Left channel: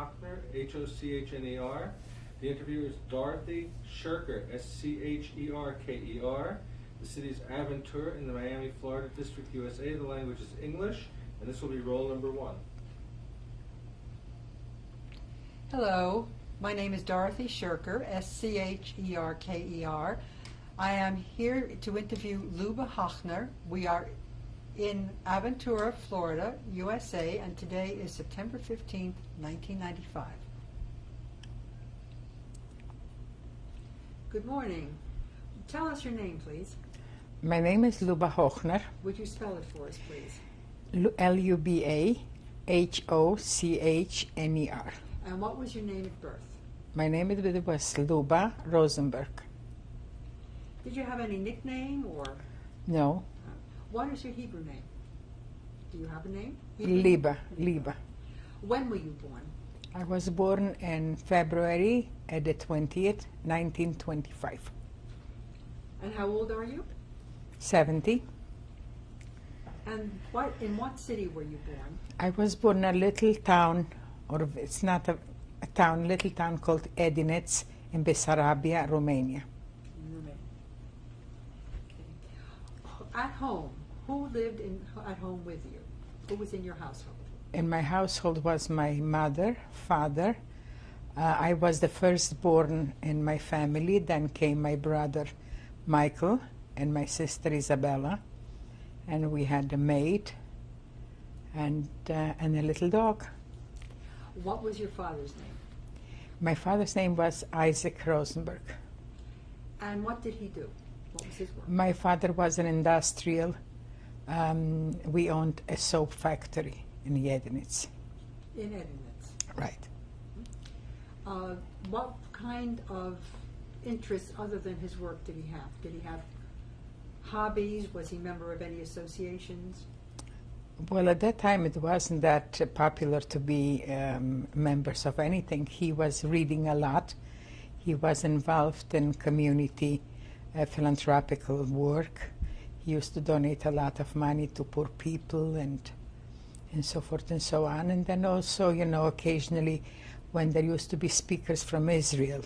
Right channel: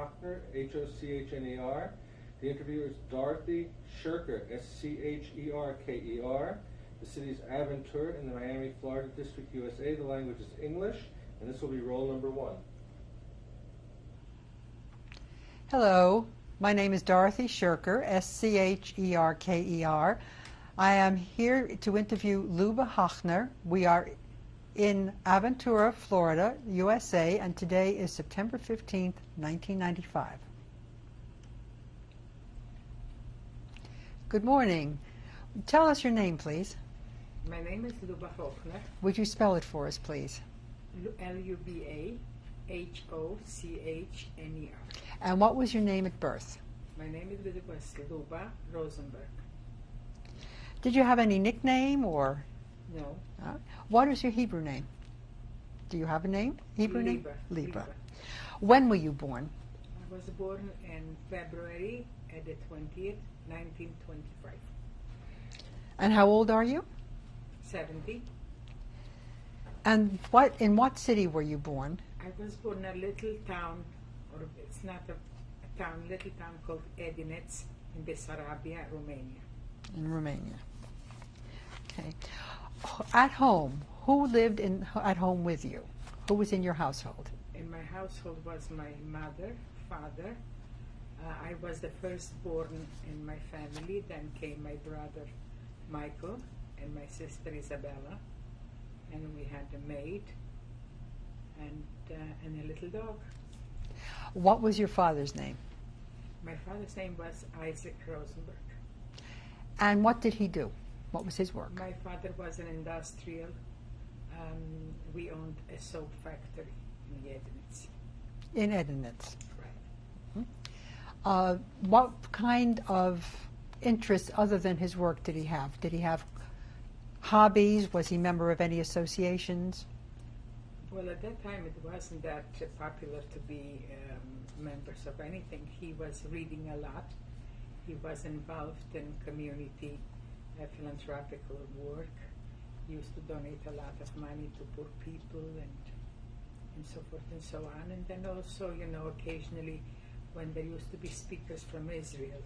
Hochner, Hochner. The interviewer is Dorothy Scherker, Scherker. The city is Aventura in the Miami, Florida District, USA. The language is English, and this will be roll number 1. Hello, my name is Dorothy Scherker, Scherker. I am here to interview Luba Hochner. We are in Aventura, Florida, USA, and today is September 15th, 1995. Good morning. Tell us your name, please. My name is Luba Hochner. Would you spell it for us, please? Lubahochner. And what was your name at birth? My name at birth was Luba Rosenberg. Did you have any nickname or? No. What is your Hebrew name? Do you have a name? Hebrew Liba. name? Liba. When were you born? I was born in February at the 20th, 1925. And how old are you? 70. And in what city were you born? I was born in a little town, or it's not a town, little town called Edinet in Bessarabia, Romania. In Romania. Okay. At home, who lived at home with you? Who was in your household? In my household was my mother, father. I was the firstborn in my family. Then came my brother Michael and my sister Isabella, and we had a maid and a little dog. What was your father's name? My father's name was Isaac Rosenberg. And what did he do? What was his work? My father was an industrial. We owned a soap factory in Edinet. In Edinet. Right. What kind of interests other than his work did he have? Did he have hobbies? Was he a member of any associations? Well, at that time it wasn't that popular to be members of anything. He was reading a lot. He was involved in community philanthropical work. He used to donate a lot of money to poor people and so forth and so on. And then also, you know, occasionally when there used to be speakers from Israel,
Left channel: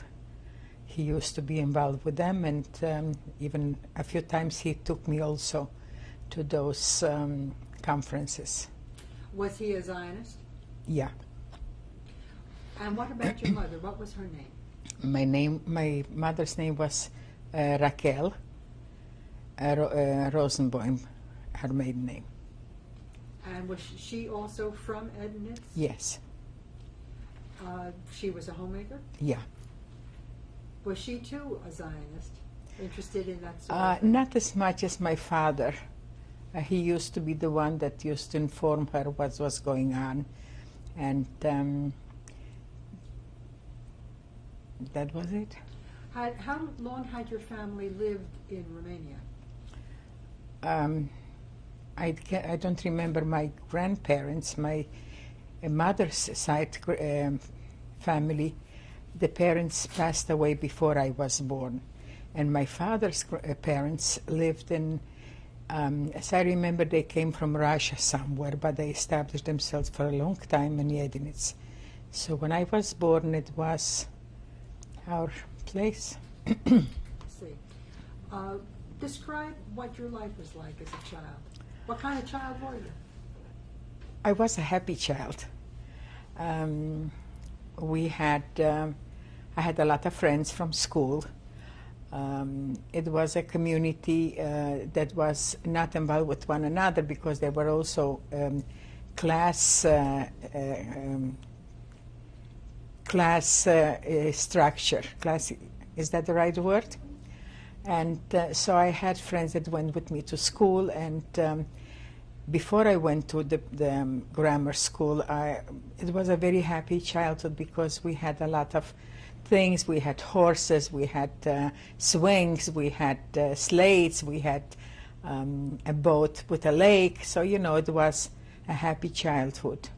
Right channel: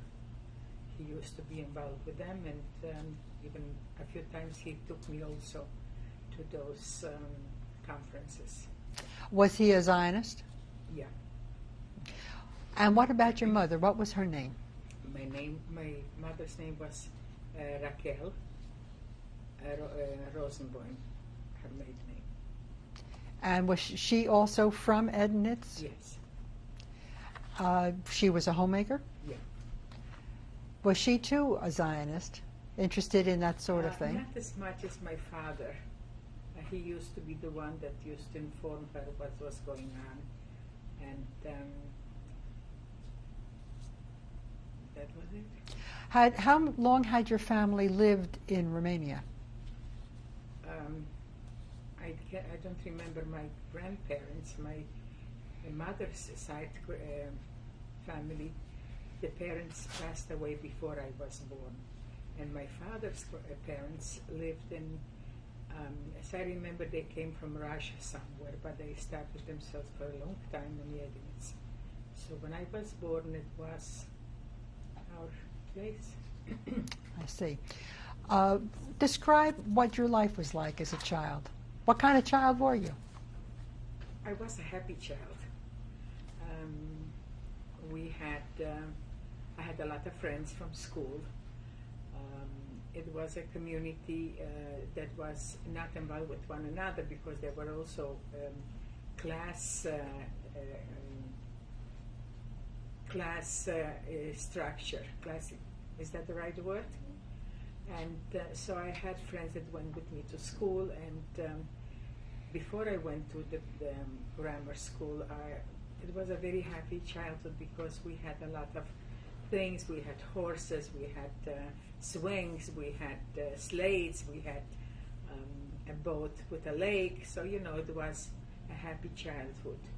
he used to be involved with them, and even a few times he took me also to those conferences. Was he a Zionist? Yeah. And what about your mother? What was her name? My mother's name was Raquel Rosenbaum, her maiden name. And was she also from Edinet? Yes. She was a homemaker? Yeah. Was she too a Zionist, interested in that sort of thing? Not as much as my father. He used to be the one that used to inform her what was going on, and that was it. How long had your family lived in Romania? I don't remember my grandparents. My mother's side family, the parents passed away before I was born, and my father's parents lived in, as I remember, they came from Russia somewhere, but they established themselves for a long time in Edinet. So when I was born, it was our place. I see. Describe what your life was like as a child. What kind of child were you? I was a happy child. I had a lot of friends from school. It was a community that was not involved with one another because there were also class structure. Is that the right word? And so I had friends that went with me to school, and before I went to the grammar school, it was a very happy childhood because we had a lot of things. We had horses, we had swings, we had sleds, we had a boat with a lake. So, you know, it was a happy childhood.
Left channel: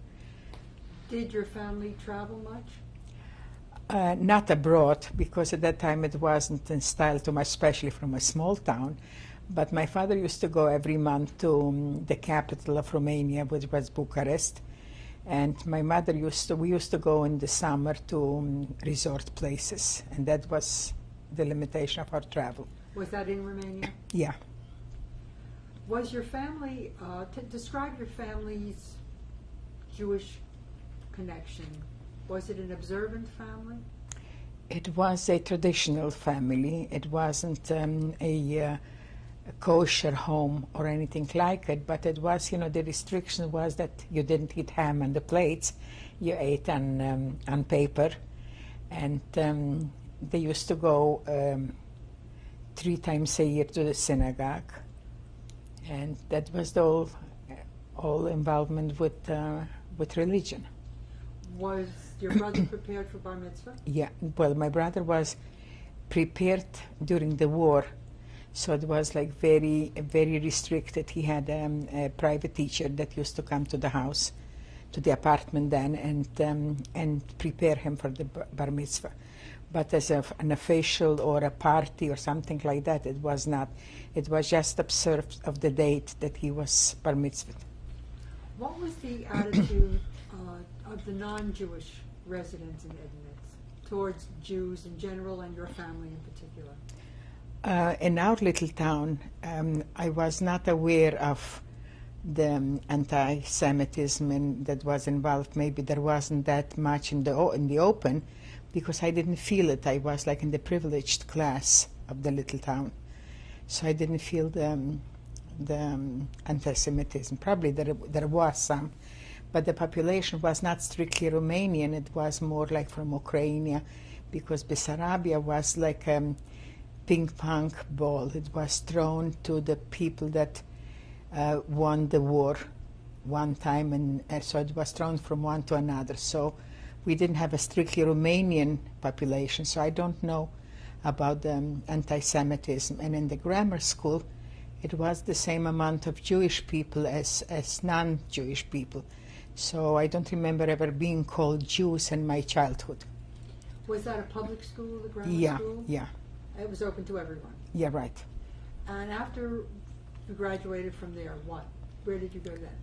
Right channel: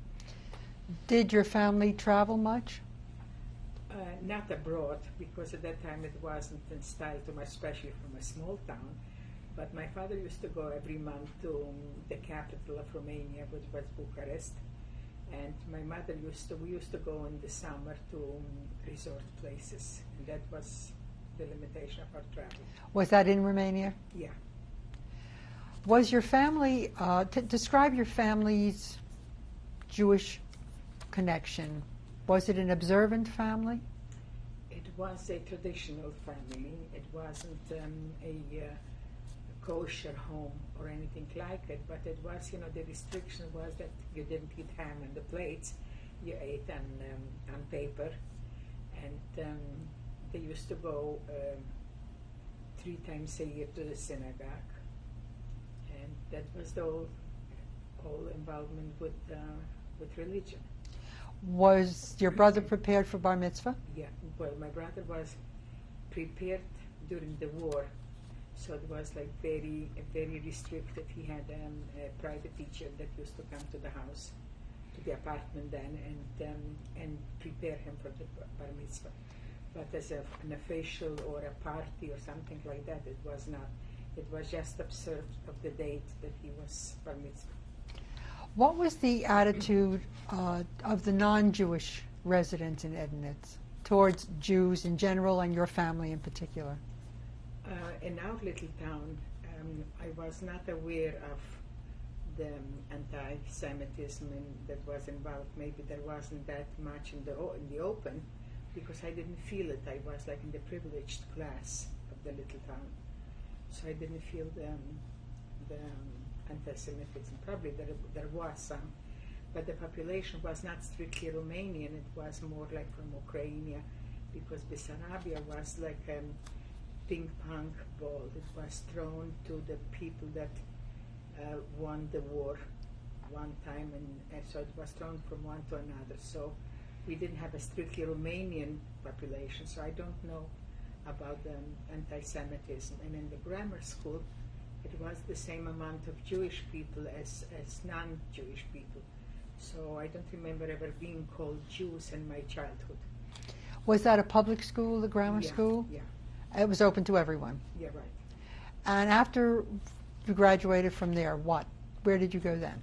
Did your family travel much? Not abroad, because at that time it wasn't in style too much, especially from a small town. But my father used to go every month to the capital of Romania, which was Bucharest. And my mother we used to go in the summer to resort places, and that was the limitation of our travel. Was that in Romania? Yeah. Was your family, describe your family's Jewish connection. Was it an observant family? It was a traditional family. It wasn't a kosher home or anything like it, but it was, the restriction was that you didn't eat ham on the plates. You ate on paper. And they used to go 3 times a year to the synagogue. And that was the all involvement with religion. Was your brother prepared for bar mitzvah? Yeah, well, my brother was prepared during the war, so it was like very, very restricted. He had a private teacher that used to come to the house, to the apartment then, and prepare him for the bar mitzvah. But as an official or a party or something like that, it was not. It was just observed of the date that he was bar mitzvah. What was the attitude of the non-Jewish residents in Edinet towards Jews in general and your family in particular? In our little town, I was not aware of the anti-Semitism that was involved. Maybe there wasn't that much in the open, because I didn't feel it. I was like in the privileged class of the little town, so I didn't feel the anti-Semitism. Probably there was some, but the population was not strictly Romanian. It was more like from Ukraine, because Bessarabia was like a ping pong ball. It was thrown to the people that won the war one time, and so it was thrown from one to another. So we didn't have a strictly Romanian population, so I don't know about the anti-Semitism. And in the grammar school, it was the same amount of Jewish people as non-Jewish people. So I don't remember ever being called Jews in my childhood. Was that a public school, the grammar school? Yeah. It was open to everyone? Yeah, right. And after you graduated from there, what? Where did you go then?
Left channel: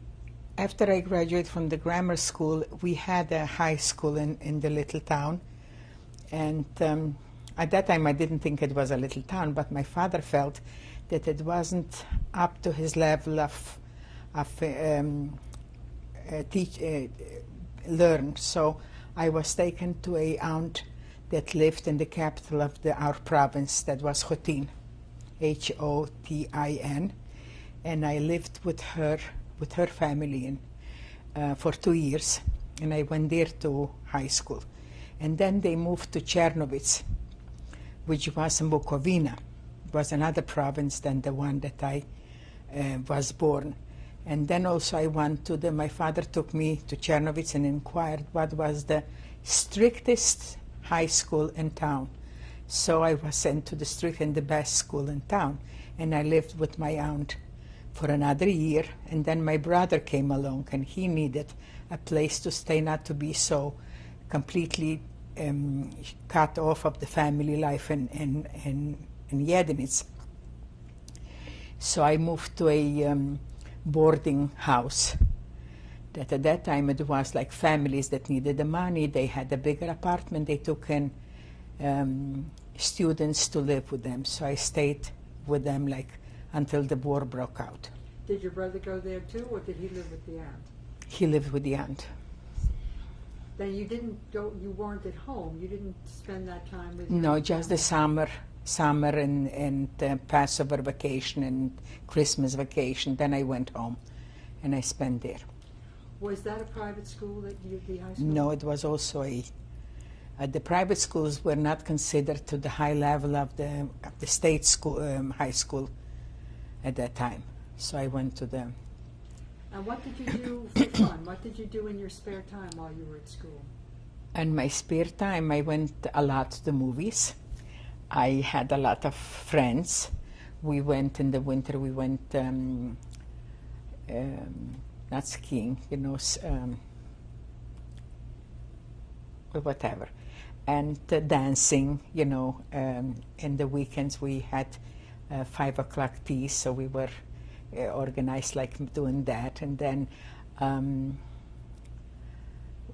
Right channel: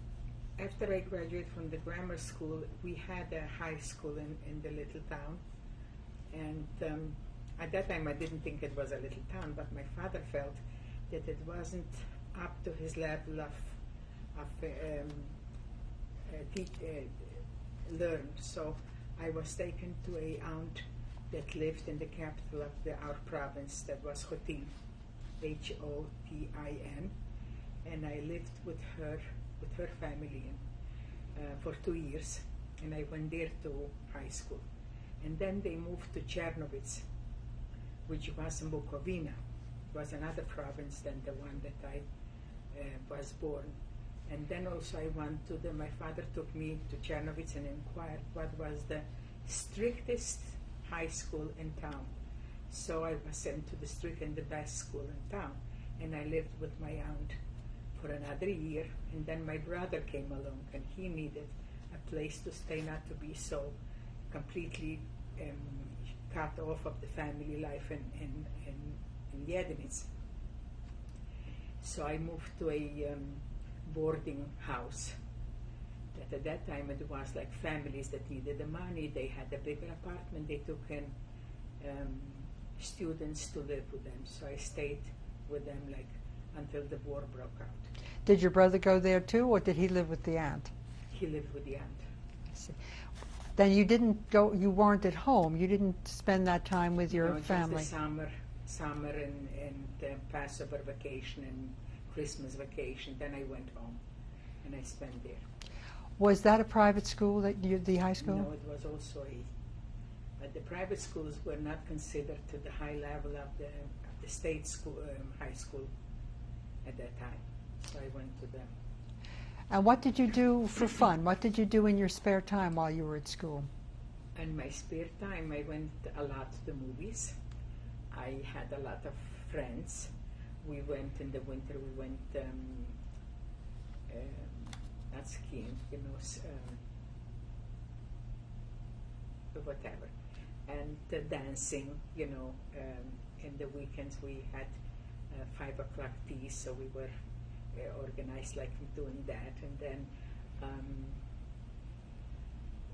After I graduated from the grammar school, we had a high school in the little town. And at that time I didn't think it was a little town, but my father felt that it wasn't up to his level of learn. So I was taken to a aunt that lived in the capital of our province, that was Hotin, Hotin, and I lived with her family for 2 years, and I went there to high school. And then they moved to Czernowitz, which was in Bucovina. It was another province than the one that I was born. And then also I went my father took me to Czernowitz and inquired what was the strictest high school in town. So I was sent to the strict and the best school in town, and I lived with my aunt for another year. And then my brother came along, and he needed a place to stay, not to be so completely cut off of the family life in Edinet. So I moved to a boarding house. That at that time it was like families that needed the money. They had a bigger apartment. They took in students to live with them. So I stayed with them like until the war broke out. Did your brother go there too, or did he live with the aunt? He lived with the aunt. Then you didn't go. You weren't at home. You didn't spend that time with your family. No, just the summer and Passover vacation and Christmas vacation. Then I went home, and I spent there. Was that a private school, the high school? No, it was also the private schools were not considered to the high level of the state school, high school at that time. So I went to them. And what did you do for fun? What did you do in your spare time while you were at school? In my spare time, I went a lot to the movies. I had a lot of friends. We went in the winter, we went not skiing, whatever, and dancing, in the weekends we had 5 o'clock tea, so we were organized like doing that. And then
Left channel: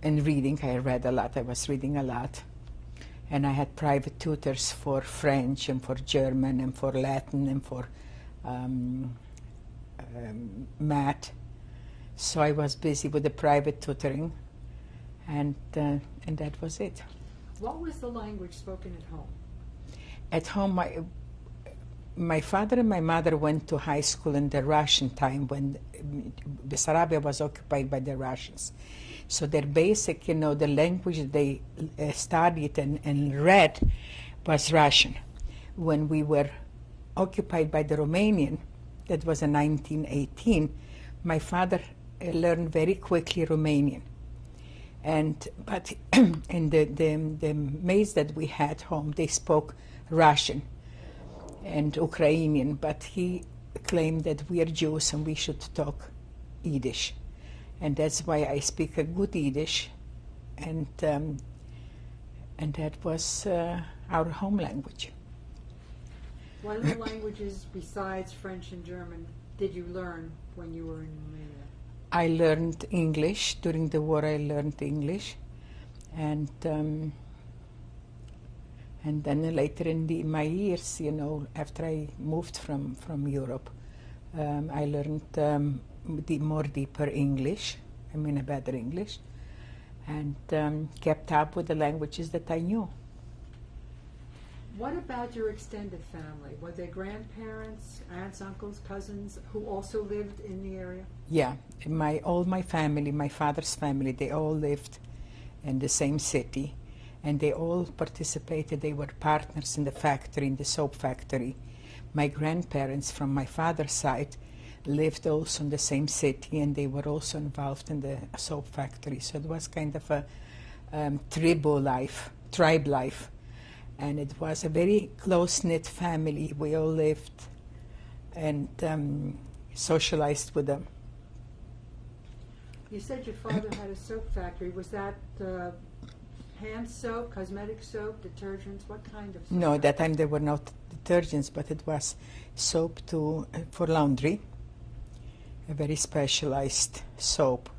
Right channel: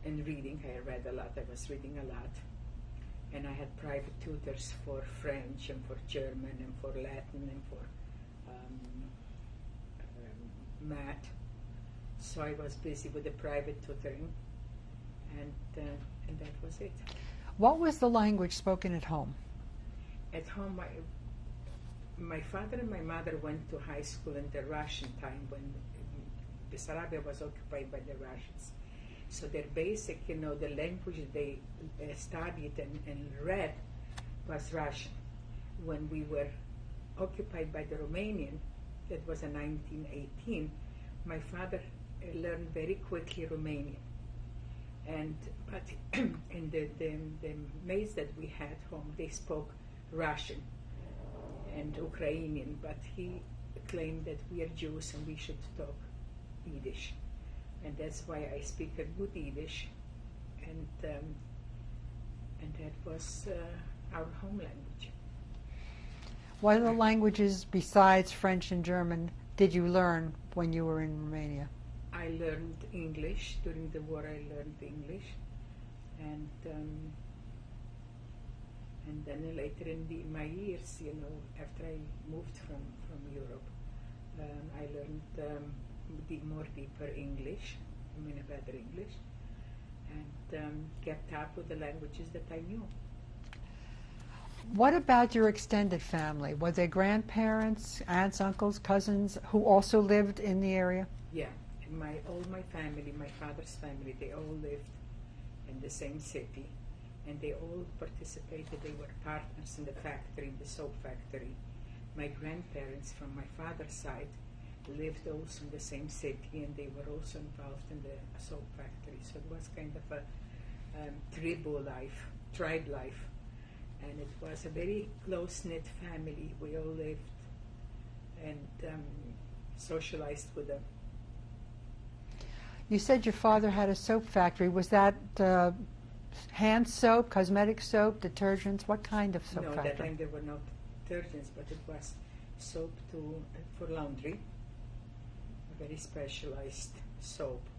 and reading. I read a lot. I was reading a lot. And I had private tutors for French and for German and for Latin and for math. So I was busy with the private tutoring, and that was it. What was the language spoken at home? At home, my father and my mother went to high school in the Russian time when Bessarabia was occupied by the Russians. So their basic, the language they studied and read was Russian. When we were occupied by the Romanian, that was in 1918, my father learned very quickly Romanian. But in the maids that we had home, they spoke Russian and Ukrainian, but he claimed that we are Jews and we should talk Yiddish. And that's why I speak a good Yiddish, and that was our home language. What other languages besides French and German did you learn when you were in Romania? I learned English. During the war I learned English, and then later in my years, after I moved from Europe, I learned more deeper English, a better English, and kept up with the languages that I knew. What about your extended family? Were there grandparents, aunts, uncles, cousins who also lived in the area? Yeah, all my family, my father's family, they all lived in the same city, and they all participated. They were partners in the factory, in the soap factory. My grandparents from my father's side lived also in the same city, and they were also involved in the soap factory. So it was kind of a tribe life. And it was a very close-knit family. We all lived and socialized with them. You said your father had a soap factory. Was that hand soap, cosmetic soap, detergents? What kind of soap? No, at that time there were no detergents, but it was soap for laundry, a very specialized soap,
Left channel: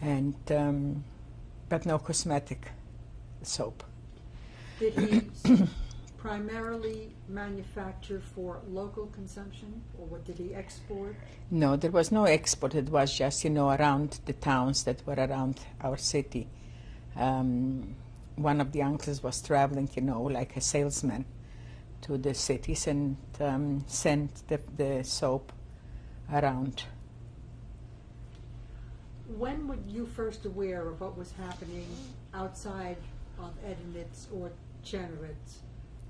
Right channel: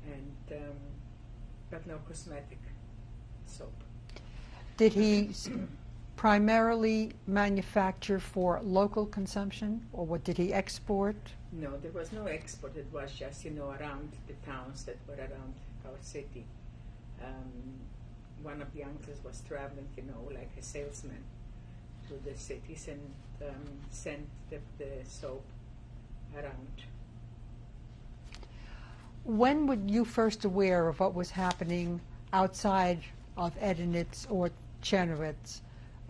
and but no cosmetic soap. Did he primarily manufacture for local consumption, or what did he export? No, there was no export. It was just, around the towns that were around our city. One of the uncles was traveling, like a salesman to the cities and sent the soap around. When were you first aware of what was happening outside of Edinet or Czernowitz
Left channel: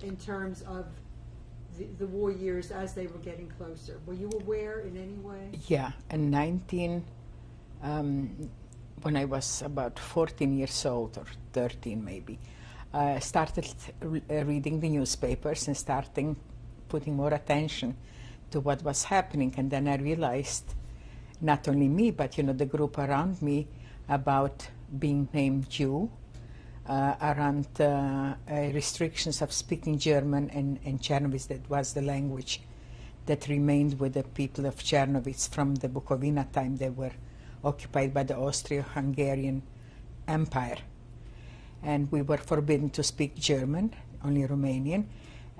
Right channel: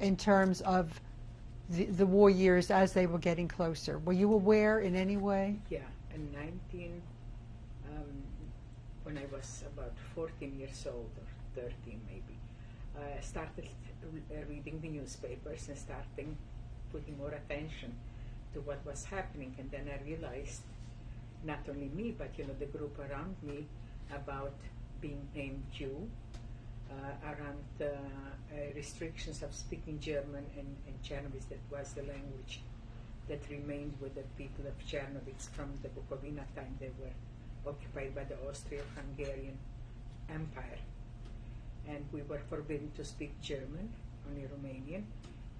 in terms of the war years as they were getting closer? Were you aware in any way? Yeah, in when I was about 14 years old, or 13 maybe, I started reading the newspapers and starting putting more attention to what was happening. And then I realized, not only me, but the group around me, about being named Jew, around restrictions of speaking German and Czernowitz. That was the language that remained with the people of Czernowitz from the Bucovina time. They were occupied by the Austro-Hungarian Empire, and we were forbidden to speak German, only Romanian,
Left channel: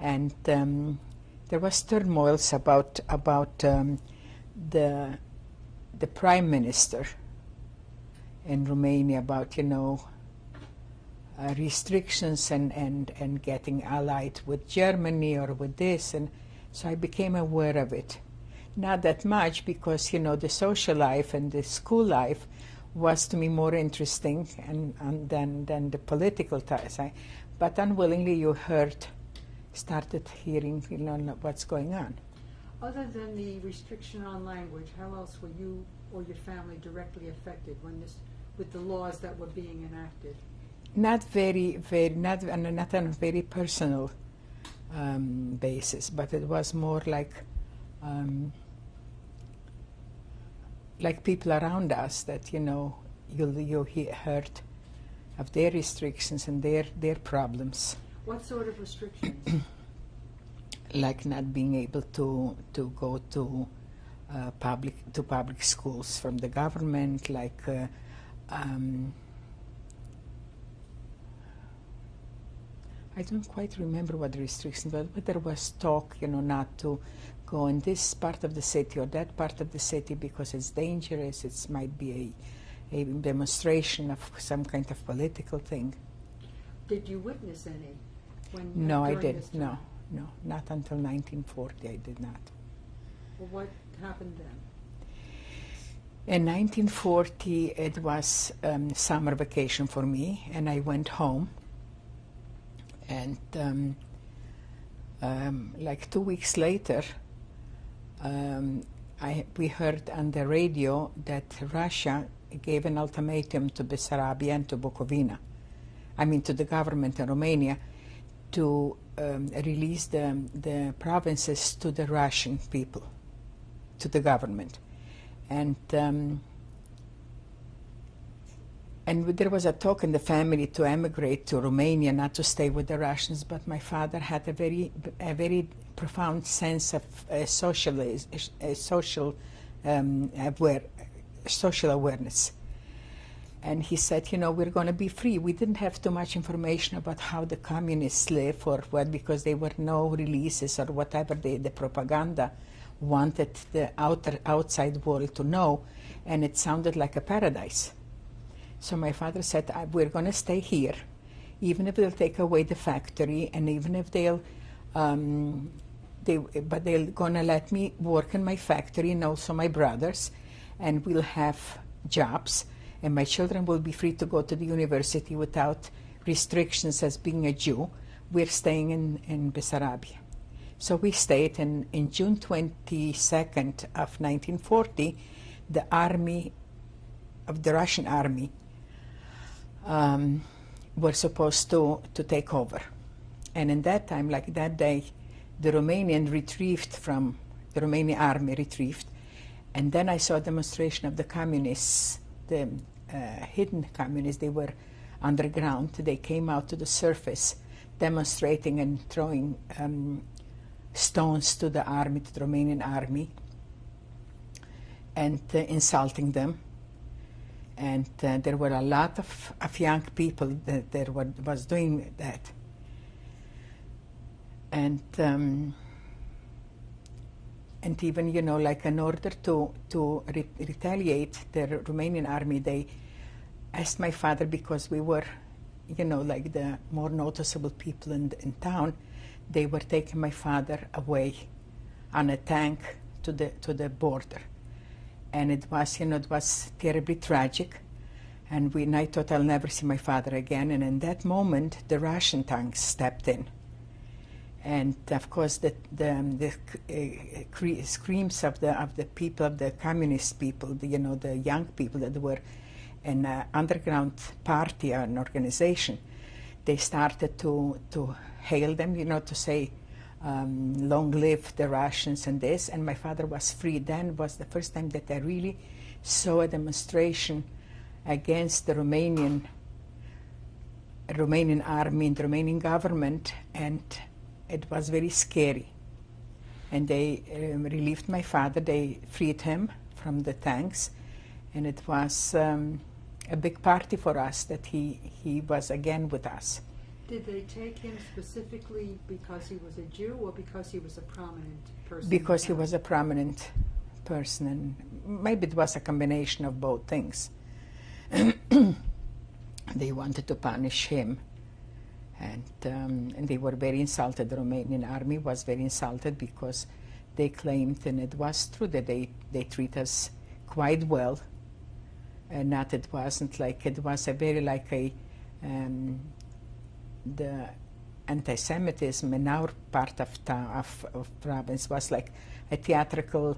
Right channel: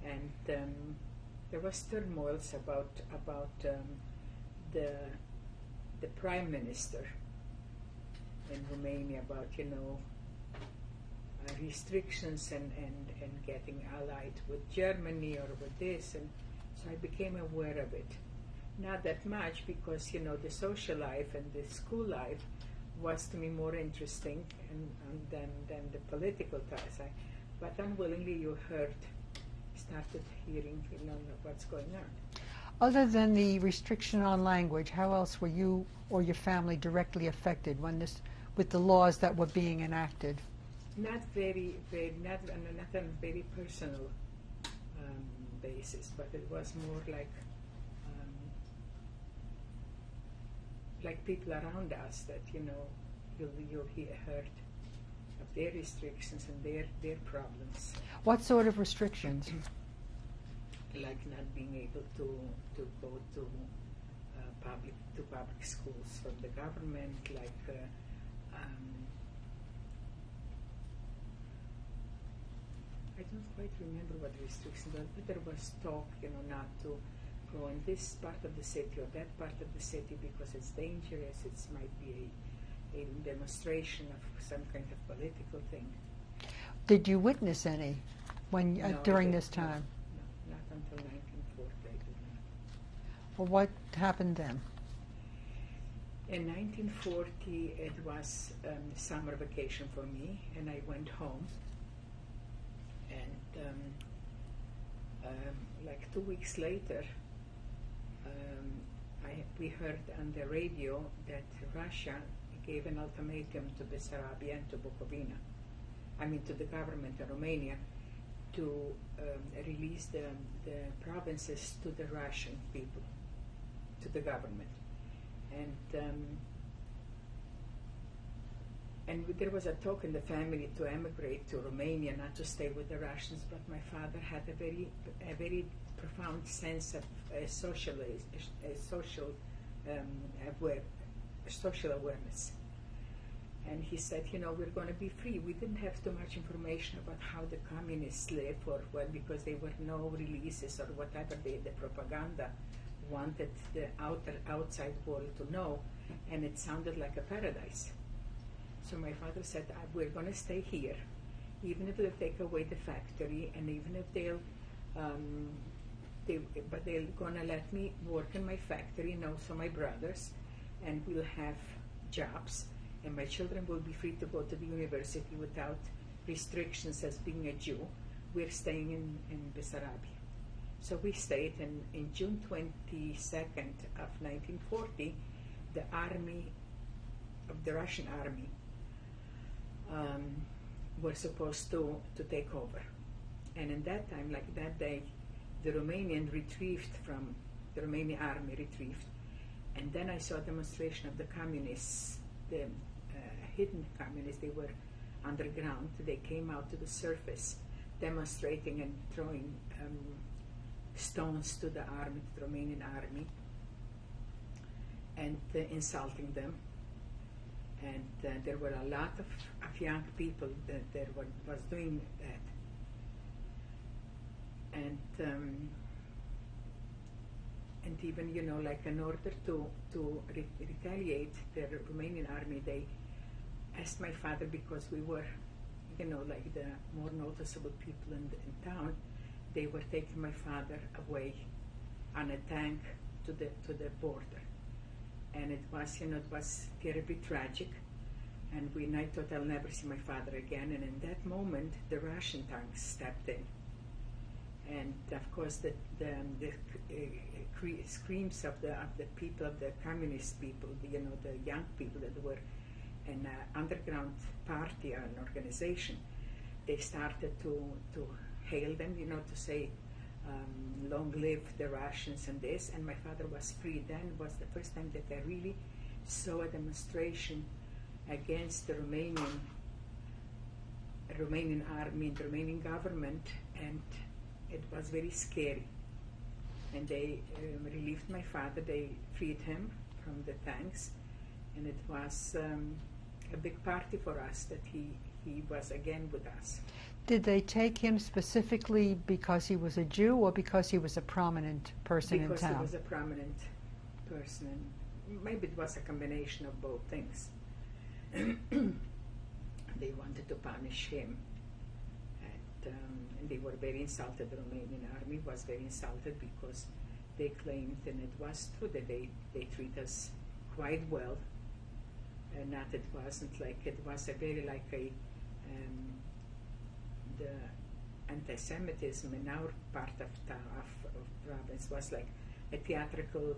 and there was turmoils about the prime minister in Romania, about restrictions and getting allied with Germany or with this, and so I became aware of it. Not that much, because the social life and the school life was to me more interesting than the political side. But unwillingly you started hearing what's going on. Other than the restriction on language, how else were you or your family directly affected with the laws that were being enacted? Not not on a very personal basis, but it was more like people around us that you heard of their restrictions and their problems. What sort of restrictions? Like not being able to go to public schools from the government, like I don't quite remember what the restrictions were, but there was talk, not to go in this part of the city or that part of the city because it's dangerous. It might be a demonstration of some kind of political thing. Did you witness any No, during I did. this time? No, not until 1940. I did not. Well, what happened then? In 1940, it was summer vacation for me, and I went home. And like 2 weeks later, we heard on the radio that Russia gave an ultimatum to Bessarabia and to Bucovina, to the government in Romania, to release the provinces to the Russian people, to the government. And there was a talk in the family to emigrate to Romania, not to stay with the Russians, but my father had a very profound sense of social awareness. And he said, we're going to be free. We didn't have too much information about how the communists live or what, because there were no releases or whatever the propaganda wanted the outside world to know, and it sounded like a paradise. So my father said, we're going to stay here, even if they'll take away the factory, and even if but they're going to let me work in my factory and also my brothers, and we'll have jobs, and my children will be free to go to the university without restrictions as being a Jew. We're staying in Bessarabia. So we stayed, and in June 22nd of 1940, the Russian army were supposed to take over. And in that time, like that day, the Romanian army retrieved, and then I saw a demonstration of the communists, the hidden communists. They were underground. They came out to the surface, demonstrating and throwing stones to the army, to the Romanian army, and insulting them. And there were a lot of young people that was doing that. And even, like in order to retaliate, the Romanian army, they asked my father, because we were, like the more noticeable people in town, they were taking my father away on a tank to the border. And it was terribly tragic. And I thought I'll never see my father again. And in that moment, the Russian tanks stepped in. And of course, the screams of the people, of the communist people, the young people that were in an underground party or an organization, they started to hail them, to say, long live the Russians and this. And my father was free. Then was the first time that I really saw a demonstration against the Romanian army and the Romanian government, and it was very scary. And they relieved my father. They freed him from the tanks, and it was a big party for us that he was again with us. Did they take him specifically because he was a Jew or because he was a prominent person? Because he was a prominent person, and maybe it was a combination of both things. They wanted to punish him, and they were very insulted. The Romanian army was very insulted because they claimed, and it was true, that they treat us quite well, and not it wasn't like, it was a very like a the anti-Semitism in our part of province was like a theatrical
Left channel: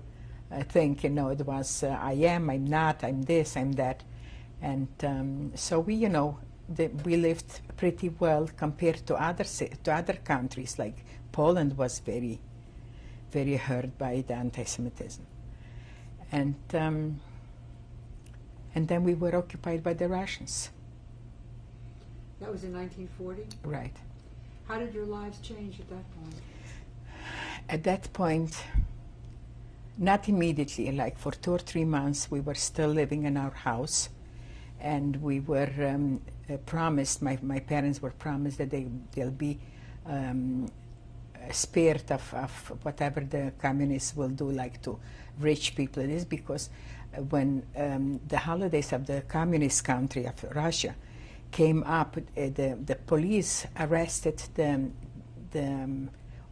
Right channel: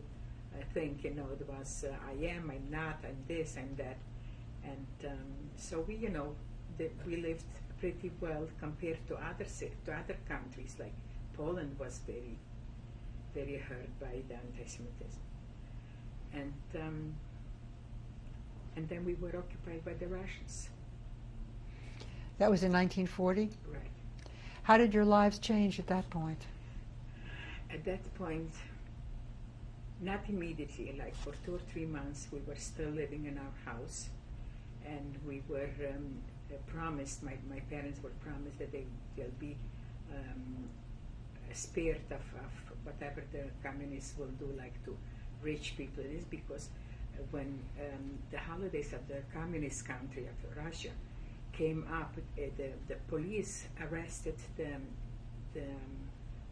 thing, it was I am, I'm not, I'm this, I'm that. And so we lived pretty well compared to other countries. Like Poland was very, very hurt by the anti-Semitism. And then we were occupied by the Russians. That was in 1940? Right. How did your lives change at that point? At that point, not immediately, like for 2 or 3 months, we were still living in our house, and we were promised, my parents were promised that they'll be spared of whatever the communists will do, like to rich people. It is because when the holidays of the communist country of Russia came up, the police arrested the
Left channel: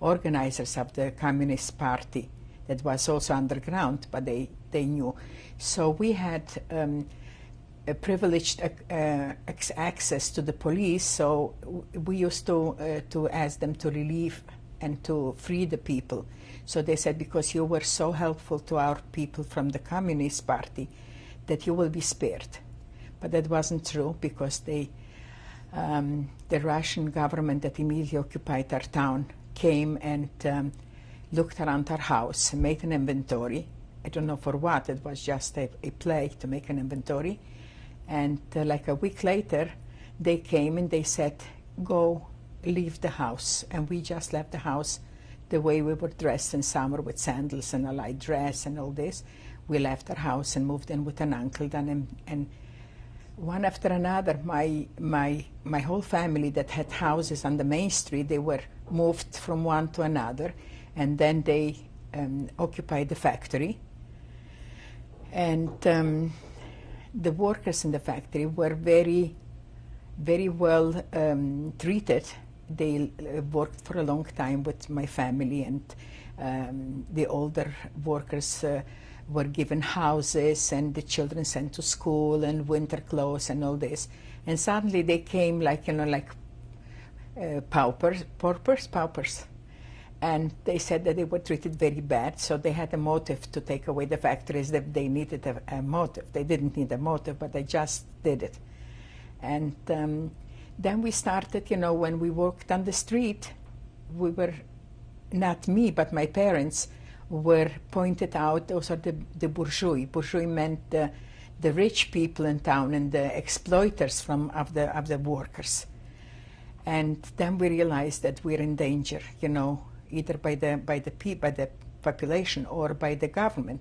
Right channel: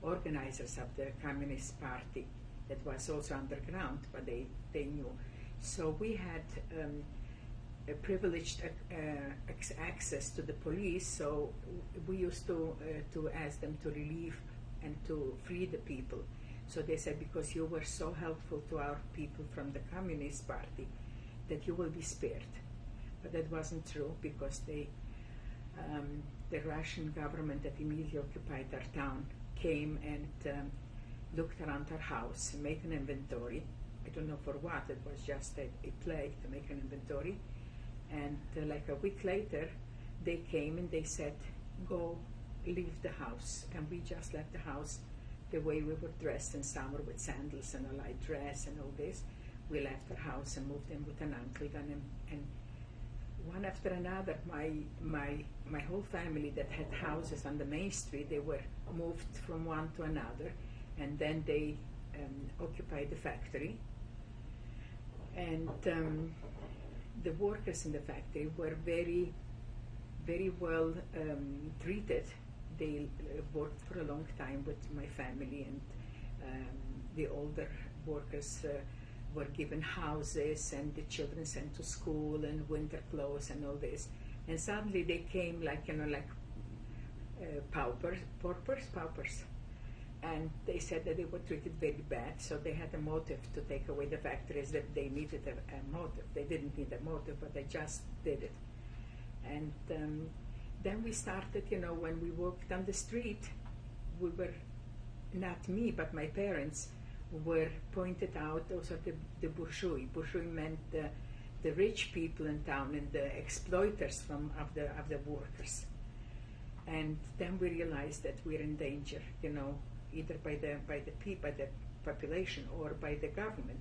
organizers of the Communist Party that was also underground, but they knew. So we had a privileged access to the police, so we used to ask them to relieve and to free the people. So they said, because you were so helpful to our people from the Communist Party, that you will be spared. But that wasn't true, because the Russian government that immediately occupied our town came and looked around our house, made an inventory. I don't know for what, it was just a play to make an inventory. And like a week later, they came and they said, go, leave the house. And we just left the house the way we were dressed in summer, with sandals and a light dress and all this. We left our house and moved in with an uncle then, and one after another, my whole family that had houses on the main street, they were moved from one to another, and then they occupied the factory. And the workers in the factory were very, very well treated. They worked for a long time with my family, and the older workers were given houses, and the children sent to school, and winter clothes and all this. And suddenly they came like, paupers. And they said that they were treated very bad, so they had a motive to take away the factories, that they needed a motive. They didn't need a motive, but they just did it. And then we started, when we worked on the street, we were, not me, but my parents were pointed out, those are the bourgeois. Bourgeois meant the rich people in town and the exploiters of the workers. And then we realized that we're in danger, either by the population or by the government.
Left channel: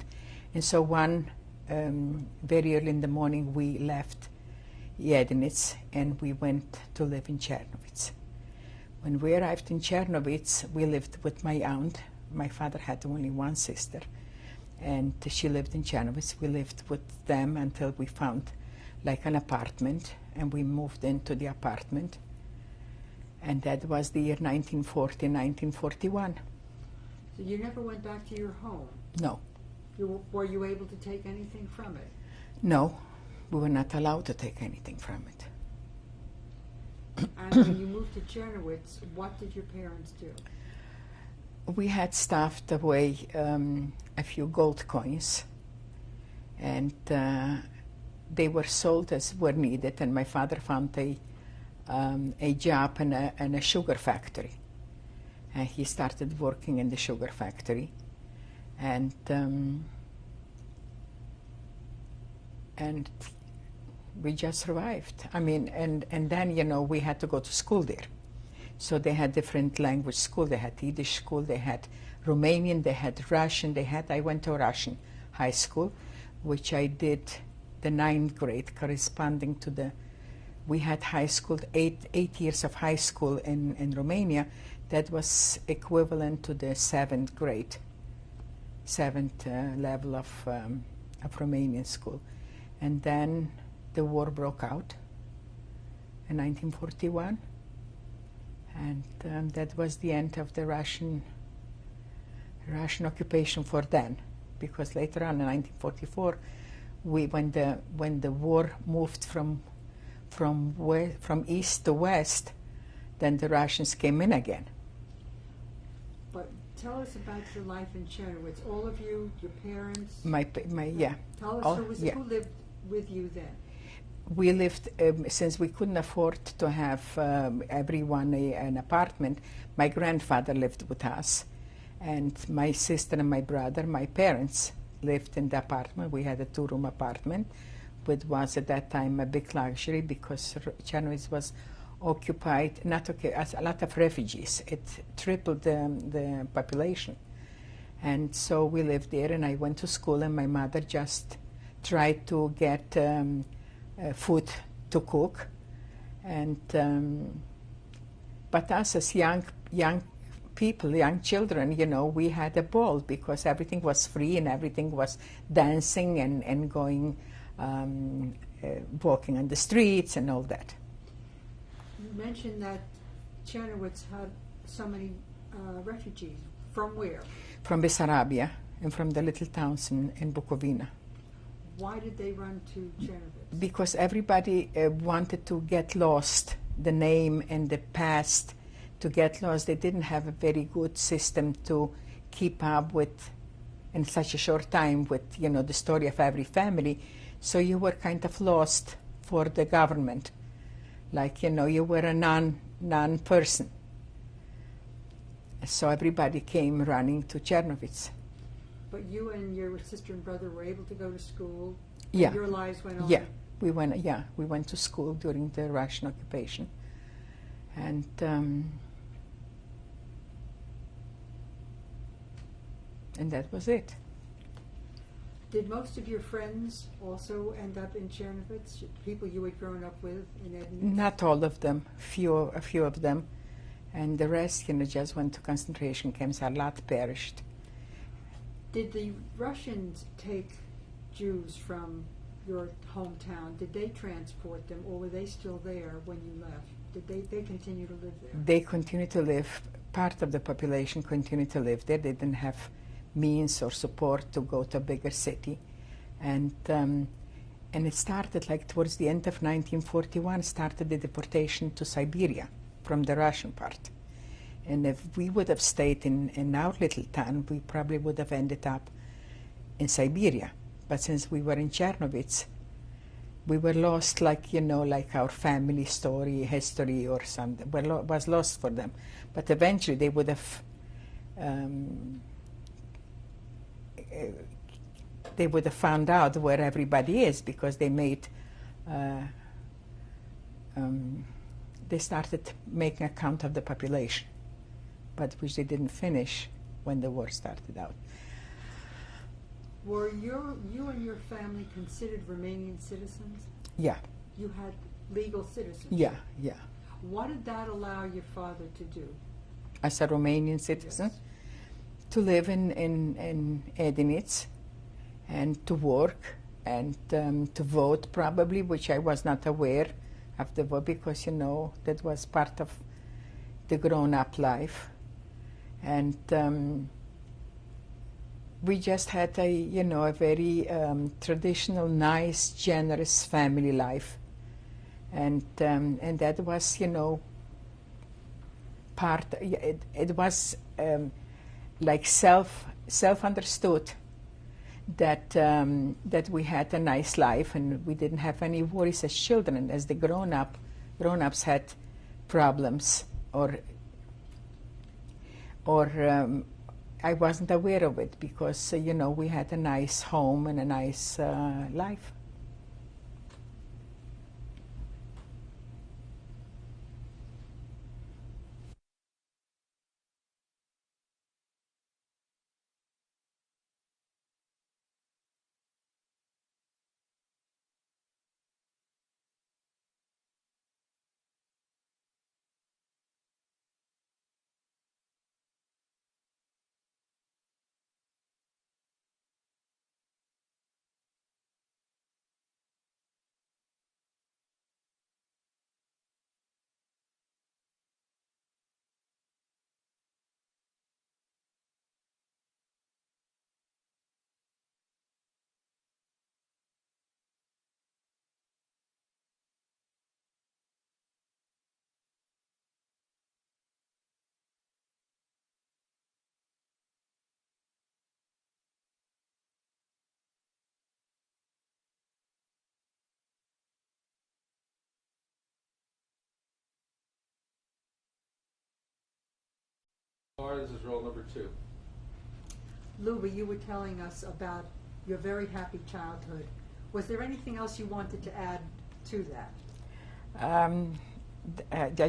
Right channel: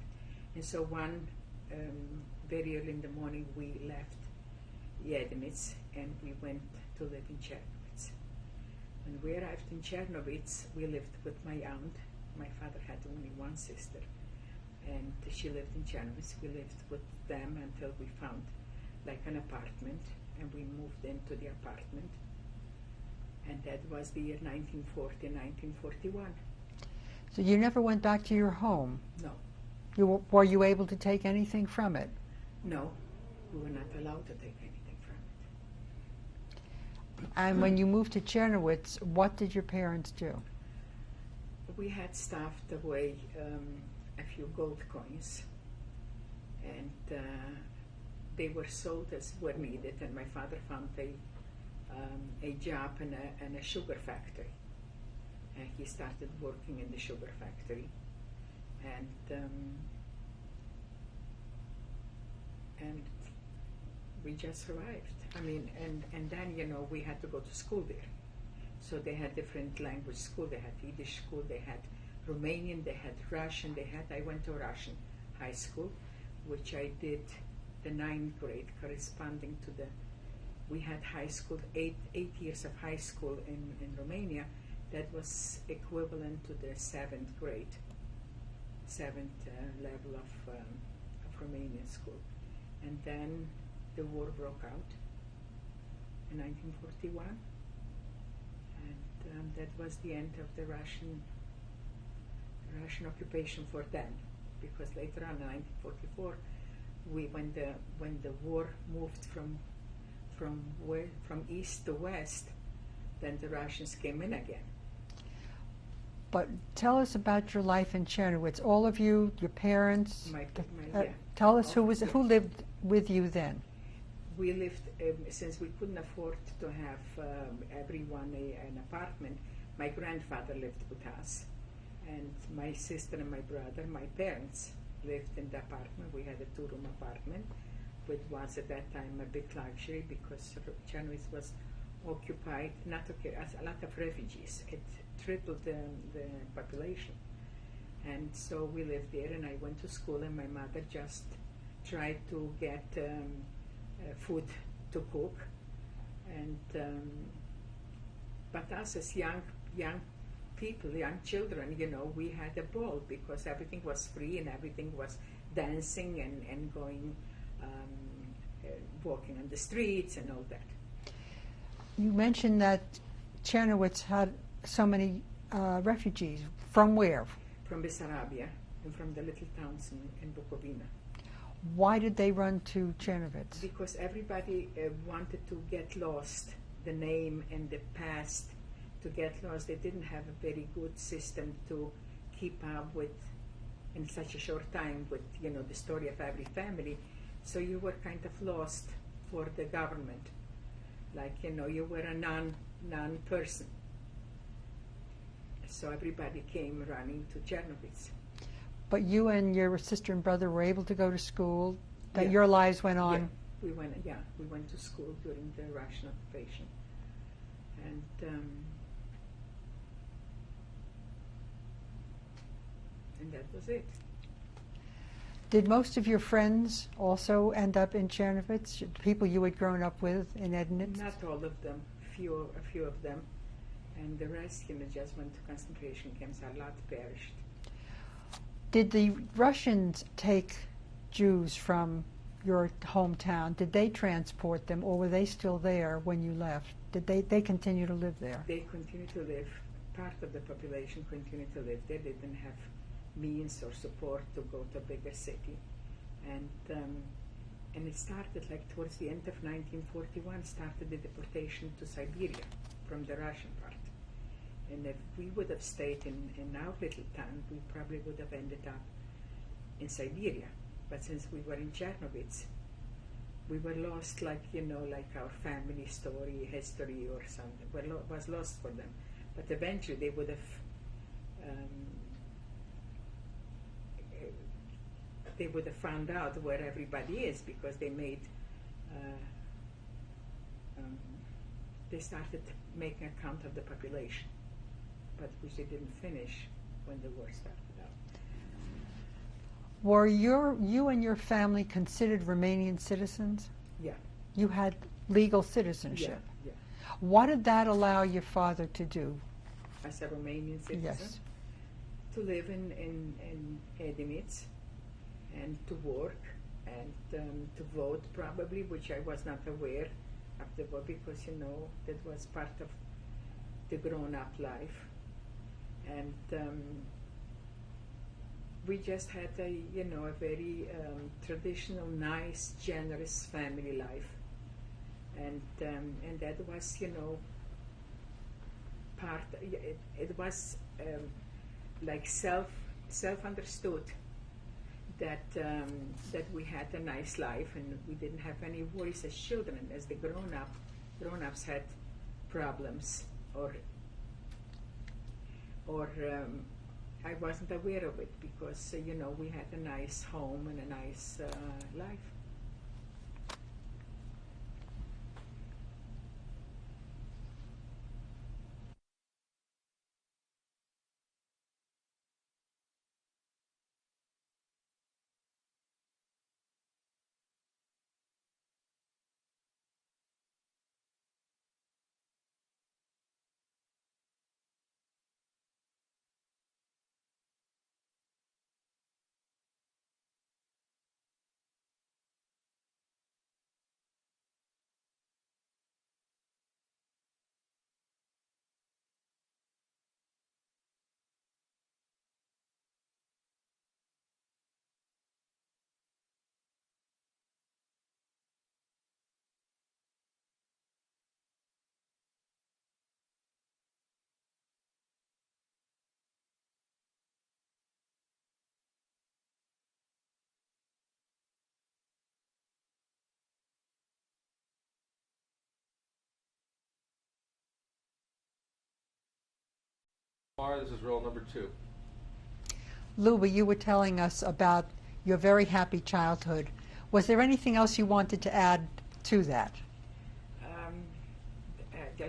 And so one very early in the morning we left Edinet and we went to live in Czernowitz. When we arrived in Czernowitz, we lived with my aunt. My father had only one sister, and she lived in Czernowitz. We lived with them until we found like an apartment, and we moved into the apartment. And that was the year 1940, 1941. So you never went back to your home? No. Were you able to take anything from it? No, we were not allowed to take anything from it. And when you moved to Czernowitz, what did your parents do? We had stuffed away a few gold coins, and they were sold as were needed, and my father found a job in a sugar factory. And he started working in the sugar factory, and we just survived. I mean, and then, we had to go to school there. So they had different language school. They had Yiddish school, they had Romanian, they had Russian, I went to a Russian high school, which I did the 9th grade, corresponding to we had high school, 8 years of high school in Romania. That was equivalent to the 7th grade, 7th level of Romanian school. And then the war broke out in 1941. And that was the end of the Russian occupation for then, because later on in 1944, when the war moved from east to west, then the Russians came in again. But tell us about your life in Czernowitz. All of you, your parents. Yeah. Tell us who lived with you then. We lived, since we couldn't afford to have everyone an apartment, my grandfather lived with us, and my sister and my brother, my parents, lived in the apartment. We had a 2-room apartment, which was at that time a big luxury, because Czernowitz was occupied, as a lot of refugees. It tripled the population. And so we lived there, and I went to school, and my mother just tried to get food to cook, And but us as young people, young children, you know, we had a ball because everything was free and everything was dancing and going, walking on the streets and all that. You mentioned that Czernowitz had so many refugees. From where? From Bessarabia and from the little towns in Bucovina. Why did they run to Czernowitz? Because everybody wanted to get lost, the name and the past, to get lost. They didn't have a very good system to keep up with in such a short time with, you know, the story of every family. So you were kind of lost for the government. Like, you know, you were a non-person. So everybody came running to Czernowitz. But you and your sister and brother were able to go to school? Yeah. Your lives went on? Yeah, we went to school during the Russian occupation. And that was it. Did most of your friends also end up in Czernowitz? People you had grown up with in Edinet? Not all of them, a few of them. And the rest, you know, just went to concentration camps. A lot perished. Did the Russians take Jews from your hometown? Did they transport them, or were they still there when you left? Did they continue to live there? They continued to live. Part of the population continued to live there. They didn't have means or support to go to a bigger city. And it started like towards the end of 1941, started the deportation to Siberia from the Russian part. And if we would have stayed in our little town, we probably would have ended up in Siberia. But since we were in Czernowitz, we were lost, like, you know, like our family story, history or something, was lost for them. But eventually they would have found out where everybody is, because they made they started making a count of the population, but which they didn't finish when the war started out. Were you and your family considered Romanian citizens? Yeah. You had legal citizenship? Yeah, yeah. What did that allow your father to do? As a Romanian citizen? Yes. To live in Edinet and to work and to vote probably, which I was not aware of the vote, because, you know, that was part of the grown-up life. And we just had a very traditional, nice, generous family life. And that was, you know, part, it was like self-understood that that we had a nice life and we didn't have any worries as children. As the grown-ups had problems, or I wasn't aware of it, because you know, we had a nice home and a nice life. This is roll number 2. Luba, you were telling us about your very happy childhood. Was there anything else you wanted to add to that? I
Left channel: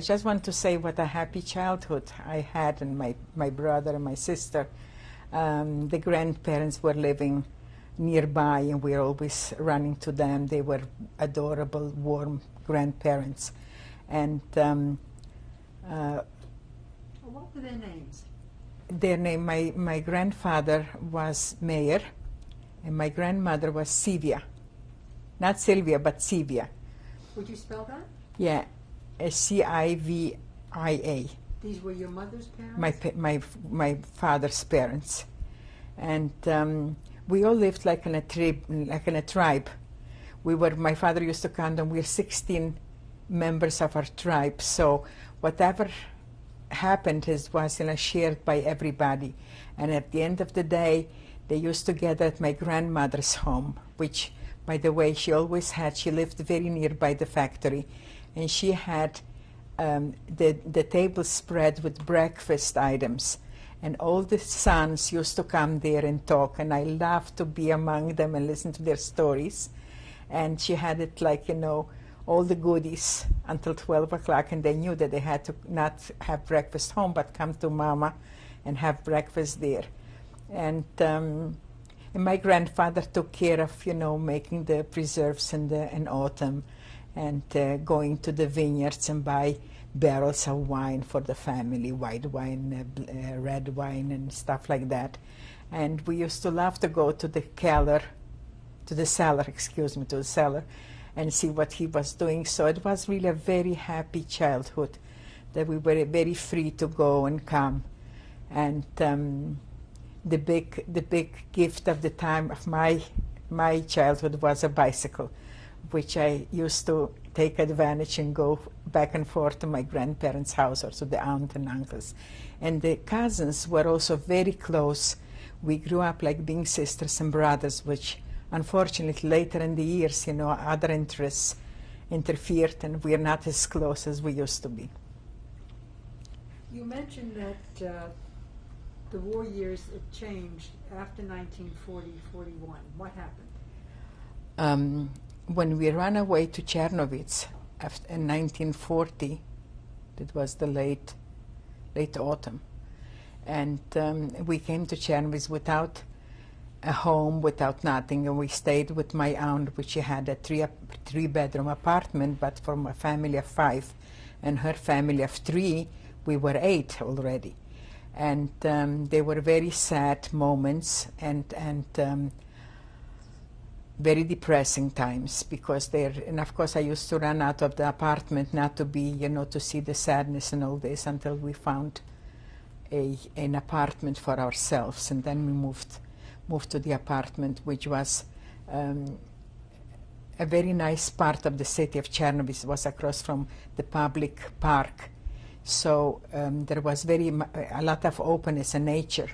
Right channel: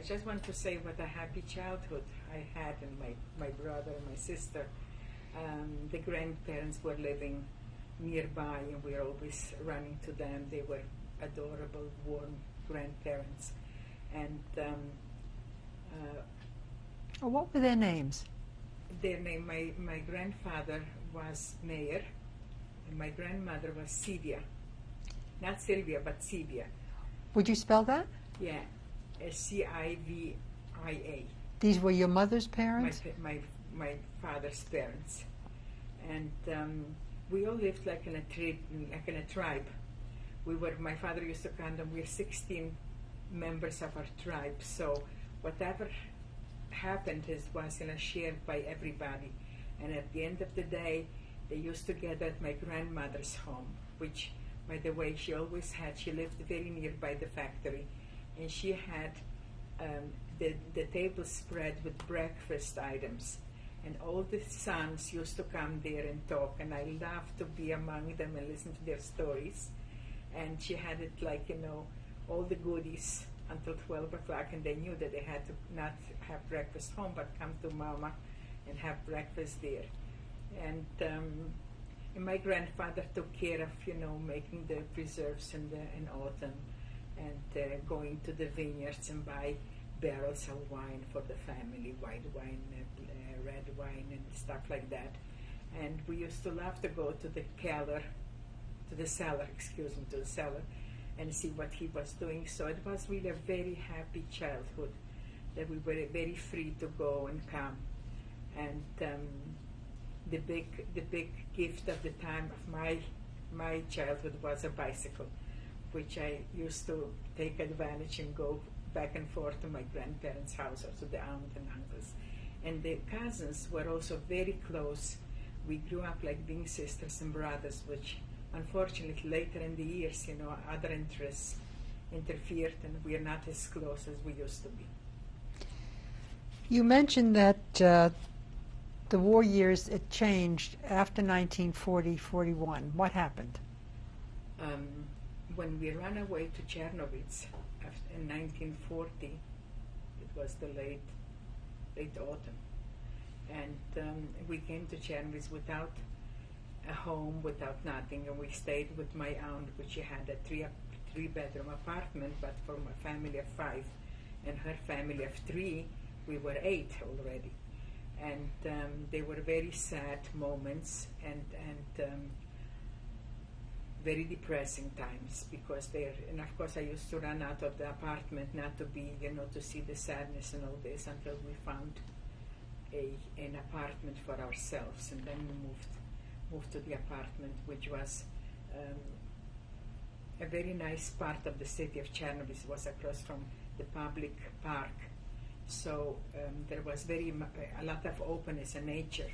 just want to say what a happy childhood I had, and my brother and my sister. The grandparents were living nearby, and we were always running to them. They were adorable, warm grandparents. And What were their names? their name, my grandfather was Mayer, and my grandmother was Sivia. Not Sylvia, but Sivia. Would you spell that? Yeah, Civia. These were your mother's parents? My father's parents, and we all lived like in a tribe. My father used to count them. We're 16 members of our tribe. So whatever happened was shared by everybody. And at the end of the day, they used to gather at my grandmother's home, which, by the way, she lived very nearby the factory, and she had the table spread with breakfast items, and all the sons used to come there and talk, and I loved to be among them and listen to their stories. And she had it all the goodies until 12 o'clock, and they knew that they had to not have breakfast home but come to Mama and have breakfast there. And my grandfather took care of making the preserves in autumn, and going to the vineyards and buy barrels of wine for the family, white wine, red wine, and stuff like that. And we used to love to go to the cellar, and see what he was doing. So it was really a very happy childhood, that we were very free to go and come. And the big gift of the time of my childhood was a bicycle, which I used to take advantage and go back and forth to my grandparents' house or to the aunt and uncles. And the cousins were also very close. We grew up like being sisters and brothers, which unfortunately later in the years, other interests interfered, and we are not as close as we used to be. You mentioned that the war years, it changed after 1940-41. What happened? When we ran away to Czernowitz in 1940, that was the late autumn, and we came to Czernowitz without a home, without nothing, and we stayed with my aunt, which she had a three-bedroom apartment, but from a family of 5 and her family of 3, we were 8 already. And they were very sad moments and very depressing times, because and of course I used to run out of the apartment, not to be, to see the sadness and all this, until we found an apartment for ourselves, and then we moved to the apartment, which was a very nice part of the city of Czernowitz. It was across from the public park, so there was a lot of openness and nature.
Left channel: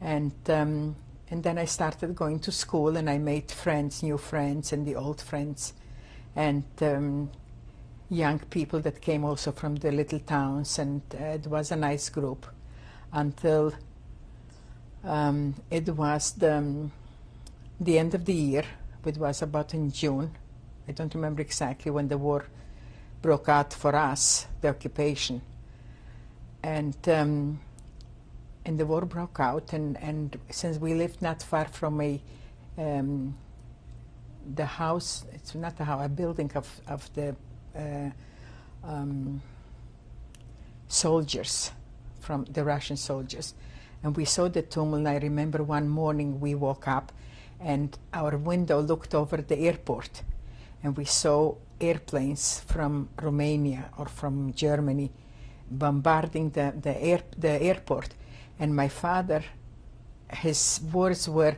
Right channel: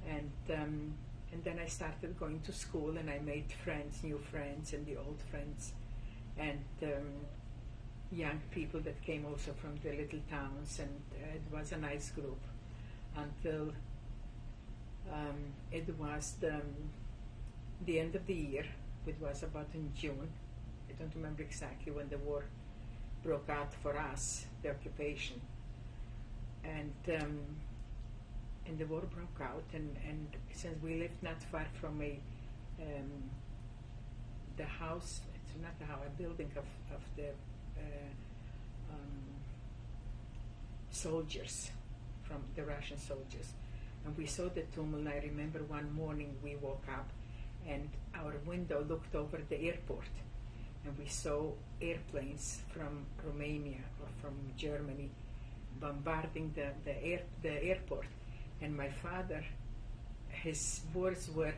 And then I started going to school, and I made friends, new friends, and the old friends, and young people that came also from the little towns, and it was a nice group until it was the end of the year. It was about in June. I don't remember exactly when the war broke out for us, the occupation. And the war broke out, and since we lived not far from the house, it's not a house, a building of the soldiers, from the Russian soldiers, and we saw the tumult. And I remember one morning we woke up, and our window looked over the airport, and we saw airplanes from Romania or from Germany bombarding the airport. And my father, his words were,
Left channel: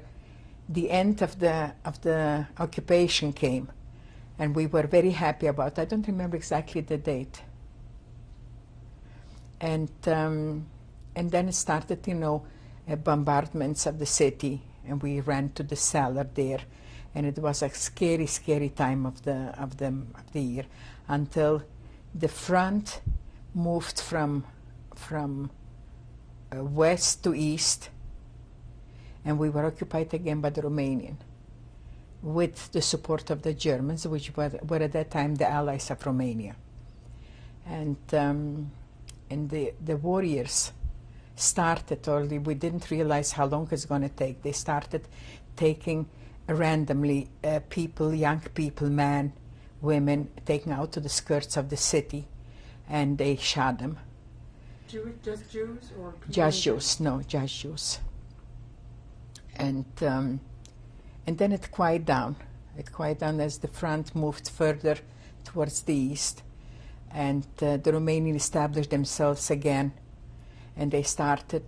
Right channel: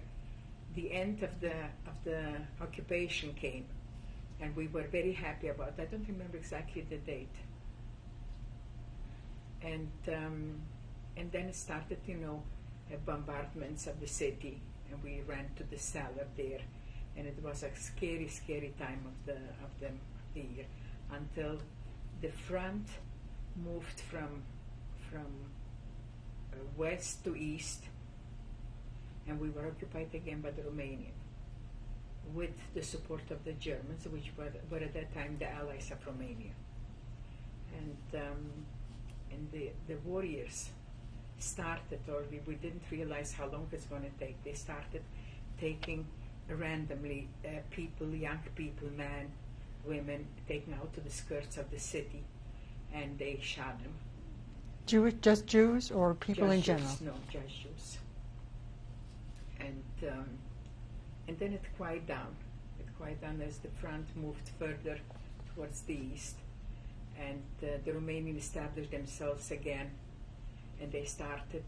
the end of the occupation came, and we were very happy about it. I don't remember exactly the date. And then it started, bombardments of the city, and we ran to the cellar there, and it was a scary, scary time of the year, until the front moved from west to east, and we were occupied again by the Romanian, with the support of the Germans, which were at that time the allies of Romania. And the warriors started, or we didn't realize how long it's going to take. They started taking randomly people, young people, men, women taken out to the skirts of the city, and they shot them. Just Jews or people Just in general? Jews, no, just Jews. And then it quieted down. It quieted down as the front moved further towards the east, and the Romanians established themselves again, and they started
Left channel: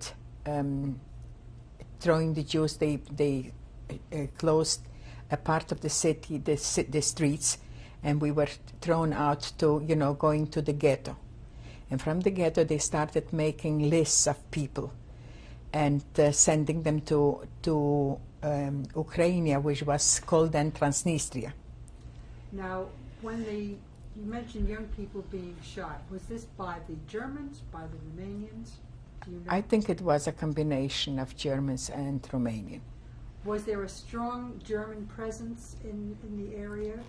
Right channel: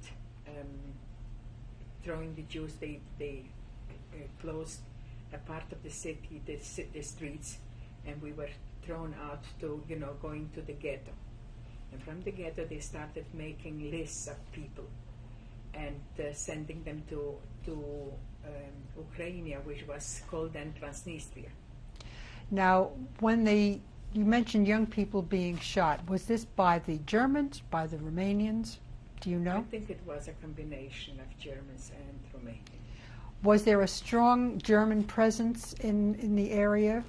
throwing the Jews. They closed a part of the city, the streets, and we were thrown out to, going to the ghetto. And from the ghetto, they started making lists of people and sending them to Ukraine, which was called then Transnistria. Now, you mentioned young people being shot. Was this by the Germans, by the Romanians? Do you know? I think it was a combination of Germans and Romanian. Was there a strong German presence in the area?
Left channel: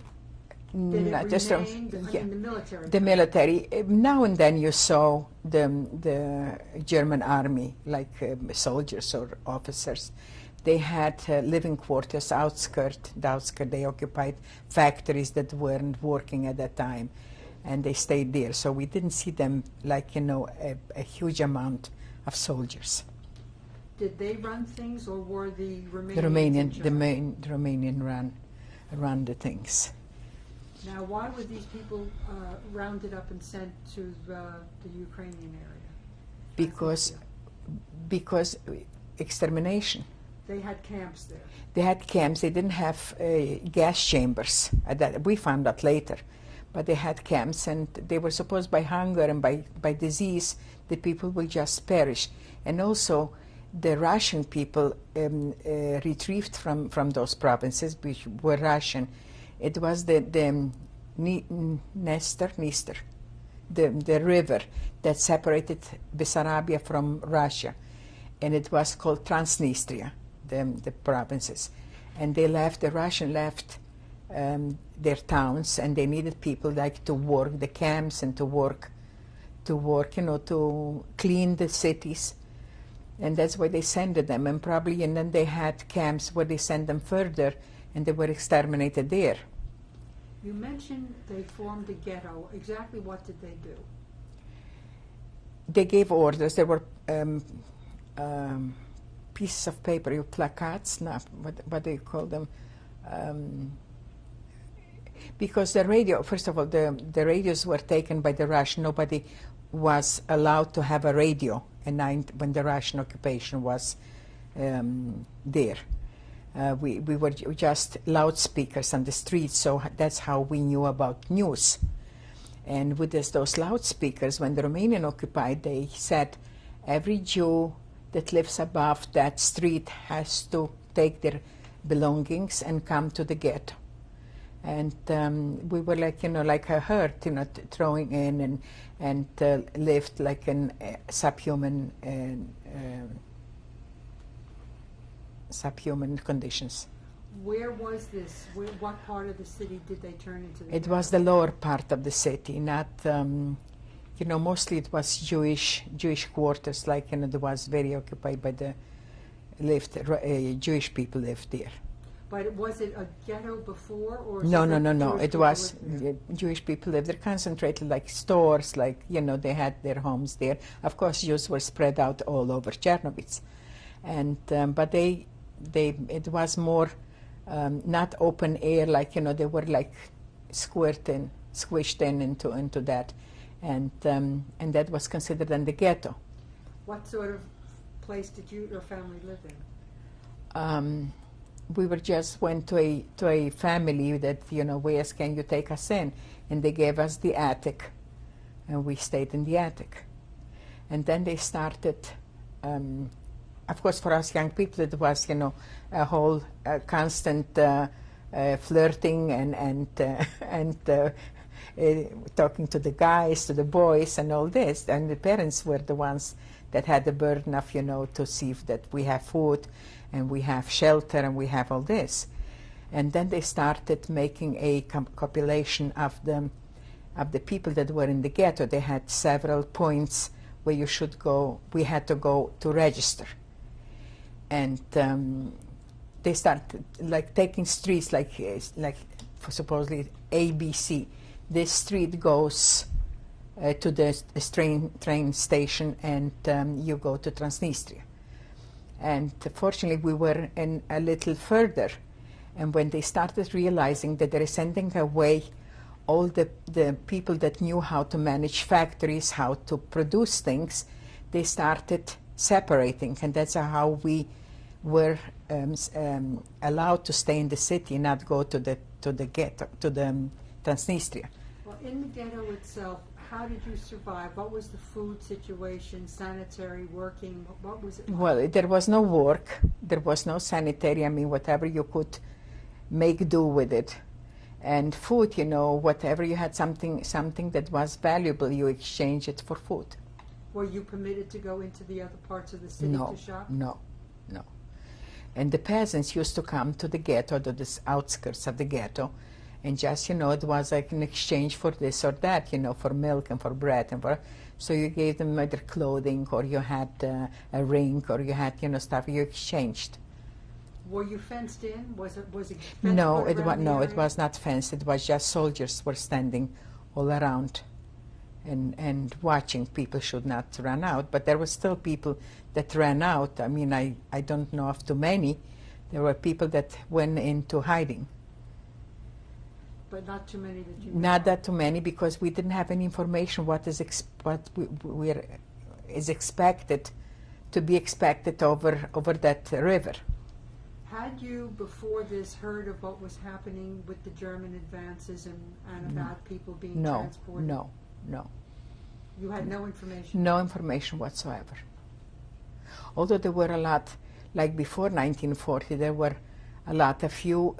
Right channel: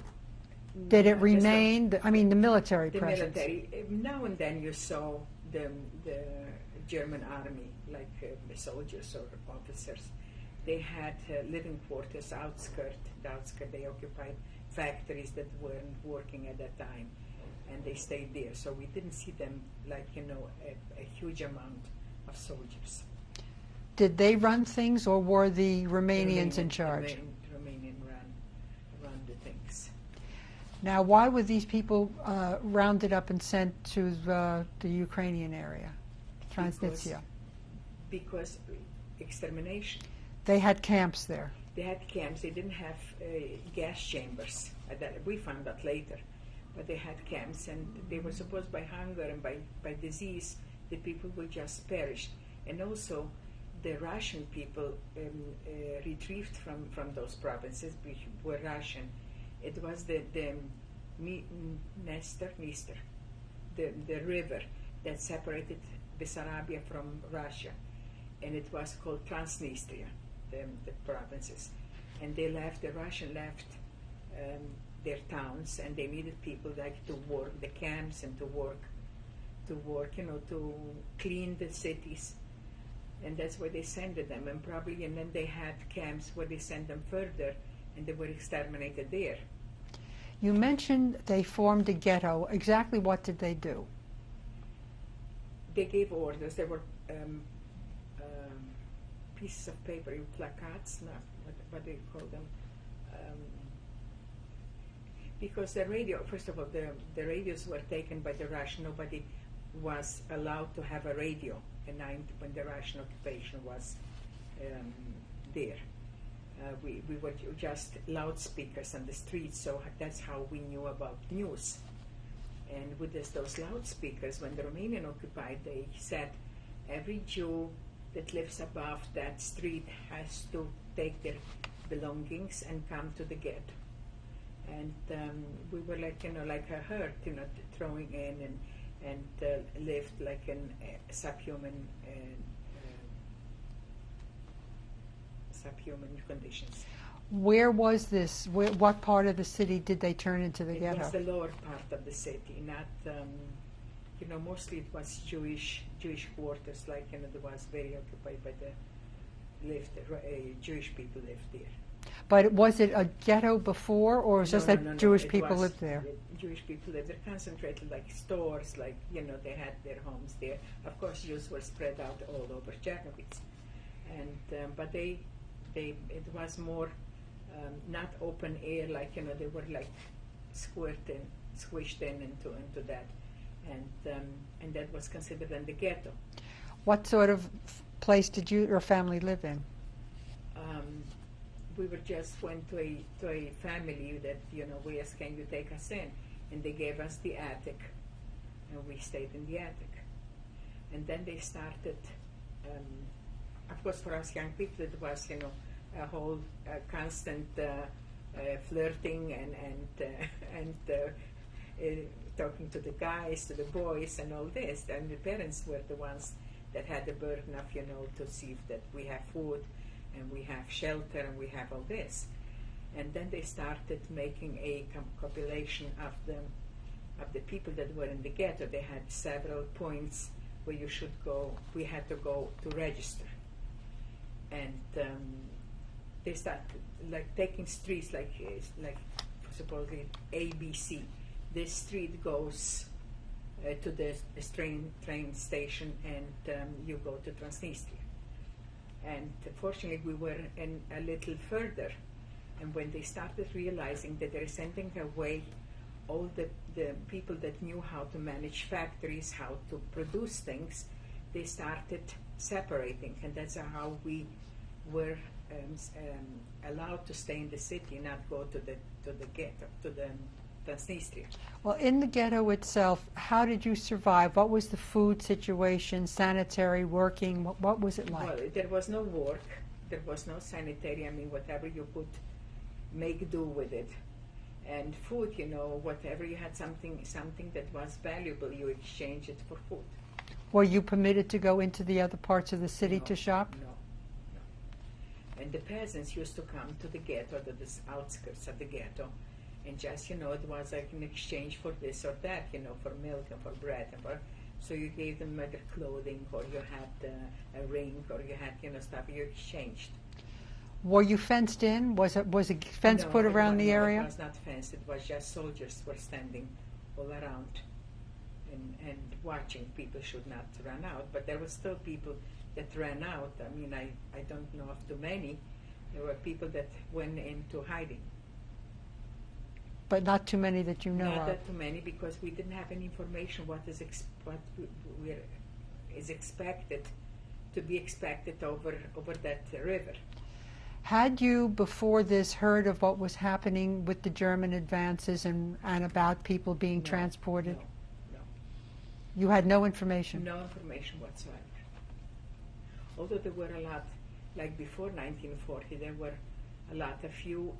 Did it Just remain? I mean, the military. The presence. military. Now and then you saw the German army, like soldiers or officers. They had living quarters, the outskirt. They occupied factories that weren't working at that time, and they stayed there. So we didn't see them like a huge amount of soldiers. Did they run things, or were the Romanians in charge? The Romanian ran the things. Now, why were these people rounded up and sent to the Ukrainian area? Because extermination. They had camps there. They had camps. They didn't have gas chambers. That we found out later, but they had camps, and they were supposed by hunger and by disease the people will just perish. And also, the Russian people retrieved from those provinces, which were Russian. It was the Dniester, the river that separated Bessarabia from Russia, and it was called Transnistria, the provinces. And the Russian left their towns, and they needed people like to work the camps and to work, to clean the cities. And that's why they sent them, and then they had camps where they sent them further, and they were exterminated there. You mentioned they formed a ghetto. Exactly what did they do? They gave orders. There were pieces of paper, placards, what do you call them? Because the radio, first of all, the radios were taken by the Russian. Nobody was allowed to have a radio when the Russian occupation was there. We were just loudspeakers on the streets, so that's how we knew about news. And with those loudspeakers, when the Romanian occupied, they said every Jew that lives above that street has to take their belongings and come to the ghetto. And we were like a herd, throwing in and lived like in subhuman conditions. Where was this? What part of the city did they turn into the ghetto? It was the lower part of the city, not, mostly it was Jewish quarters, like, there was very occupied by Jewish people lived there. But was it a ghetto before, or was no. Jewish It people was lived there? Jewish people lived there, concentrated like stores, like, they had their homes there. Of course, Jews were spread out all over Czernowitz. And, but it was more not open air, like, they were like squished in into that. And that was considered in the ghetto. What sort of place did your family live in? We went to a family that, we asked, can you take us in? And they gave us the attic, and we stayed in the attic. And then they started, of course, for us young people, it was, a whole constant flirting and talking to the guys, to the boys, and all this. And the parents were the ones that had the burden of, to see that we have food, and we have shelter, and we have all this. And then they started making a compilation of the people that were in the ghetto. They had several points where you should go. We had to go to register. And they started like taking streets, like for supposedly ABC. This street goes to the train station, and you go to Transnistria. And fortunately, we were in a little further. And when they started realizing that they're sending away all the people that knew how to manage factories, how to produce things, they started separating. And that's how we were allowed to stay in the city, not go to the ghetto, to the Transnistria. Well, in the ghetto itself, how did you survive? What was the food situation, sanitary, working? What was it like? Well, there was no work, there was no sanitary. I mean, whatever you could make do with it. And food, you know, whatever you had something that was valuable, you exchange it for food. Were you permitted to go into the other parts of the city to shop? No. And the peasants used to come to the ghetto, to the outskirts of the ghetto, and just, you know, it was like an exchange for this or that, you know, for milk and for bread and for. So you gave them either clothing, or you had a ring, or you had, you know, stuff you exchanged. Were you fenced in? Was a fence put around the area? No, it was not fenced. It was just soldiers were standing all around and watching. People should not run out, but there were still people that ran out. I mean, I don't know of too many. There were people that went into hiding. But not too many that you know Not of. that too many, because we didn't have any information what is expected to be expected over that river. Had you, before this, heard of what was happening with the German advances and about people being transported? No. You had no information? No information whatsoever. Although there were a lot, like before 1940, there were a few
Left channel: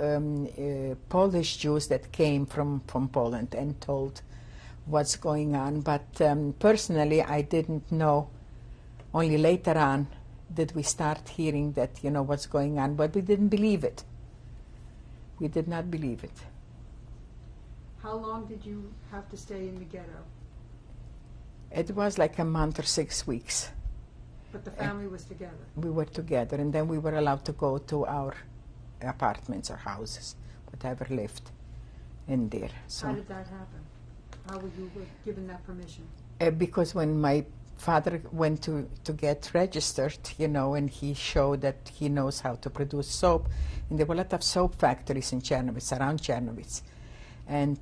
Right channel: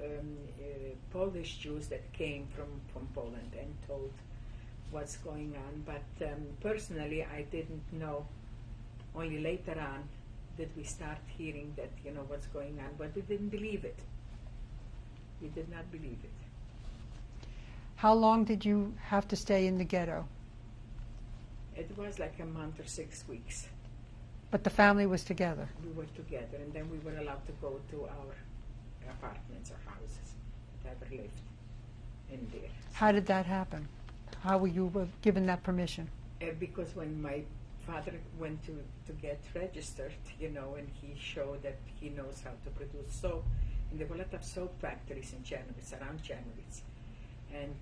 Polish Jews that came from Poland and told what's going on. But personally, I didn't know. Only later on did we start hearing that, you know, what's going on, but we didn't believe it. We did not believe it. How long did you have to stay in the ghetto? It was like a month or 6 weeks. But the family was together? We were together, and then we were allowed to go to our apartments or houses, whatever lived in there. So how did that happen? How were you given that permission? Because when my father went to get registered, you know, and he showed that he knows how to produce soap, and there were a lot of soap factories in Czernowitz, around Czernowitz, and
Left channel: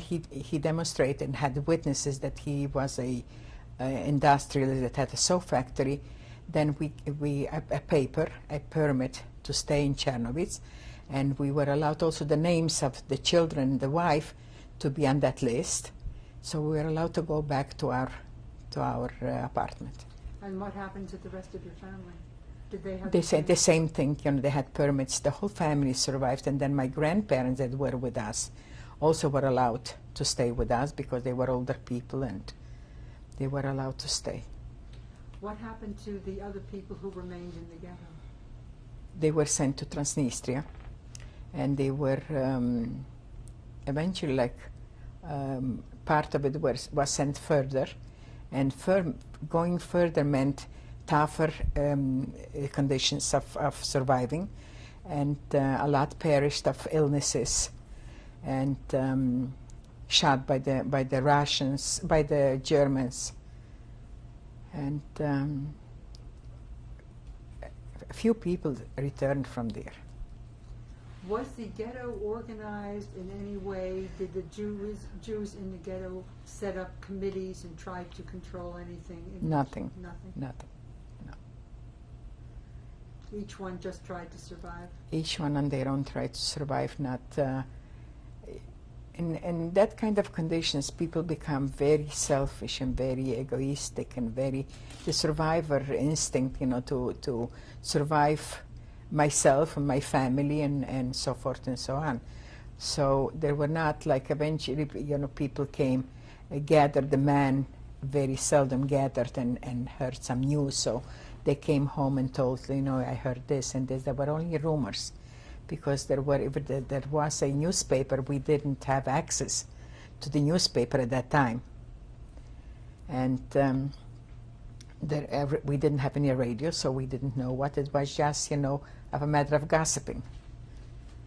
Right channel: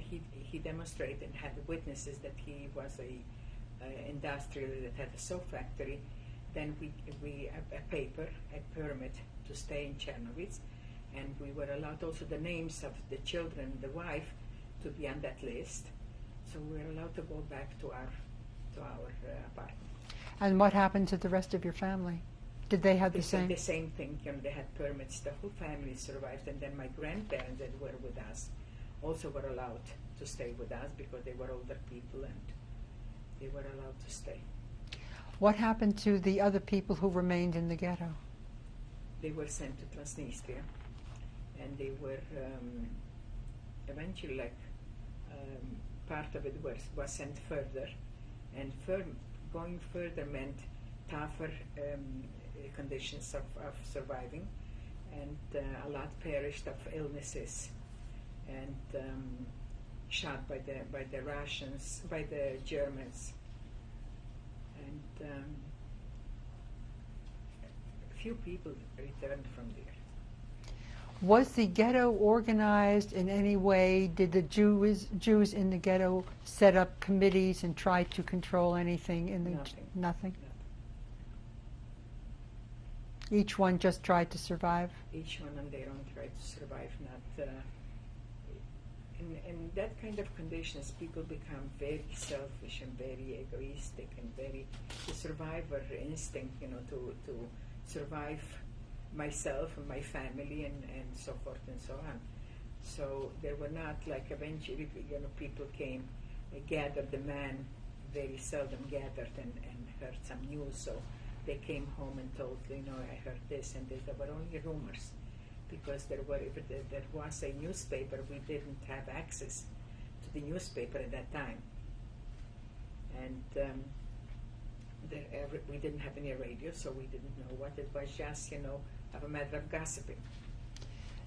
he demonstrated and had witnesses that he was a industrialist that had a soap factory. Then we a permit to stay in Czernowitz, and we were allowed also the names of the children and the wife to be on that list. So we were allowed to go back to our apartment. And what happened to the rest of your family? Did they have They said the same thing. You know, they had permits. The whole family survived, and then my grandparents that were with us also were allowed to stay with us because they were older people and they were allowed to stay. What happened to the other people who remained in the ghetto? They were sent to Transnistria, and they were eventually, like, part of it was sent further, and going further meant tougher conditions of surviving, and a lot perished of illnesses and shot by the Russians, by the Germans, and a few people returned from there. Was the ghetto organized in any way? Did the Jews in the ghetto set up committees and try to control anything? Nothing. Nothing? Nothing. No. Each one just tried to survive? Each one on their own tried to survive. Not in that kind of conditions, people become very selfish and very egoistic and very the survivor instinct, you know, to survive myself and my family and so forth and so on. So there were not, like, eventually, you know, people came, gathered. The men very seldom gathered and heard some news, so they came home and told, you know, I heard this and this. There were only rumors, because there was a newspaper. We didn't have access to the newspaper at that time, and we didn't have any radio, so we didn't know what it was. Just, you know, of a matter of gossiping.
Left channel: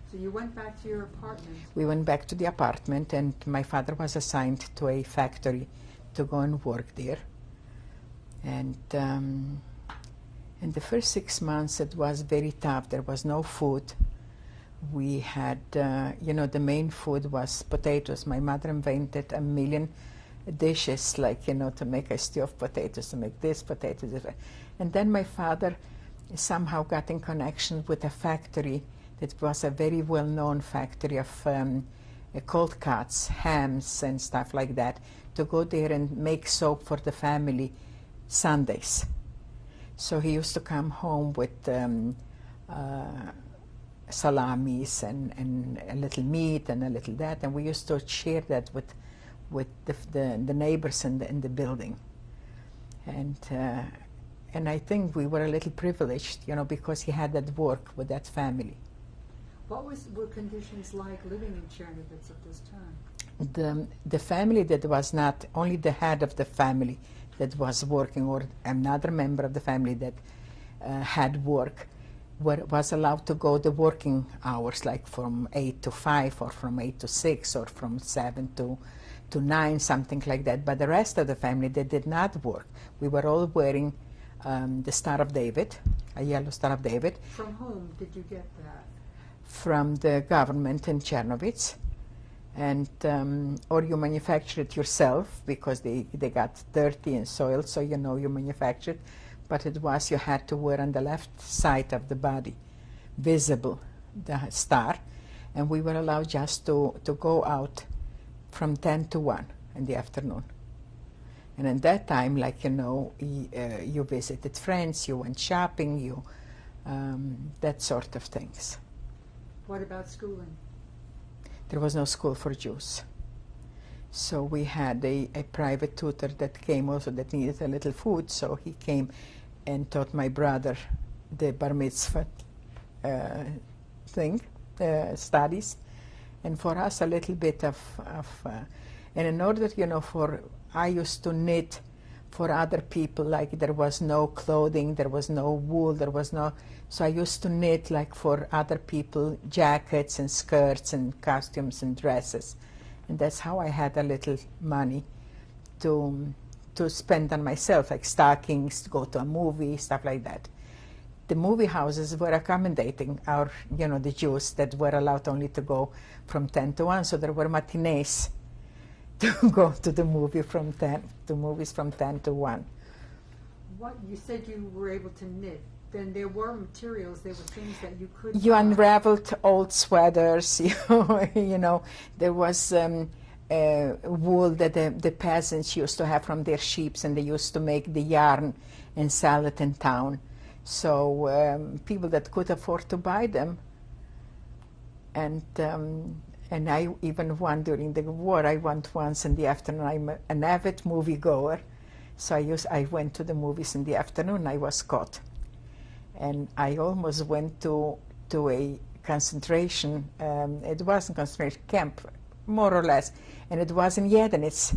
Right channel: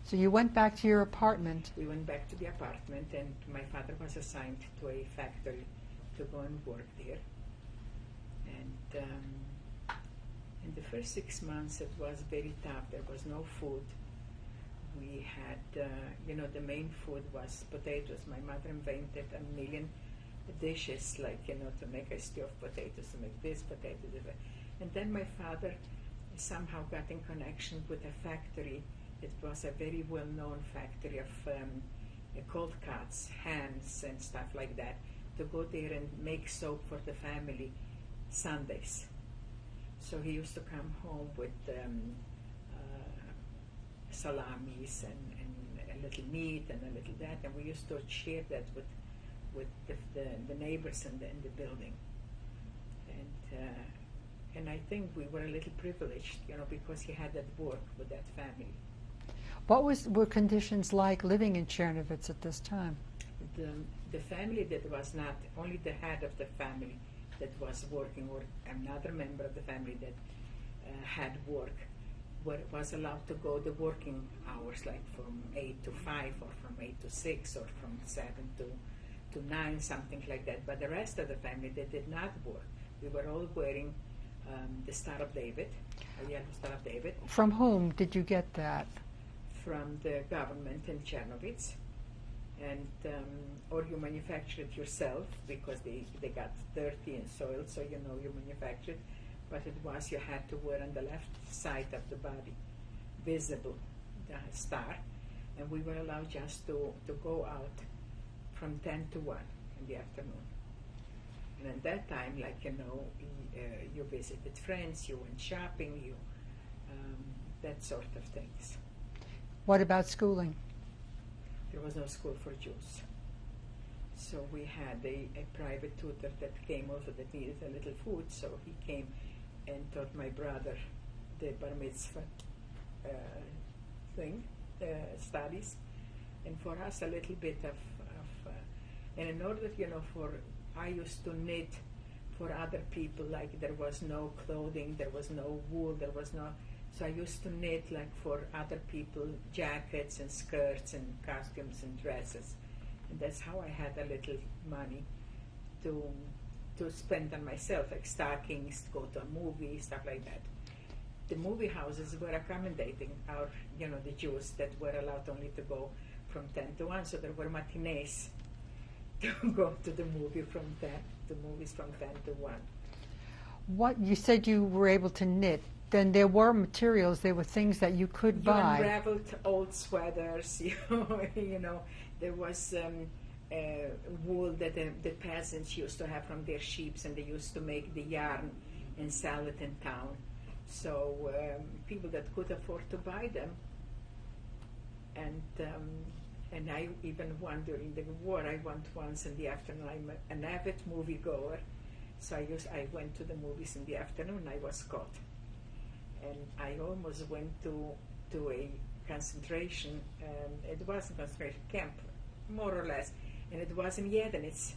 So you went back to your apartment. We went back to the apartment, and my father was assigned to a factory to go and work there. And in the first 6 months, it was very tough. There was no food. We had, the main food was potatoes. My mother invented a million dishes, like, to make a stew of potatoes, to make this, potatoes. And then my father somehow got in connection with a factory that was a very well-known factory of cold cuts, hams, and stuff like that, to go there and make soap for the family Sundays. So he used to come home with salamis and a little meat and a little that, and we used to share that with the neighbors in the building. And I think we were a little privileged, because he had that work with that family. What were conditions like living in Czernowitz at this time? The family that was not only the head of the family that was working, or another member of the family that had work, was allowed to go the working hours, like from 8 to 5, or from 8 to 6, or from 7 to 9, something like that. But the rest of the family, they did not work. We were all wearing the Star of David, a yellow Star of David. From whom did you get that? From the government in Czernowitz. And or you manufacture it yourself, because they got dirty and soiled, so you manufactured. But it was, you had to wear on the left side of the body, visible, the star. And we were allowed just to go out from 10 to 1 in the afternoon. And at that time, like, you visited friends, you went shopping, that sort of things. What about schooling? There was no school for Jews. So we had a private tutor that came also, that needed a little food, so he came and taught my brother the bar mitzvah studies, and for us a little bit of and in order, I used to knit for other people, like there was no clothing, there was no wool, so I used to knit, like, for other people, jackets and skirts and costumes and dresses. And that's how I had a little money to spend on myself, like stockings, to go to a movie, stuff like that. The movie houses were accommodating the Jews that were allowed only to go from 10 to 1, so there were matinees to go to the movies from 10 to 1. What, you said you were able to knit. Then there were materials, there were things that you could buy. You unraveled old sweaters, there was wool that the peasants used to have from their sheep, and they used to make the yarn and sell it in town. So people that could afford to buy them, and I even won during the war. I went once in the afternoon. I'm an avid movie goer, so I went to the movies in the afternoon. I was caught. And I almost went to a concentration, it was a concentration camp, more or less, and it was in Edinet.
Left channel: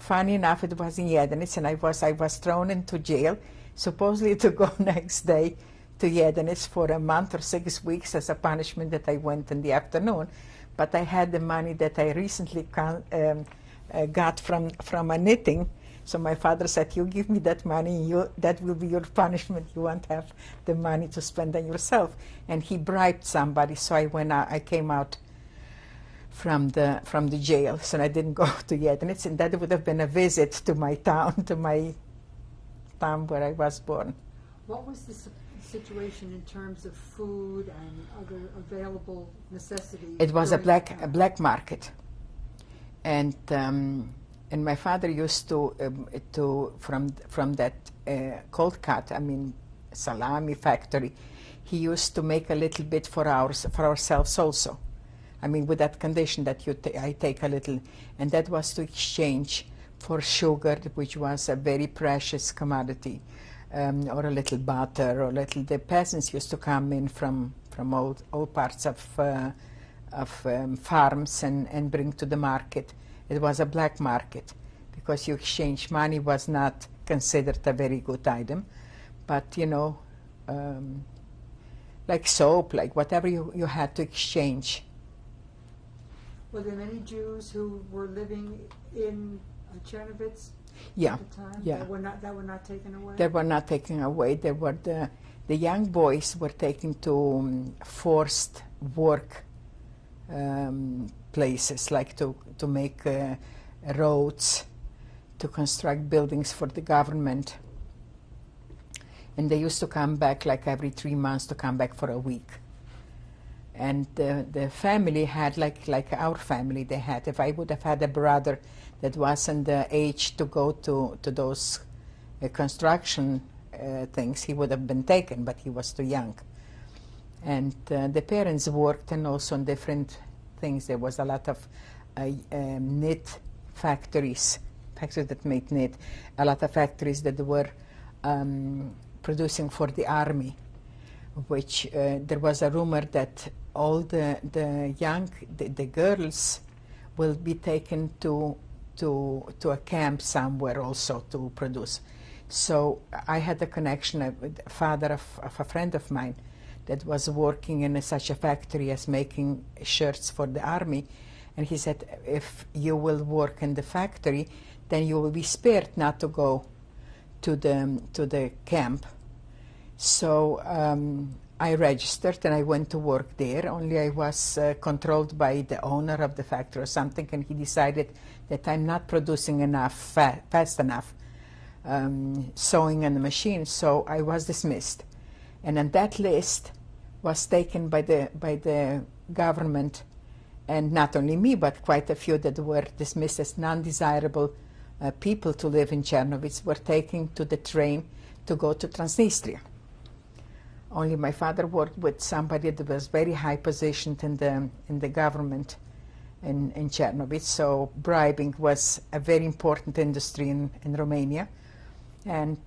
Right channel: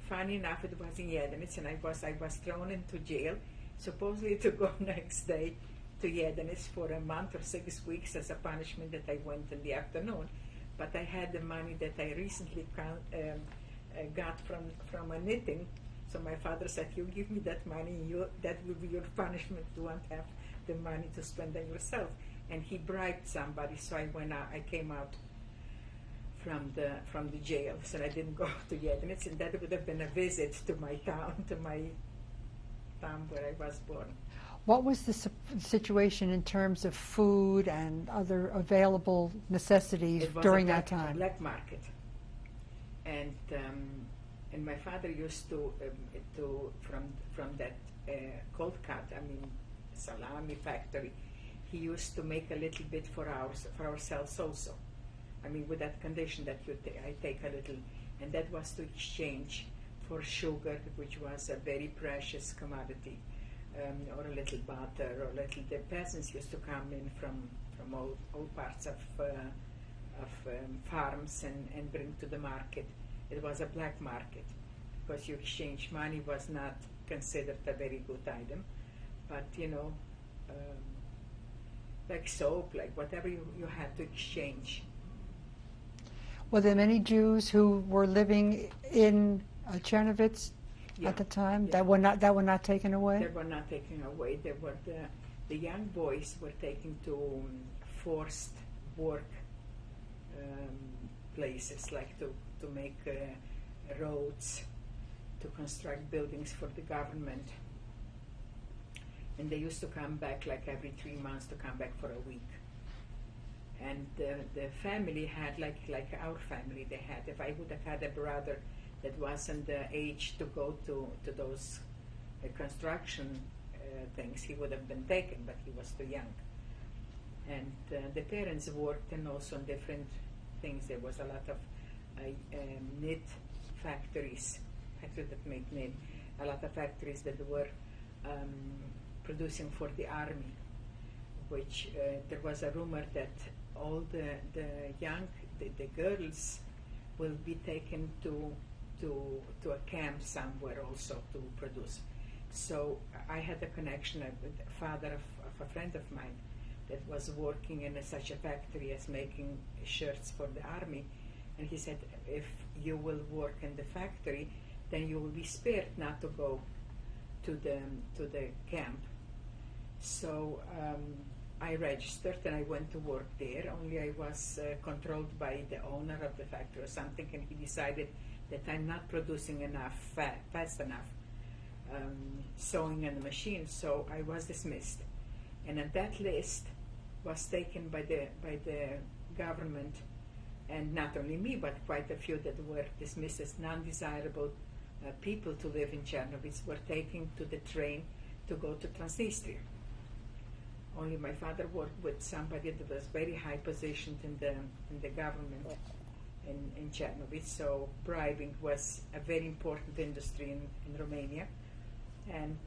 Funny enough, it was in Edinet, and I was thrown into jail, supposedly to go next day to Edinet for a month or 6 weeks as a punishment that I went in the afternoon. But I had the money that I recently got from a knitting. So my father said, you give me that money, that will be your punishment. You won't have the money to spend on yourself. And he bribed somebody, so I came out from the jail. So I didn't go to Edinet, and that would have been a visit to my town, where I was born. What was the situation in terms of food and other available necessities? It was during that time? a black market. And my father used to from that cold cut, salami factory, he used to make a little bit for ourselves also. With that condition that I take a little, and that was to exchange for sugar, which was a very precious commodity, or a little butter, or the peasants used to come in from all parts of farms and bring to the market. It was a black market, because you exchange money was not considered a very good item. But, like soap, like whatever you had to exchange. Were there many Jews who were living in Czernowitz Yeah. at the time Yeah. that were not taken away? They were not taken away. They were the young boys were taken to forced work places, like to make roads, to construct buildings for the government. And they used to come back like every 3 months to come back for a week. And the family had, like our family, they had, if I would have had a brother that wasn't the age to go to those construction things, he would have been taken, but he was too young. And the parents worked, and also on different things. There was a lot of knit factories that made knit, a lot of factories that were producing for the army, which there was a rumor that all the girls will be taken to a camp somewhere also to produce. So I had a connection with the father of a friend of mine that was working in such a factory as making shirts for the army, and he said, if you will work in the factory, then you will be spared not to go to the camp. So I registered and I went to work there, only I was controlled by the owner of the factory or something, and he decided that I'm not producing enough, fast enough, sewing on the machine, so I was dismissed. And on that list was taken by the government, and not only me, but quite a few that were dismissed as non-desirable people to live in Czernowitz were taken to the train to go to Transnistria. Only my father worked with somebody that was very high positioned in the government in Czernowitz, so bribing was a very important industry in Romania, and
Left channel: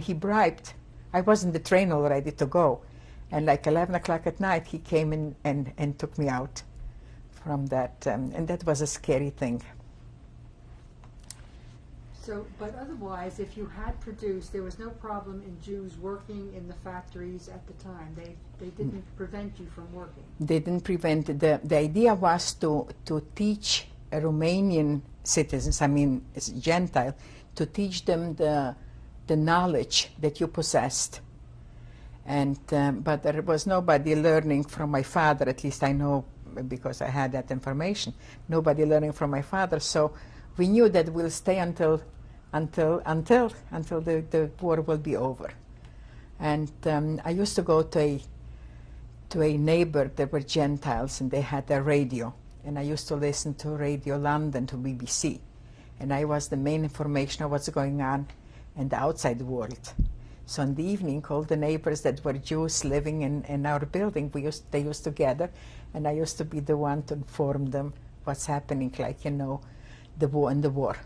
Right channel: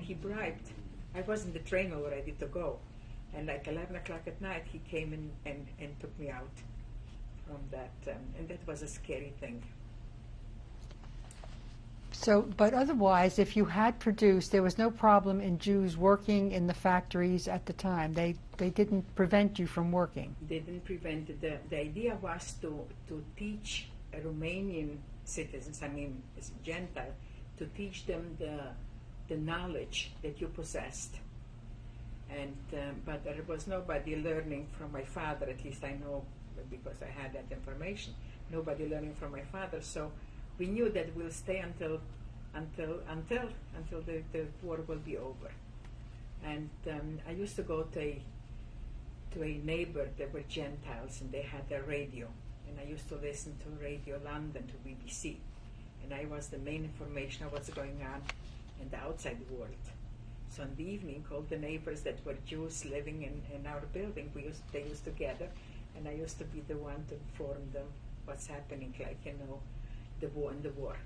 he bribed. I was in the train all ready to go, and like 11 o'clock at night he came in and took me out from that, and that was a scary thing. So, but otherwise, if you had produced, there was no problem in Jews working in the factories at the time. They didn't prevent you from working. They didn't prevent it. The idea was to teach Romanian citizens, I mean Gentile, to teach them the knowledge that you possessed. And but there was nobody learning from my father, at least I know because I had that information. Nobody learning from my father, so we knew that we'll stay until the war will be over. And I used to go to a neighbor that were Gentiles, and they had a radio, and I used to listen to Radio London, to BBC, and I was the main information of what's going on in the outside world. So in the evening, all the neighbors that were Jews living in our building, they used to gather, and I used to be the one to inform them what's happening, like, you know, the war.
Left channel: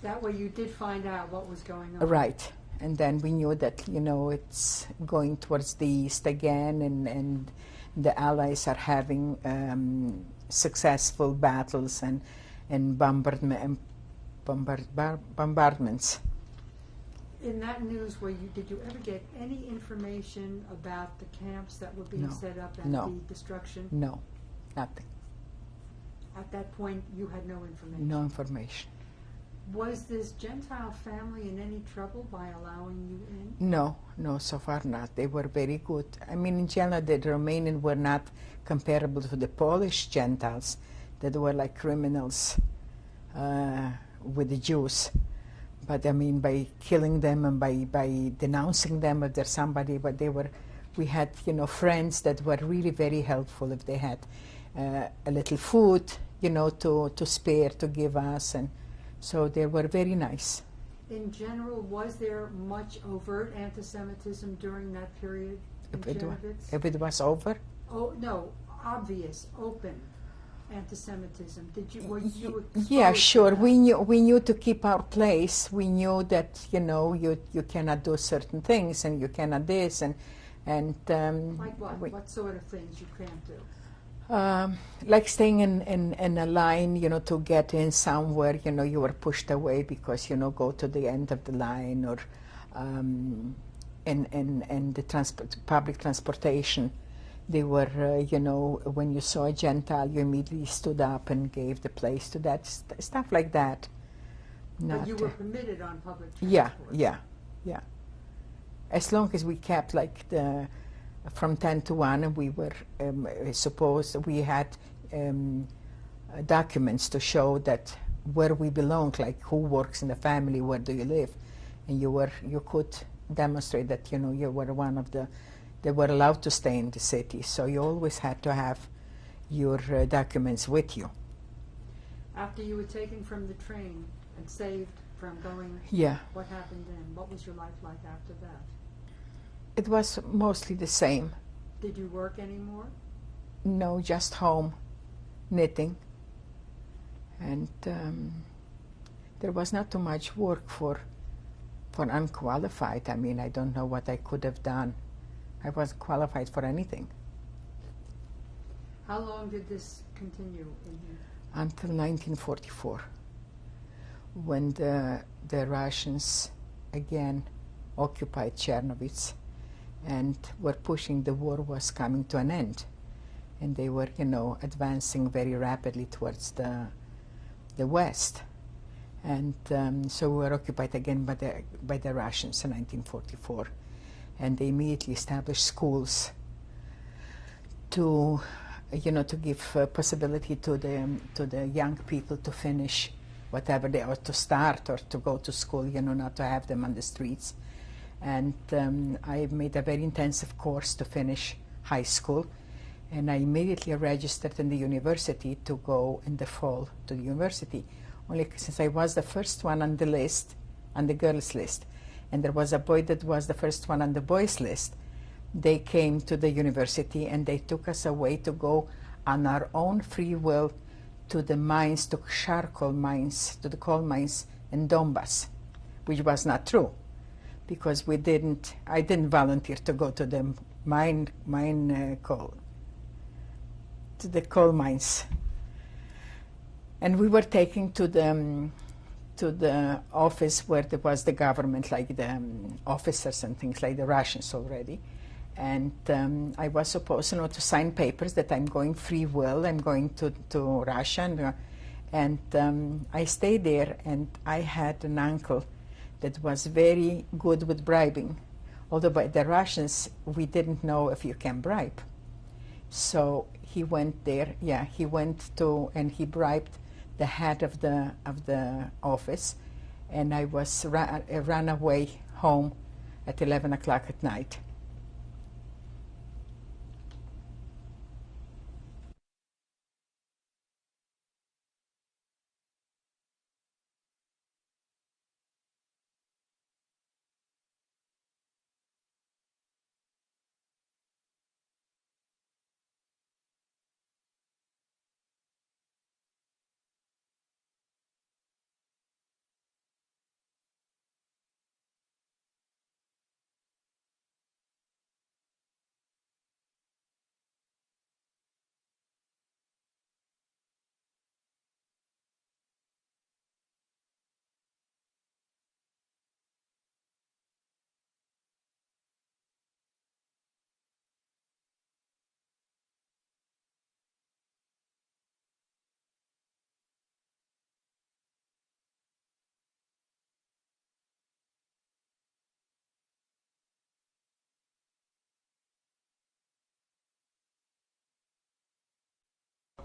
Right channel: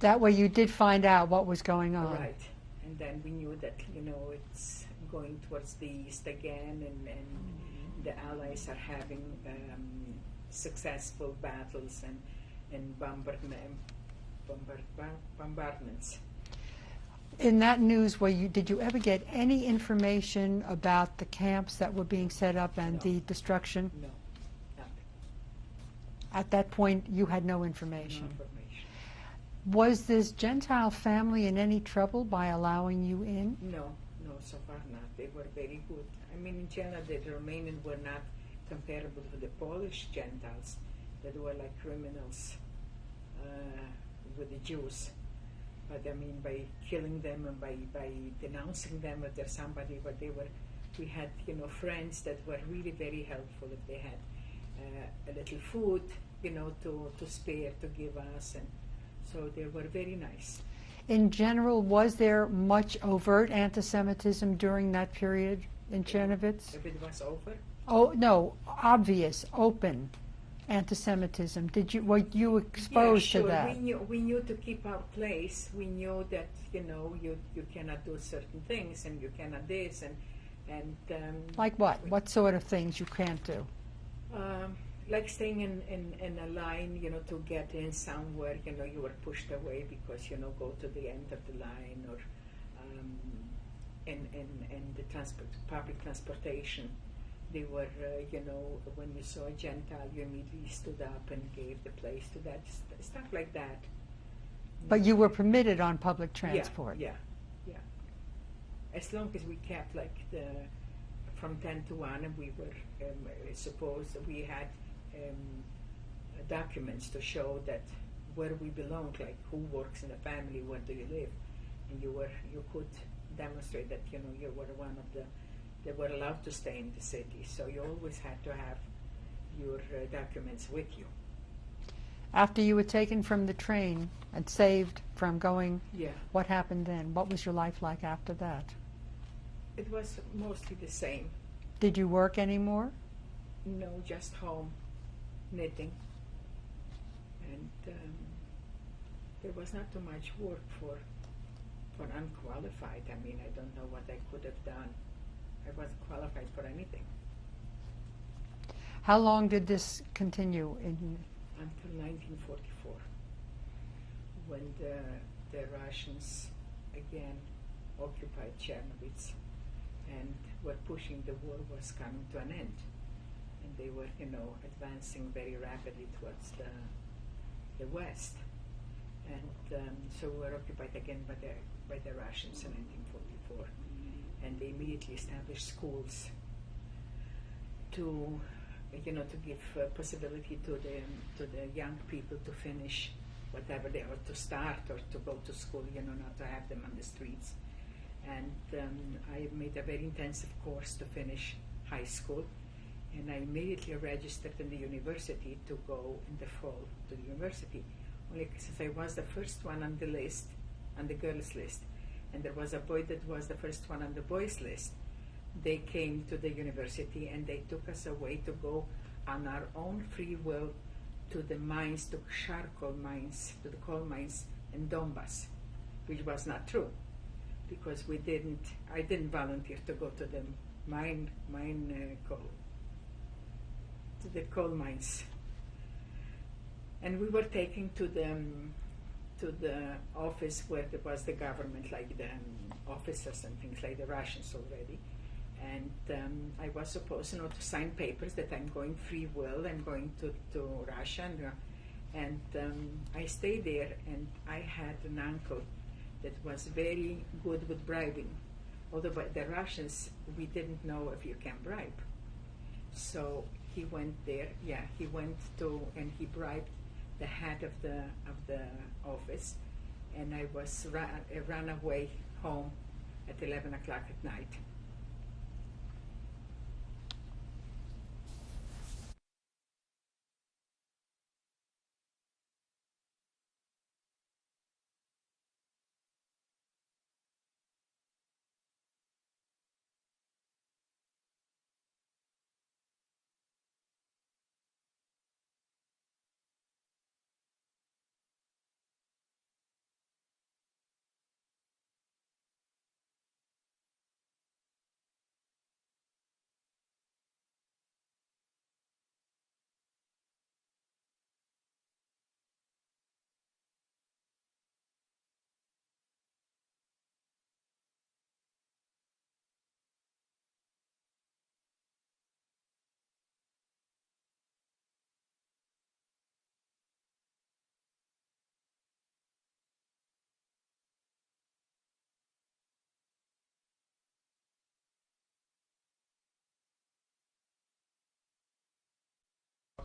That way you did find out what was going on. Right. And then we knew that, you know, it's going towards the east again, and the Allies are having successful battles and bombardments. In that news, did you ever get any information about the camps that were being No. set up and No. the destruction? No, nothing. At that point, you had no information. No information. Was this Gentile family in any trouble by allowing you in? No, so far not. They were very good. I mean, in general, the Romanians were not comparable to the Polish Gentiles that were like criminals with the Jews. But I mean, by killing them and by denouncing them if there's somebody, but we had, you know, friends that were really very helpful if they had a little food, you know, to spare, to give us, and so they were very nice. In general, was there much overt anti-Semitism during that period in Czernowitz? If it was over? Oh, no, obvious, open anti-Semitism. Were you exposed Yeah, sure. to that? We knew to keep our place. We knew that, you know, you cannot do certain things, and you cannot this, and like what? What sort of things you can't do? Like staying in a line, you know, to get in somewhere, you know, you were pushed away because, you know, go to the end of the line, or and the public transportation. They were, when you saw a Gentile, you immediately stood up and gave the place to that, stuff like that. But you were permitted on public transport. Yeah. As long as we kept from 10 to 1, and we were supposed, we had documents to show that where we belonged, like who works in the family, where do you live, and you could demonstrate that you were one of they were allowed to stay in the city. So you always had to have your documents with you. After you were taken from the train and saved from going, yeah, what happened then? What was your life like after that? It was mostly the same. Did you work anymore? No, just home, knitting. And there was not too much work for unqualified. I mean, I don't know what I could have done. I wasn't qualified for anything. How long did this continue? Until 1944, when the Russians again occupied Czernowitz and were pushing, the war was coming to an end. And they were, advancing very rapidly towards the west. And so we were occupied again by the Russians in 1944. And they immediately established schools to give possibility to the young people to finish whatever they, or to start or to go to school, not to have them on the streets. And I made a very intensive course to finish high school, and I immediately registered in the university to go in the fall to the university, only since I was the first one on the list, on the girls' list, and there was a boy that was the first one on the boys' list. They came to the university and they took us away to go on our own free will to the mines, to charcoal mines, to the coal mines in Donbass, which was not true, because I didn't volunteer to go to the to the coal mines. And we were taken to the office where there was the government, like the officers and things, like the Russians already. And I was supposed, to sign papers that I'm going free will, I'm going to Russia. And I stayed there, and I had an uncle that was very good with bribing. Although by the Russians, we didn't know if you can bribe. So he went there, and he bribed the head of the office, and I was ran away home at 11 o'clock at night.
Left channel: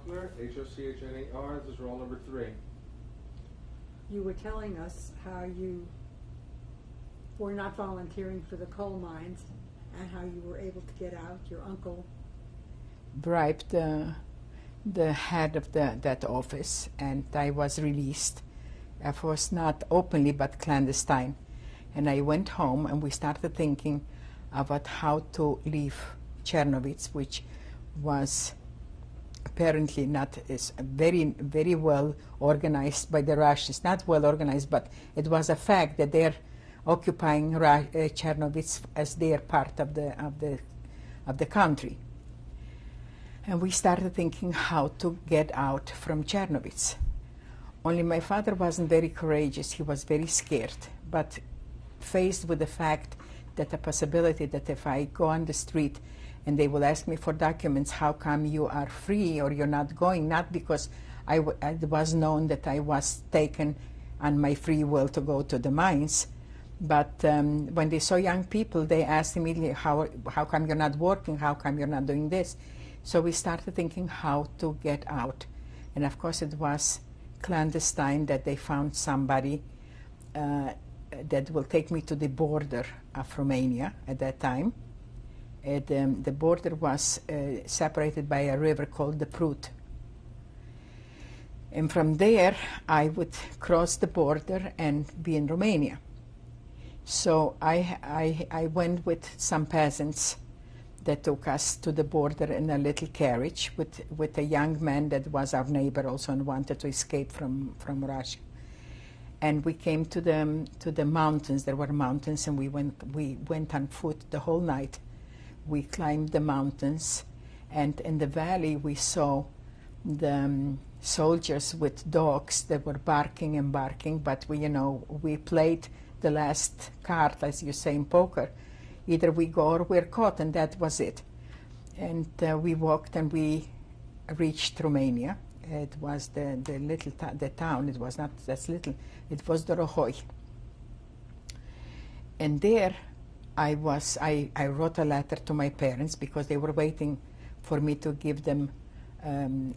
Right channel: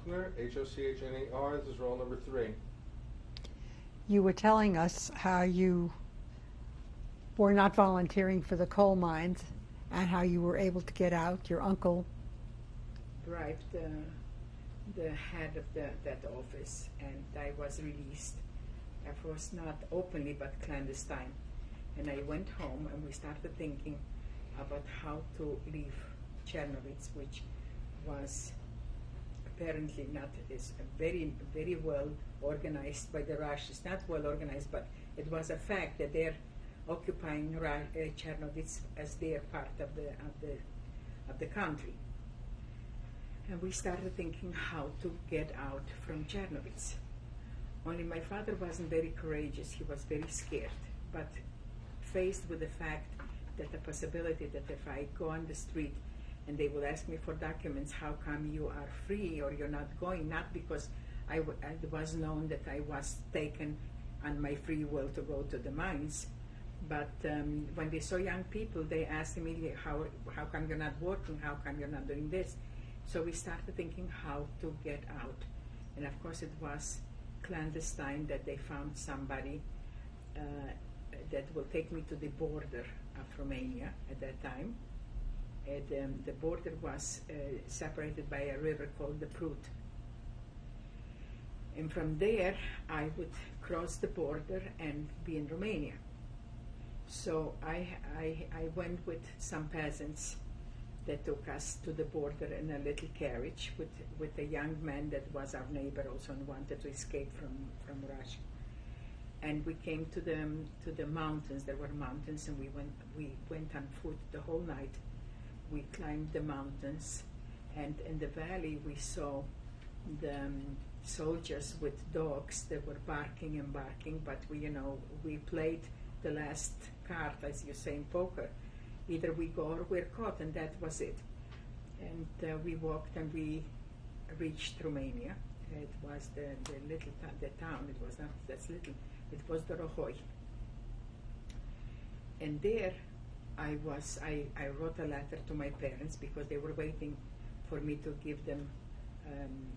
Hochner, this is roll number 3. You were telling us how you were not volunteering for the coal mines and how you were able to get out. Your uncle bribed the head of that office, and I was released. Of course, not openly, but clandestine. And I went home, and we started thinking about how to leave Czernowitz, which was apparently not is very, very well organized by the Russians. Not well organized, but it was a fact that they're occupying Czernowitz as their part of the country. And we started thinking how to get out from Czernowitz. Only my father wasn't very courageous. He was very scared. But faced with the fact that a possibility that if I go on the street and they will ask me for documents, how come you are free or you're not going? Not because it was known that I was taken on my free will to go to the mines, but when they saw young people, they asked immediately, how come you're not working? How come you're not doing this? So we started thinking how to get out. And of course it was clandestine that they found somebody that will take me to the border of Romania at that time. The border was separated by a river called the Prut. And from there, I would cross the border and be in Romania. So I went with some peasants that took us to the border in a little carriage with a young man that was our neighbor also and wanted to escape from Russia. And we came to the mountains. There were mountains, and we went on foot the whole night. We climbed the mountains, and in the valley we saw the soldiers with dogs that were barking and barking. But we played the last card, as you say in poker. Either we go or we're caught, and that was it. And we walked and we reached Romania. It was the town. It was not that little. It was the Rohoi. And there I wrote a letter to my parents because they were waiting for me to give them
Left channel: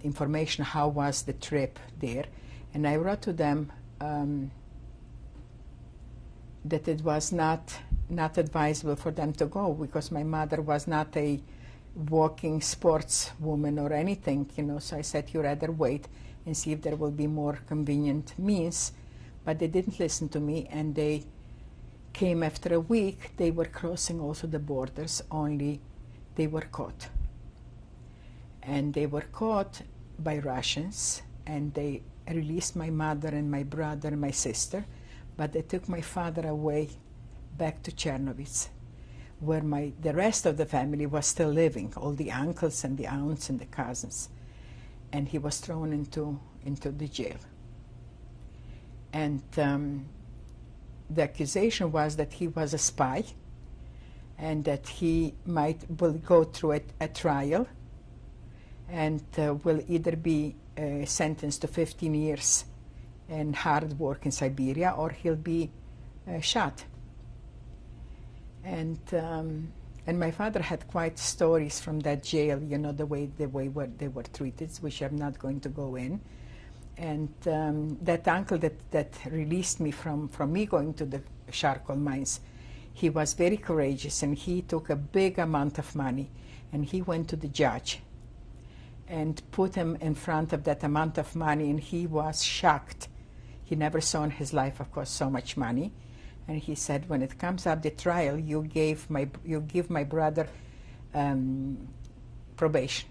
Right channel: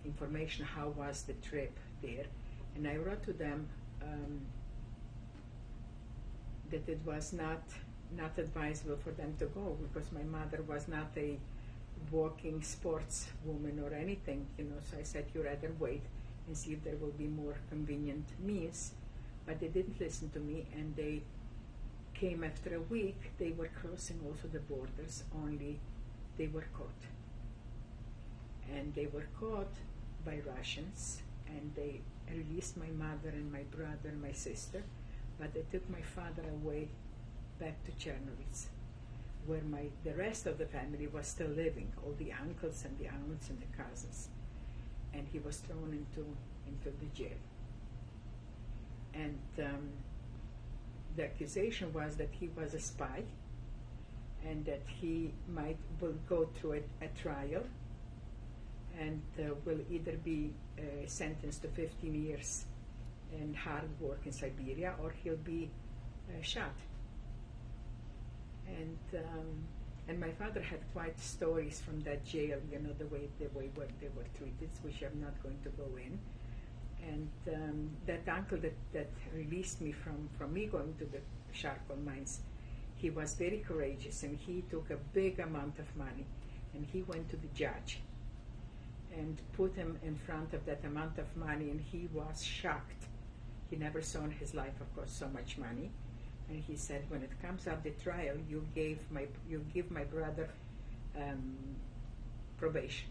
information how was the trip there. And I wrote to them that it was not advisable for them to go because my mother was not a walking sports woman or anything, so I said, you rather wait and see if there will be more convenient means. But they didn't listen to me, and they came after a week. They were crossing also the borders, only they were caught. And they were caught by Russians, and they released my mother and my brother and my sister, but they took my father away back to Czernowitz, where the rest of the family was still living, all the uncles and the aunts and the cousins. And he was thrown into the jail. And the accusation was that he was a spy and that he will go through a trial and will either be sentenced to 15 years and hard work in Siberia, or he'll be shot. And my father had quite stories from that jail, the way they were treated, which I'm not going to go in. And that uncle that released me from me going to the charcoal mines, he was very courageous, and he took a big amount of money, and he went to the judge and put him in front of that amount of money, and he was shocked. He never saw in his life, of course, so much money. And he said, when it comes up the trial, you give my brother probation.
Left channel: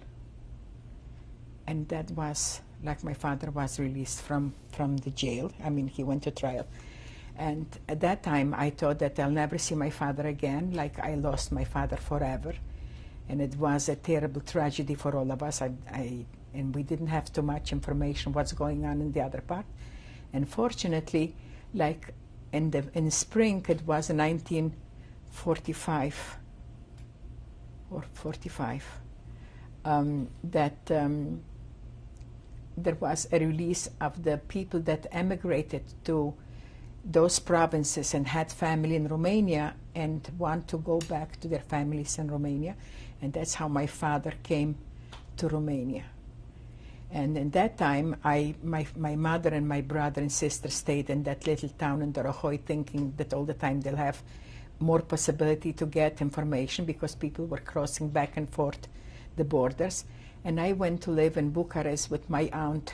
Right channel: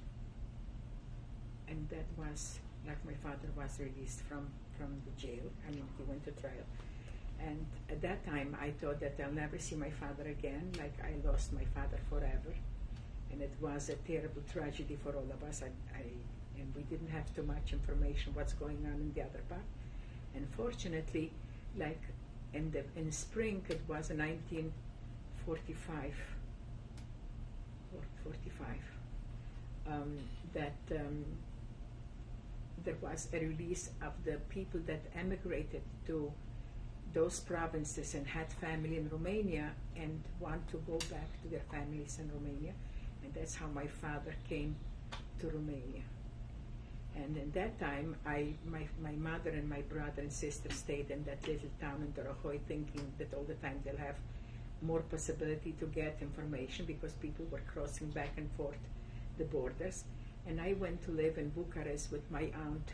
And that was like my father was released from the jail. I mean, he went to trial. And at that time, I thought that I'll never see my father again, like I lost my father forever. And it was a terrible tragedy for all of us. And we didn't have too much information what's going on in the other part. And fortunately, like in spring, it was 1945 or 45, there was a release of the people that emigrated to those provinces and had family in Romania and want to go back to their families in Romania. And that's how my father came to Romania. And in that time, my mother and my brother and sister stayed in that little town in Dorohoi, thinking that all the time they'll have more possibility to get information because people were crossing back and forth the borders. And I went to live in Bucharest with my aunt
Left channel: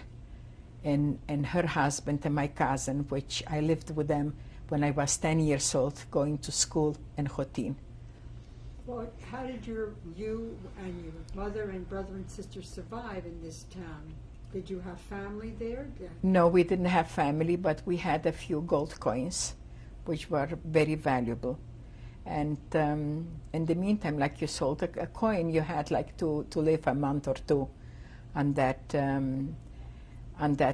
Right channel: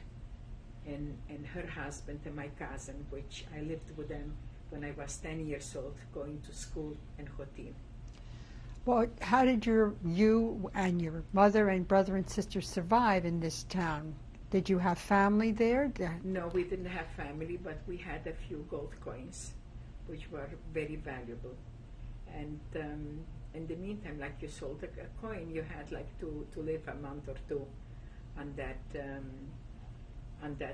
and her husband and my cousin, which I lived with them when I was 10 years old, going to school in Hotin. Well, how did you and your mother and brother and sister survive in this town? Did you have family there? No, we didn't have family, but we had a few gold coins, which were very valuable. And in the meantime, like you sold a coin, you had like to live a month or two on that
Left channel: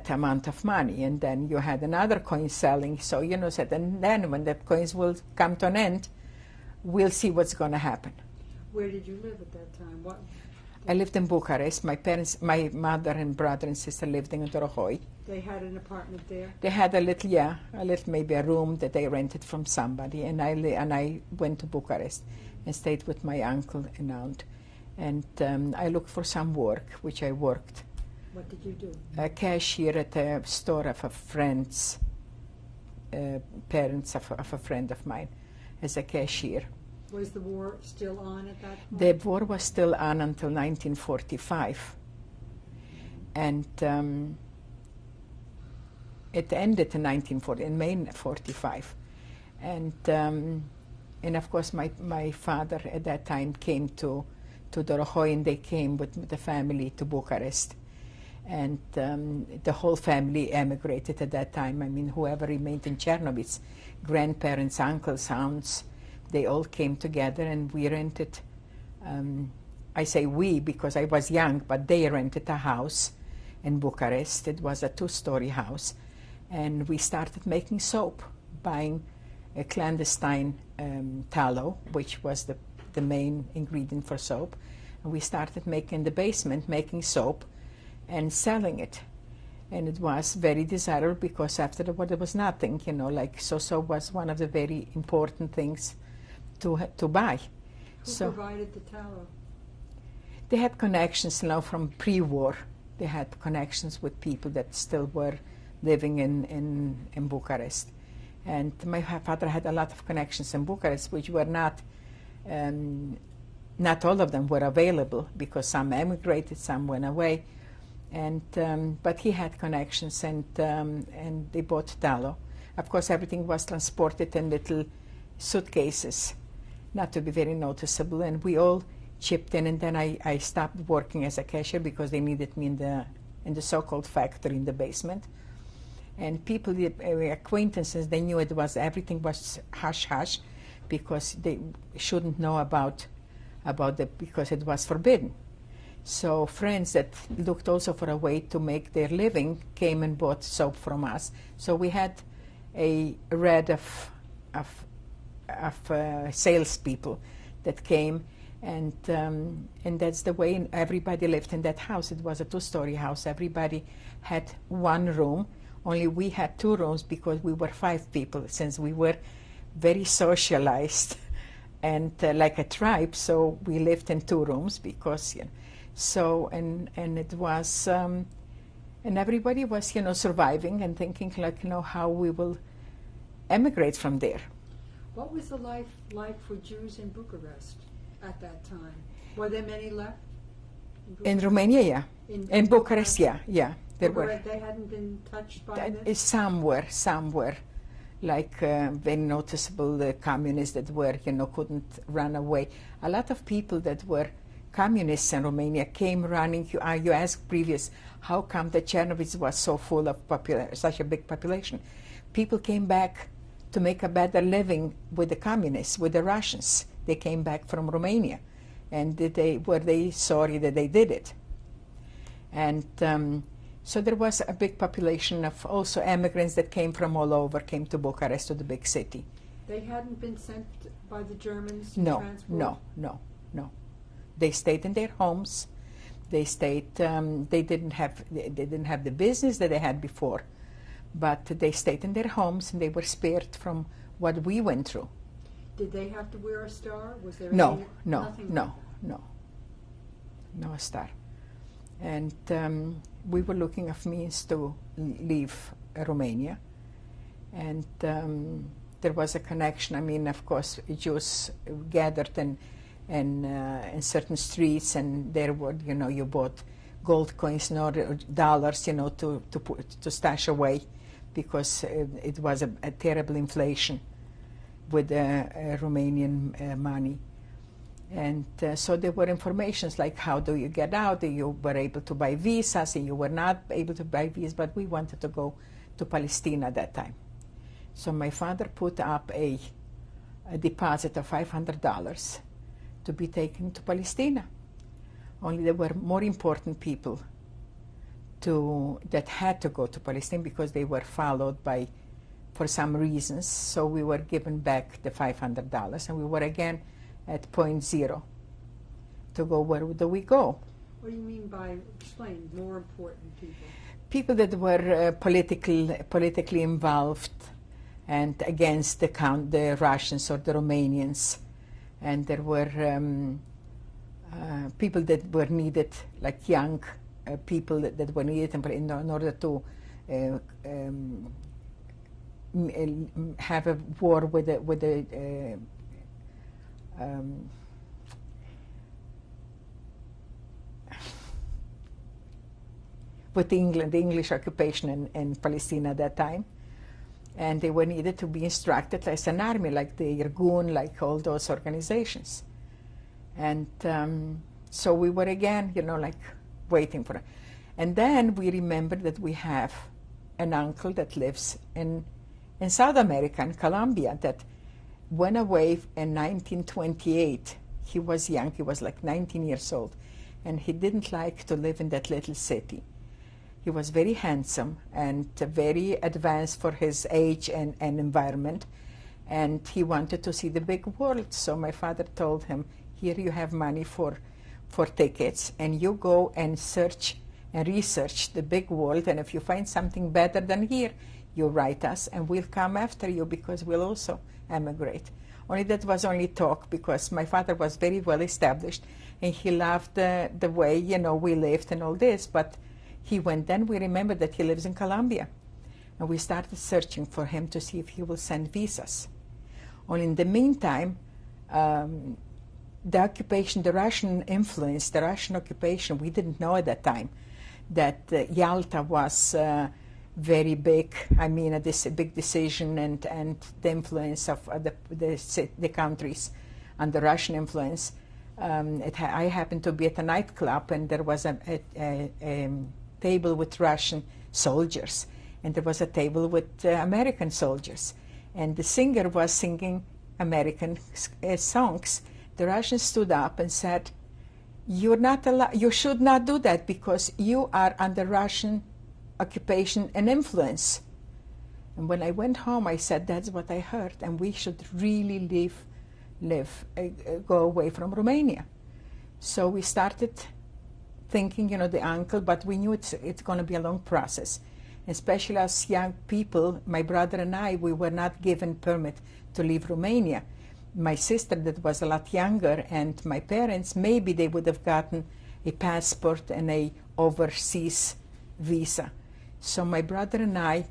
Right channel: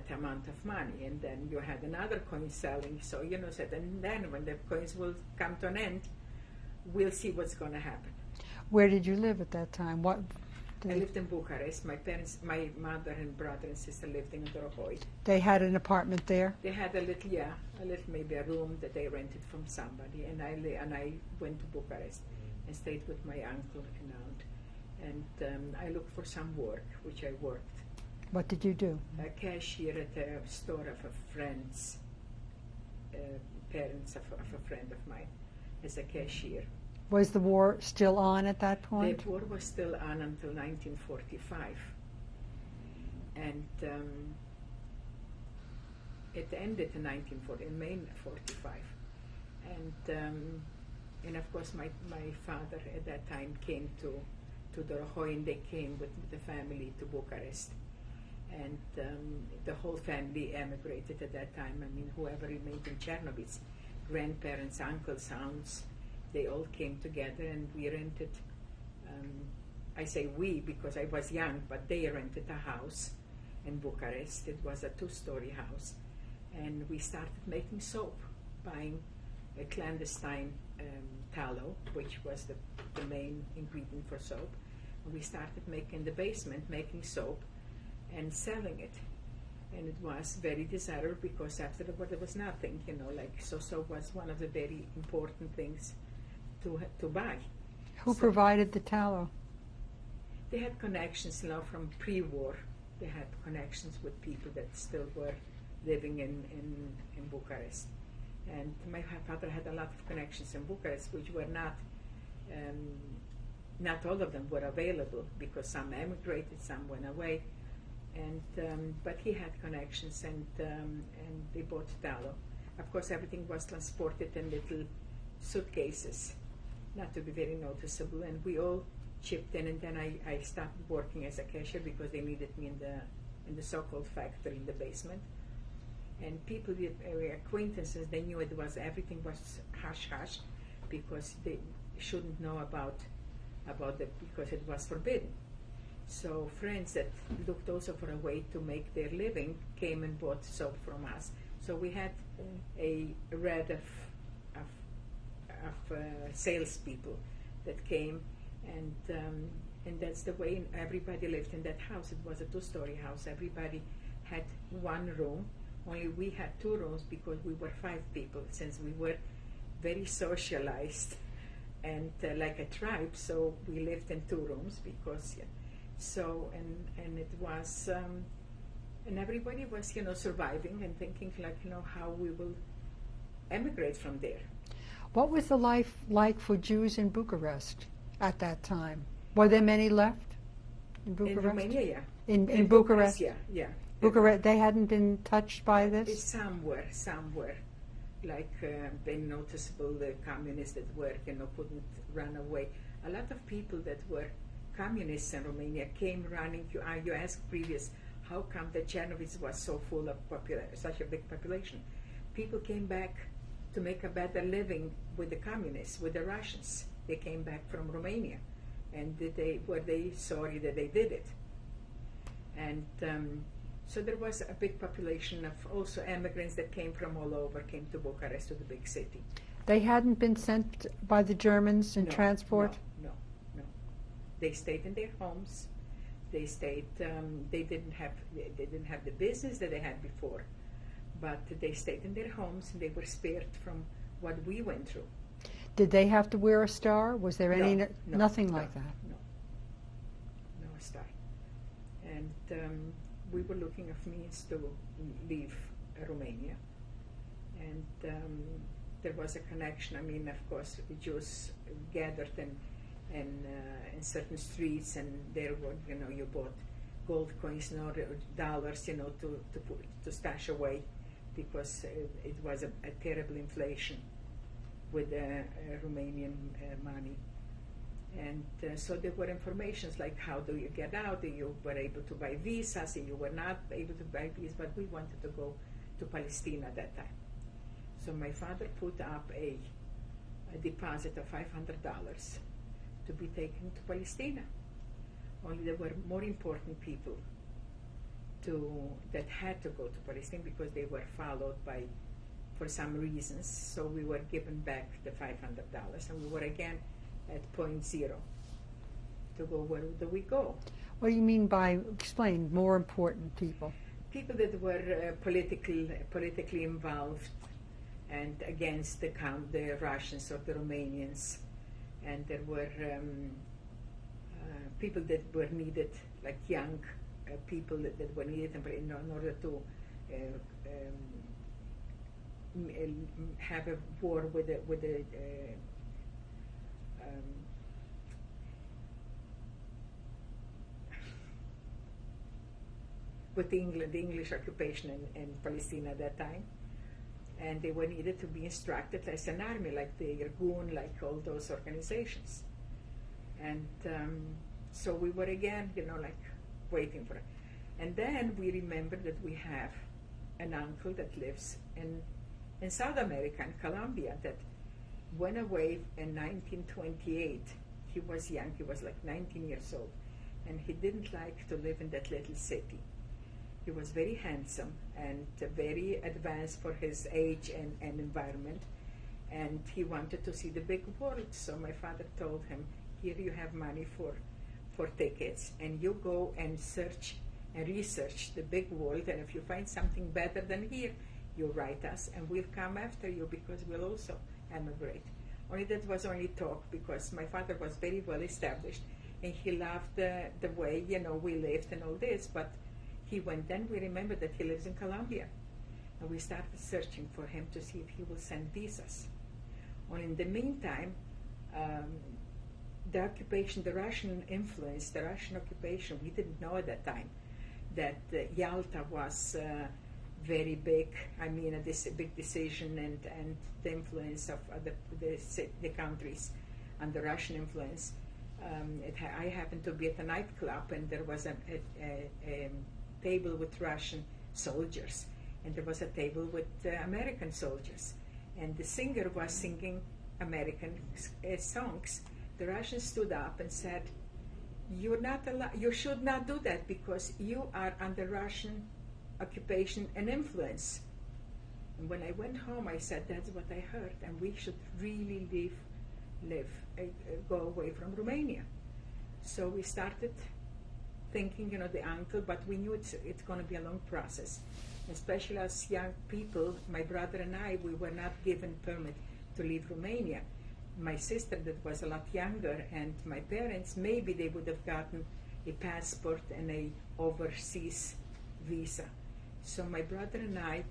amount of money, and then you had another coin selling. So said, and then when the coins will come to an end, we'll see what's going to happen. Where did you live at that time? What? I lived in Bucharest. My parents, my mother and brother and sister lived in Dorohoi. They had an apartment there? They had a little, maybe a room that they rented from somebody, and I went to Bucharest and stayed with my uncle and aunt. And I looked for some work, which I worked. What did you do? A cashier at a store of a friend's parents of a friend of mine, as a cashier. Was the war still on at that point? The war was still on until 1945, and it ended in 1940, in May 45, and of course my father at that time came to Dorohoi, and they came with the family to Bucharest, and the whole family emigrated at that time. I mean, whoever remained in Czernowitz, grandparents, uncles, aunts, they all came together, and we rented, I say we because I was young, but they rented a house in Bucharest. It was a 2-story house, and we started making soap, buying a clandestine tallow, which was the main ingredient for soap. And we started making in the basement, making soap and selling it. And it was very desirable because after the war there was nothing, like soap was one of the very important things to buy. Who provided the tallow? They had connections, from pre-war. They had connections with people that still were living in Bucharest. And my father had a lot of connections in Bucharest, which were not all of them were available because some emigrated, some went away. And but he had connections, and they bought tallow. Of course, everything was transported in little suitcases, not to be very noticeable, and we all chipped in. And then I stopped working as a cashier because they needed me in the so-called factory in the basement. And people, acquaintances, they knew everything was hush hush, because they shouldn't know about because it was forbidden. So friends that looked also for a way to make their living came and bought soap from us. So we had a red of salespeople that came, and that's the way everybody lived in that house. It was a 2-story house. Everybody had one room. Only we had 2 rooms because we were 5 people, since we were very socialized and like a tribe. So we lived in 2 rooms because. So, and it was, and everybody was, surviving and thinking how we will emigrate from there. What was the life like for Jews in Bucharest at that time? Were there many left? In Romania, yeah. In Bucharest, yeah. Bucharest, they hadn't been touched by this? Some were. Like very noticeable, the communists that were, couldn't run away. A lot of people that were communists in Romania came running. You asked previous, how come the Czernowitz was so full of such a big population? People came back to make a better living with the communists, with the Russians. They came back from Romania, and were they sorry that they did it? And so there was a big population of also immigrants that came from all over, came to Bucharest, to the big city. They hadn't been sent by the Germans in transport? No. They stayed in their homes. They stayed. They didn't have the business that they had before, but they stayed in their homes, and they were spared from what we went through. Did they have to wear a star? Was there nothing like that? No star. And we were looking of means to leave Romania, and there was a connection. I mean, of course, Jews gathered in certain streets, and there were, you bought gold coins nor dollars, to stash away, because it was a terrible inflation with Romanian money. And so there were informations like, how do you get out? You were able to buy visas, and you were not able to buy visas, but we wanted to go to Palestine at that time. So my father put up a deposit of $500 to be taken to Palestine. Only there were more important people that had to go to Palestine, because they were followed by for some reasons. So we were given back the $500, and we were again at point zero to go, where do we go? What do you mean by, explain, more important people? People that were politically involved and against the Russians or the Romanians. And there were people that were needed, like young people that were needed in order to have a war with England, the English occupation in Palestine at that time. And they were needed to be instructed as an army, like the Irgun, like all those organizations. And so we were again, like waiting for it. And then we remembered that we have an uncle that lives in South America, in Colombia, that went away in 1928. He was young, he was like 19 years old, and he didn't like to live in that little city. He was very handsome and very advanced for his age and environment, and he wanted to see the big world. So my father told him, here you have money for tickets, and you go and search and research the big world, and if you find something better than here, you write us and we'll come after you, because we'll also emigrate. Only that was only talk, because my father was very well established and he loved the way we lived and all this, but he went. Then we remember that he lives in Colombia, and we started searching for him to see if he will send visas. Only in the meantime, the occupation, the Russian influence, the Russian occupation, we didn't know at that time that Yalta was very big. I mean, a big decision, and the influence of the countries under Russian influence. I happened to be at a nightclub, and there was a table with Russian soldiers, and there was a table with American soldiers, and the singer was singing American songs. The Russians stood up and said, "You're not allowed. You should not do that, because you are under Russian occupation and influence." And when I went home, I said, "That's what I heard, and we should really go away from Romania." So we started thinking, the uncle, but we knew it's going to be a long process. Especially as young people, my brother and I, we were not given permit to leave Romania. My sister, that was a lot younger, and my parents, maybe they would have gotten a passport and a overseas visa. So my brother and I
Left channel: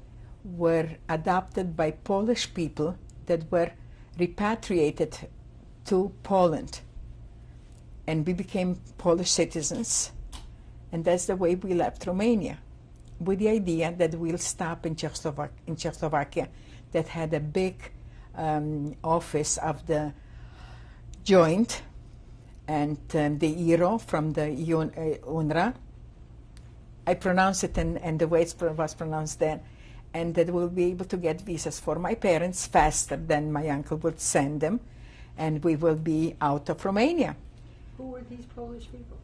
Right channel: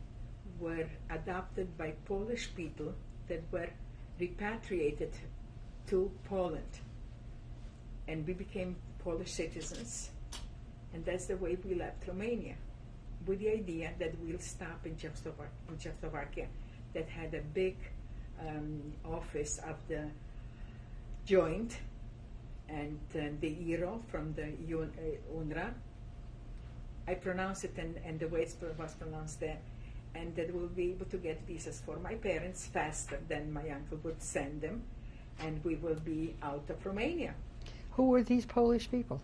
were adopted by Polish people that were repatriated to Poland. And we became Polish citizens. And that's the way we left Romania, with the idea that we'll stop in Czechoslovakia, that had a big office of the joint and the hero from the UNRWA. I pronounce it and the way it was pronounced then, and that we'll be able to get visas for my parents faster than my uncle would send them, and we will be out of Romania. Who were these Polish people?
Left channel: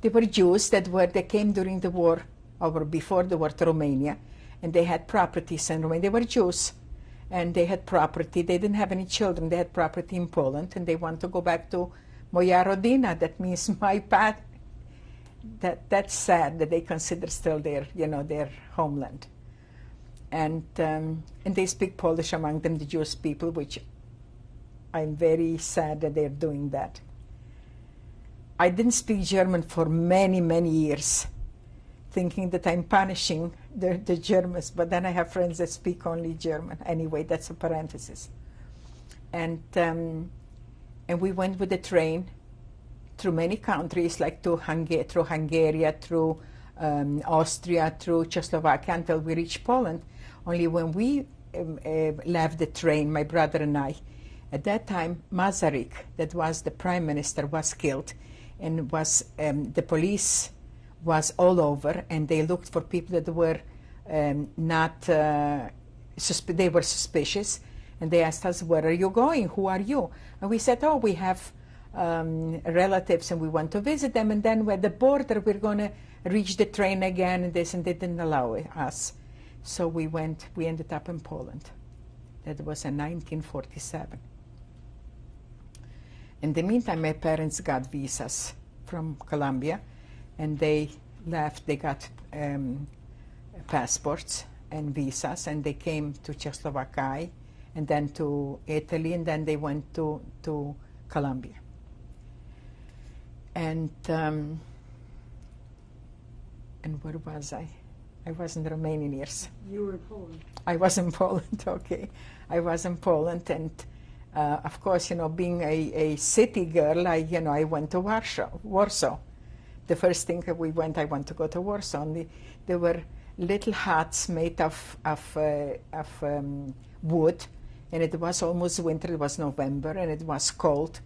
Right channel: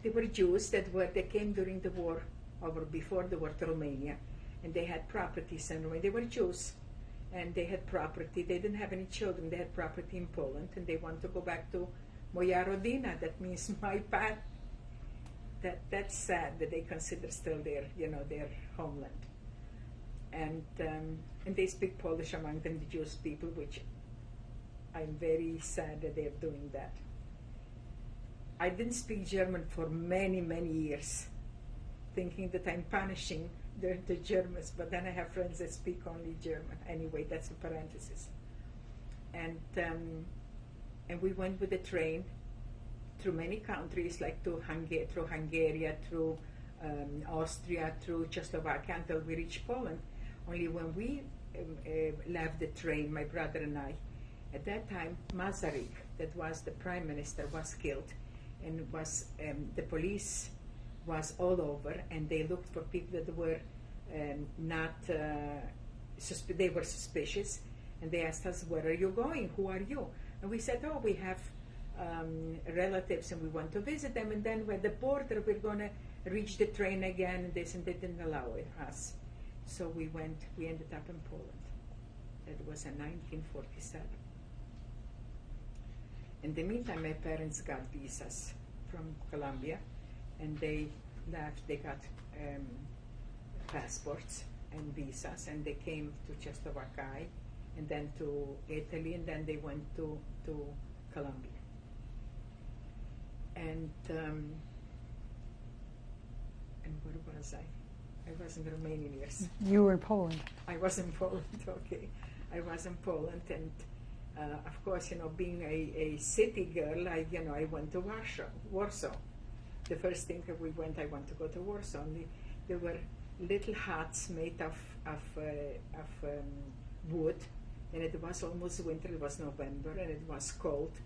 They were Jews that came during the war, or before the war, to Romania, and they had properties in Romania. They were Jews, and they had property. They didn't have any children. They had property in Poland, and they want to go back to Moja Rodina. That means my path. That's sad that they consider still their homeland. And they speak Polish among them, the Jewish people, which I'm very sad that they're doing that. I didn't speak German for many, many years, thinking that I'm punishing the Germans, but then I have friends that speak only German. Anyway, that's a parenthesis. And we went with the train through many countries, like through Hungary, through Austria, through Czechoslovakia, until we reached Poland. Only when we left the train, my brother and I, at that time, Masaryk, that was the prime minister, was killed. And was the police was all over, and they looked for people that were they were suspicious, and they asked us, "Where are you going? Who are you?" And we said, "Oh, we have relatives, and we want to visit them." And then at the border, we're going to reach the train again, and they didn't allow us. So we ended up in Poland. That was in 1947. In the meantime, my parents got visas from Colombia, and they left. They got passports and visas, and they came to Czechoslovakia, and then to Italy, and then they went to Colombia. And where was I? I was in the Romanian years. You were in Poland. I was in Poland, okay. I was in Poland, and of course, being a city girl, I went to Warsaw. The first thing I went to go to Warsaw. And there were little huts made of wood, and it was almost winter. It was November, and it was cold.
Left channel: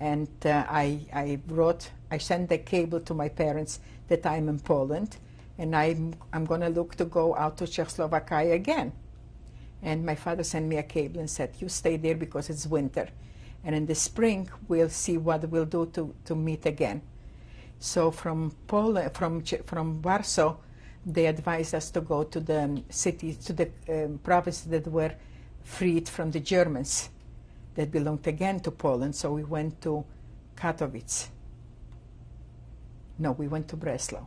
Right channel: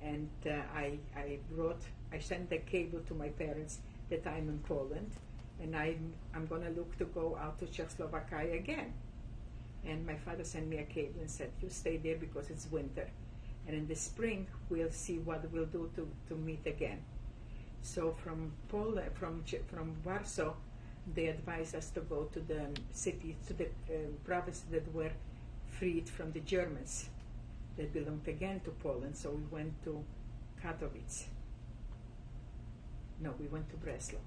And I sent the cable to my parents that I'm in Poland, and I'm going to look to go out to Czechoslovakia again. And my father sent me a cable and said, you stay there because it's winter. And in the spring, we'll see what we'll do to meet again. So from Poland, from Warsaw, they advised us to go to the cities, to the provinces that were freed from the Germans, that belonged again to Poland. So we went to Katowice. No, we went to Breslau.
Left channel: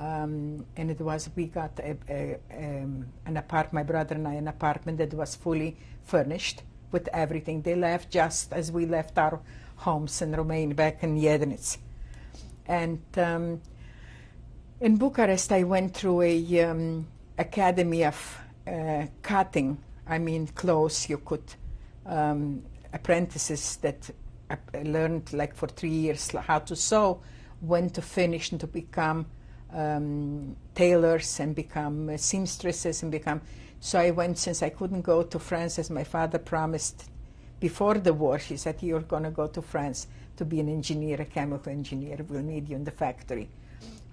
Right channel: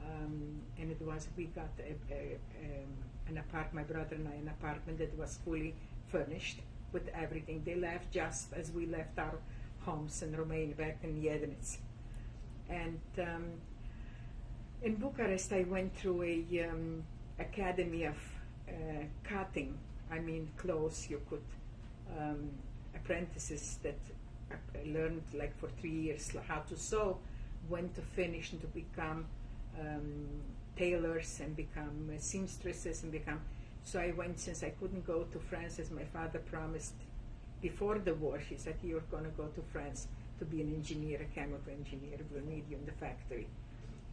And it was, we got an apartment, my brother and I, an apartment that was fully furnished with everything. They left just as we left our homes in Romania, back in Edinet. And in Bucharest, I went through a academy of cutting. I mean, clothes. You could, apprentices that learned like for 3 years how to sew, when to finish and to become tailors and become seamstresses and become. So I went, since I couldn't go to France as my father promised before the war. He said, you're going to go to France to be an engineer, a chemical engineer. We'll need you in the factory.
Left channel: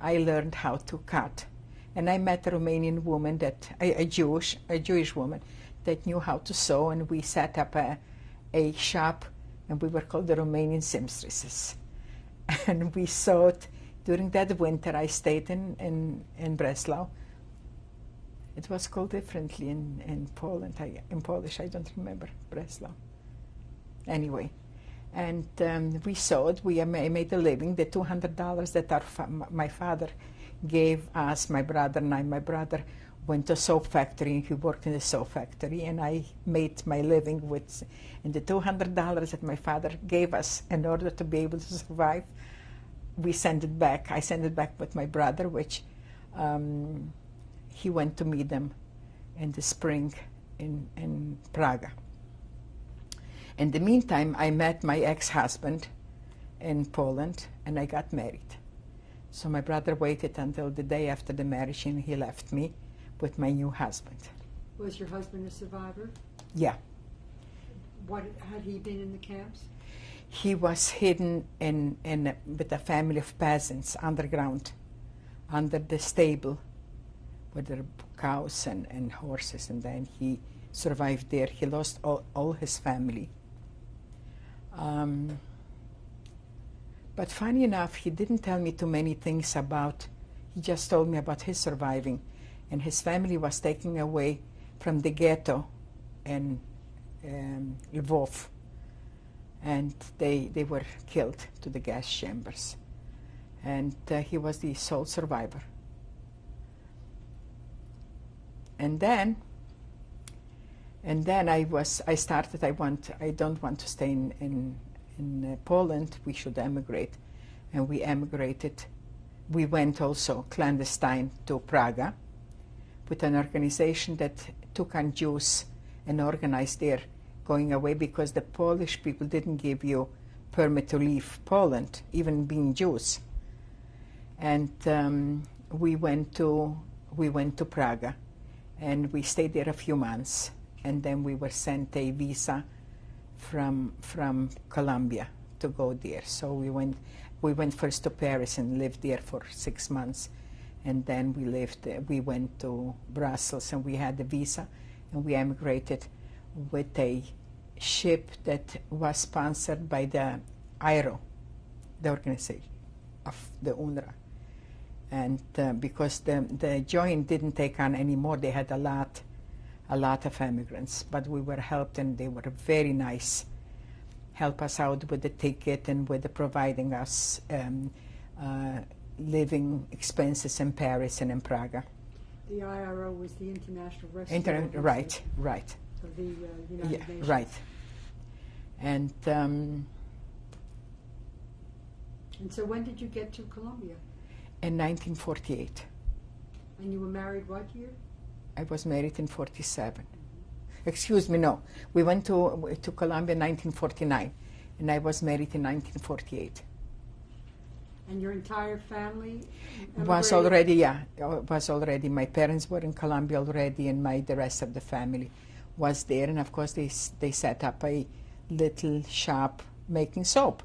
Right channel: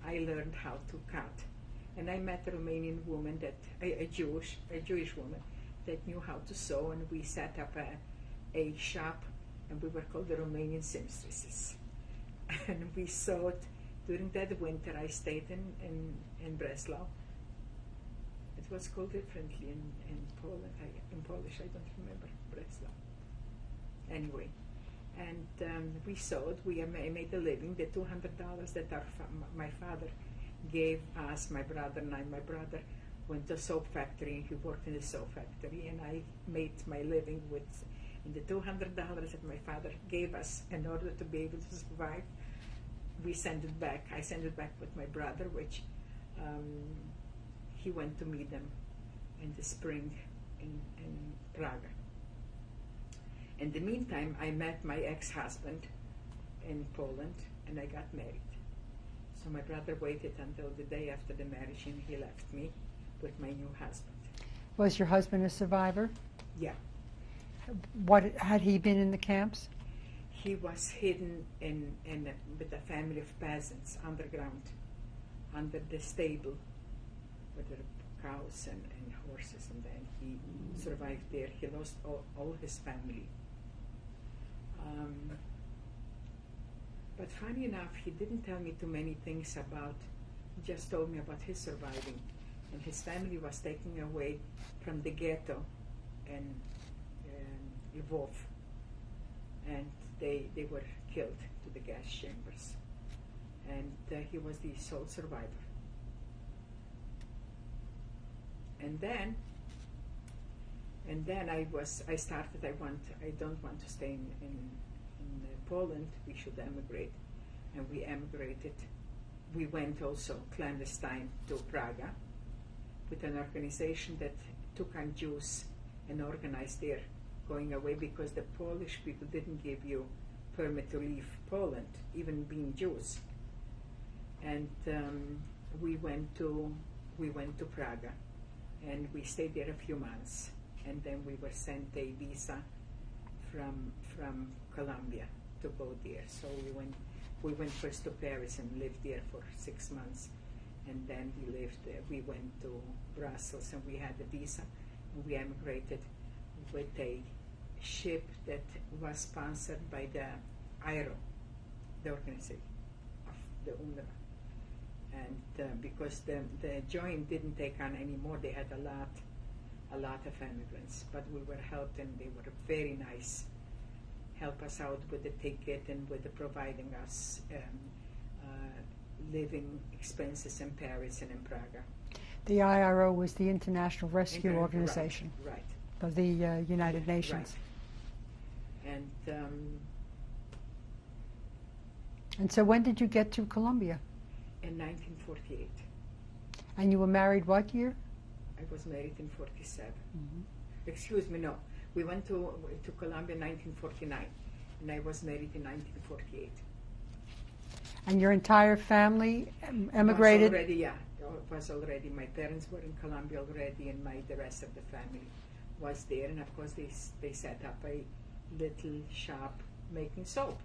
I learned how to cut. And I met a Romanian woman, a Jewish woman that knew how to sew, and we set up a shop, and we were called the Romanian seamstresses. And we sewed. During that winter, I stayed in Breslau. It was called differently in Poland. In Polish, I don't remember Breslau. Anyway, and we sewed. I made a living. The $200 that my father gave us, my brother and I. My brother went to a soap factory. He worked in the soap factory, and I made my living with. And the $200 that my father gave us in order to be able to survive, we sent it back. I sent it back with my brother, which he went to meet them in the spring in Prague. In the meantime, I met my ex-husband in Poland, and I got married. So my brother waited until the day after the marriage, and he left me with my new husband. Was your husband a survivor? Yeah. What had he been in the camps? He was hidden with a family of peasants underground, under the stable, with their cows and horses, and then he survived there. He lost all his family. But funny enough, he didn't tell me too many things about, he just told me about his surviving. And his family was taken away from the ghetto in Lvov. And they were killed to the gas chambers. And he was the sole survivor. And then I don't want to stay in Poland. We should emigrate. And we emigrated. We went also clandestine to Prague with an organization that took on Jews and organized their going away, because the Polish people didn't give you permit to leave Poland, even being Jews. And we went to Prague, and we stayed there a few months, and then we were sent a visa from Colombia to go there. So we went first to Paris and lived there for 6 months, and then we went to Brussels, and we had the visa, and we emigrated with a ship that was sponsored by the heir, the organization of the UNRWA. And because the joint didn't take on anymore, they had a lot of immigrants, but we were helped, and they were very nice, help us out with the ticket and with the providing us living expenses in Paris and in Prague. The IRO was the International Rescue Organization Right. of the United Nations. Right. And so when did you get to Colombia? in 1948. And you were married what year? I was married in 47. Excuse me, no. We went to Colombia in 1949, and I was married in 1948. And your entire family emigrated? Was already. My parents were in Colombia already, and the rest of the family was there. And of course, they set up a little shop making soap.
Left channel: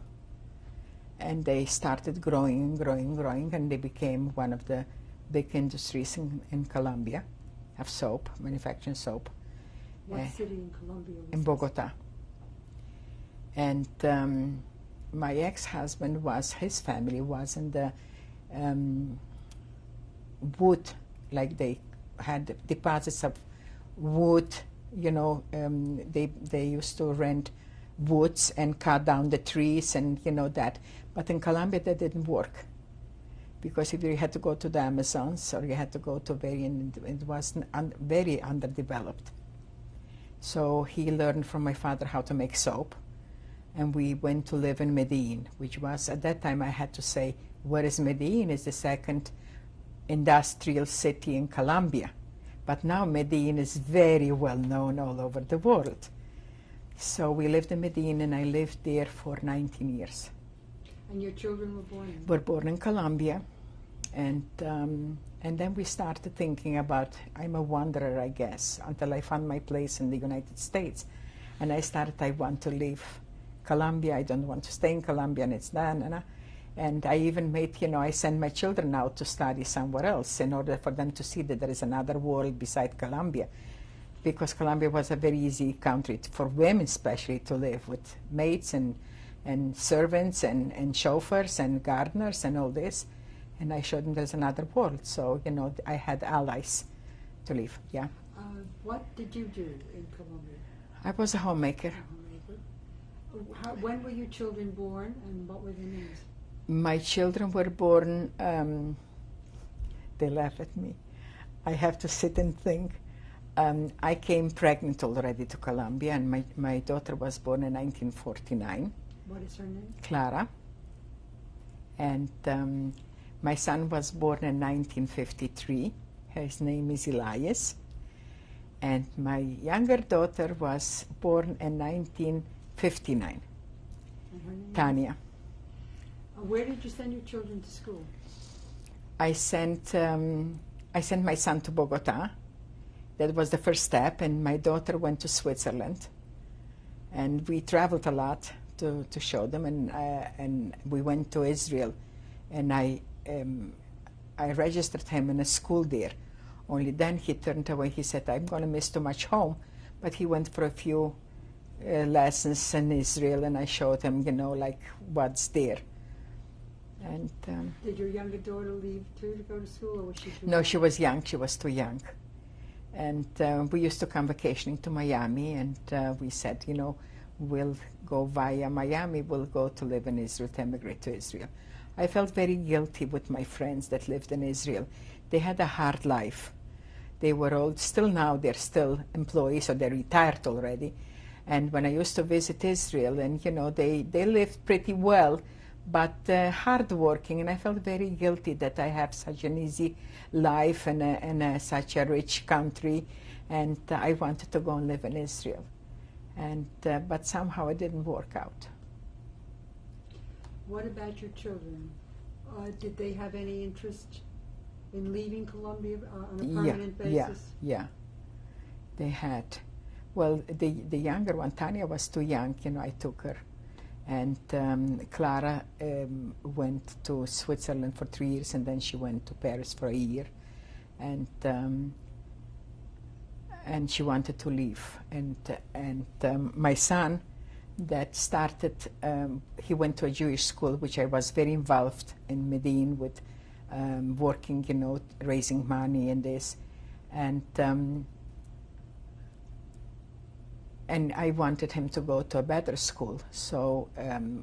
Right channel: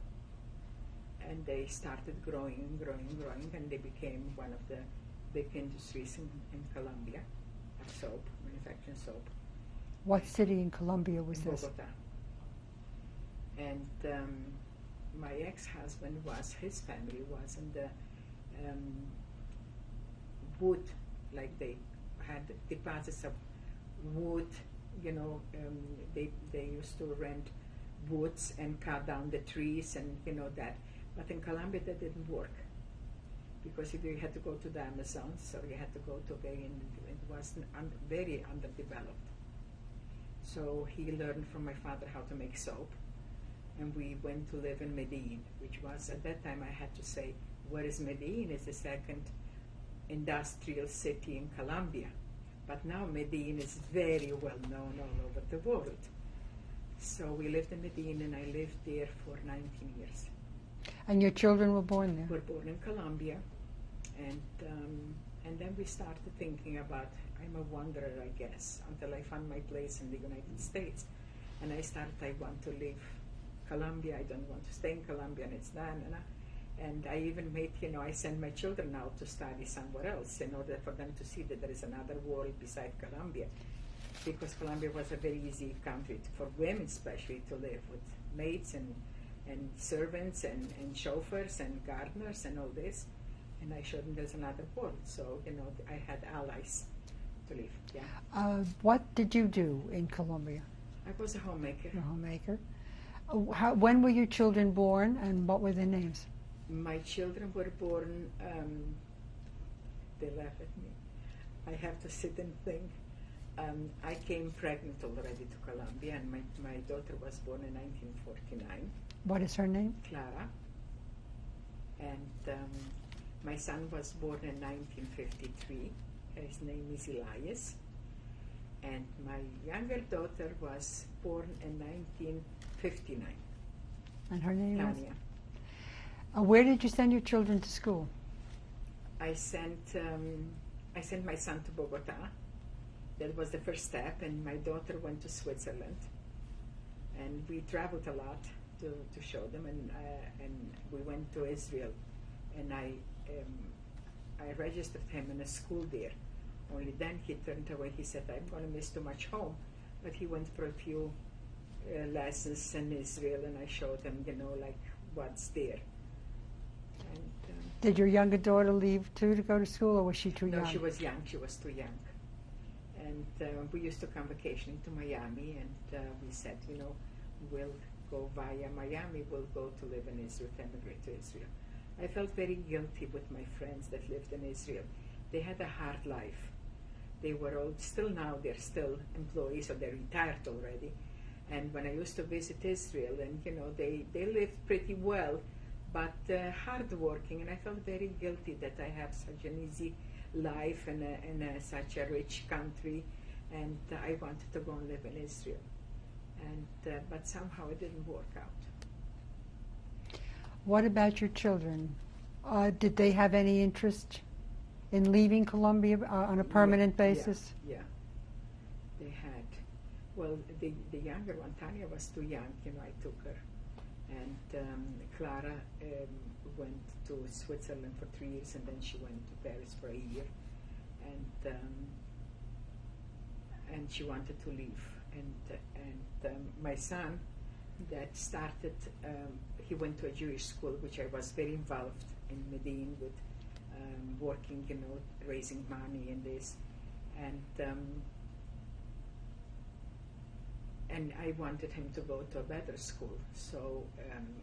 And they started growing, and they became one of the big industries in Colombia of soap, manufacturing soap. What city in Colombia was in this? Bogota. And my ex-husband his family was in the wood, like they had deposits of wood, they used to rent woods and cut down the trees and that. But in Colombia that didn't work, because if you had to go to the Amazons or you had to go to it was very underdeveloped. So he learned from my father how to make soap, and we went to live in Medellin, which was, at that time I had to say, where is Medellin? It's the second industrial city in Colombia. But now Medellin is very well known all over the world. So we lived in Medellin, and I lived there for 19 years. And your children were born there? Were born in Colombia, and then we started thinking about, I'm a wanderer, I guess, until I found my place in the United States. And I want to leave Colombia, I don't want to stay in Colombia, and it's done. And I even I send my children out to study somewhere else in order for them to see that there is another world beside Colombia. Because Colombia was a very easy country for women especially to live, with maids and servants and chauffeurs and gardeners and all this. And I showed them there's another world. So, I had allies to live, yeah. What did you do in Colombia? I was a homemaker. A homemaker. When were your children born, and what were their names? My children were born, they laugh at me. I have to sit and think. I came pregnant already to Colombia, and my daughter was born in 1949. What is her name? Clara. And my son was born in 1953. His name is Elias. And my younger daughter was born in 1959. And her name? Tanya. Where did you send your children to school? I sent my son to Bogota. That was the first step, and my daughter went to Switzerland. And we traveled a lot to show them, and we went to Israel, and I registered him in a school there. Only then he turned away. He said, I'm going to miss too much home. But he went for a few lessons in Israel, and I showed him, like what's there. And did your younger daughter leave too to go to school, or was she too young? No, she was young. She was too young. And we used to come vacationing to Miami, and we said, we'll go via Miami, we'll go to live in Israel, to emigrate to Israel. I felt very guilty with my friends that lived in Israel. They had a hard life. They were all, still now, they're still employees, or they're retired already. And when I used to visit Israel, and they lived pretty well, but hard-working, and I felt very guilty that I have such an easy life in such a rich country, and I wanted to go and live in Israel. And but somehow it didn't work out. What about your children? Did they have any interest in leaving Colombia on a permanent basis? Yeah, they had. Well, the younger one, Tanya, was too young. I took her. And Clara went to Switzerland for 3 years, and then she went to Paris for a year. And she wanted to leave. And my son, that started, he went to a Jewish school, which I was very involved in Medellin with working, you know, raising money and this. And I wanted him to go to a better school. So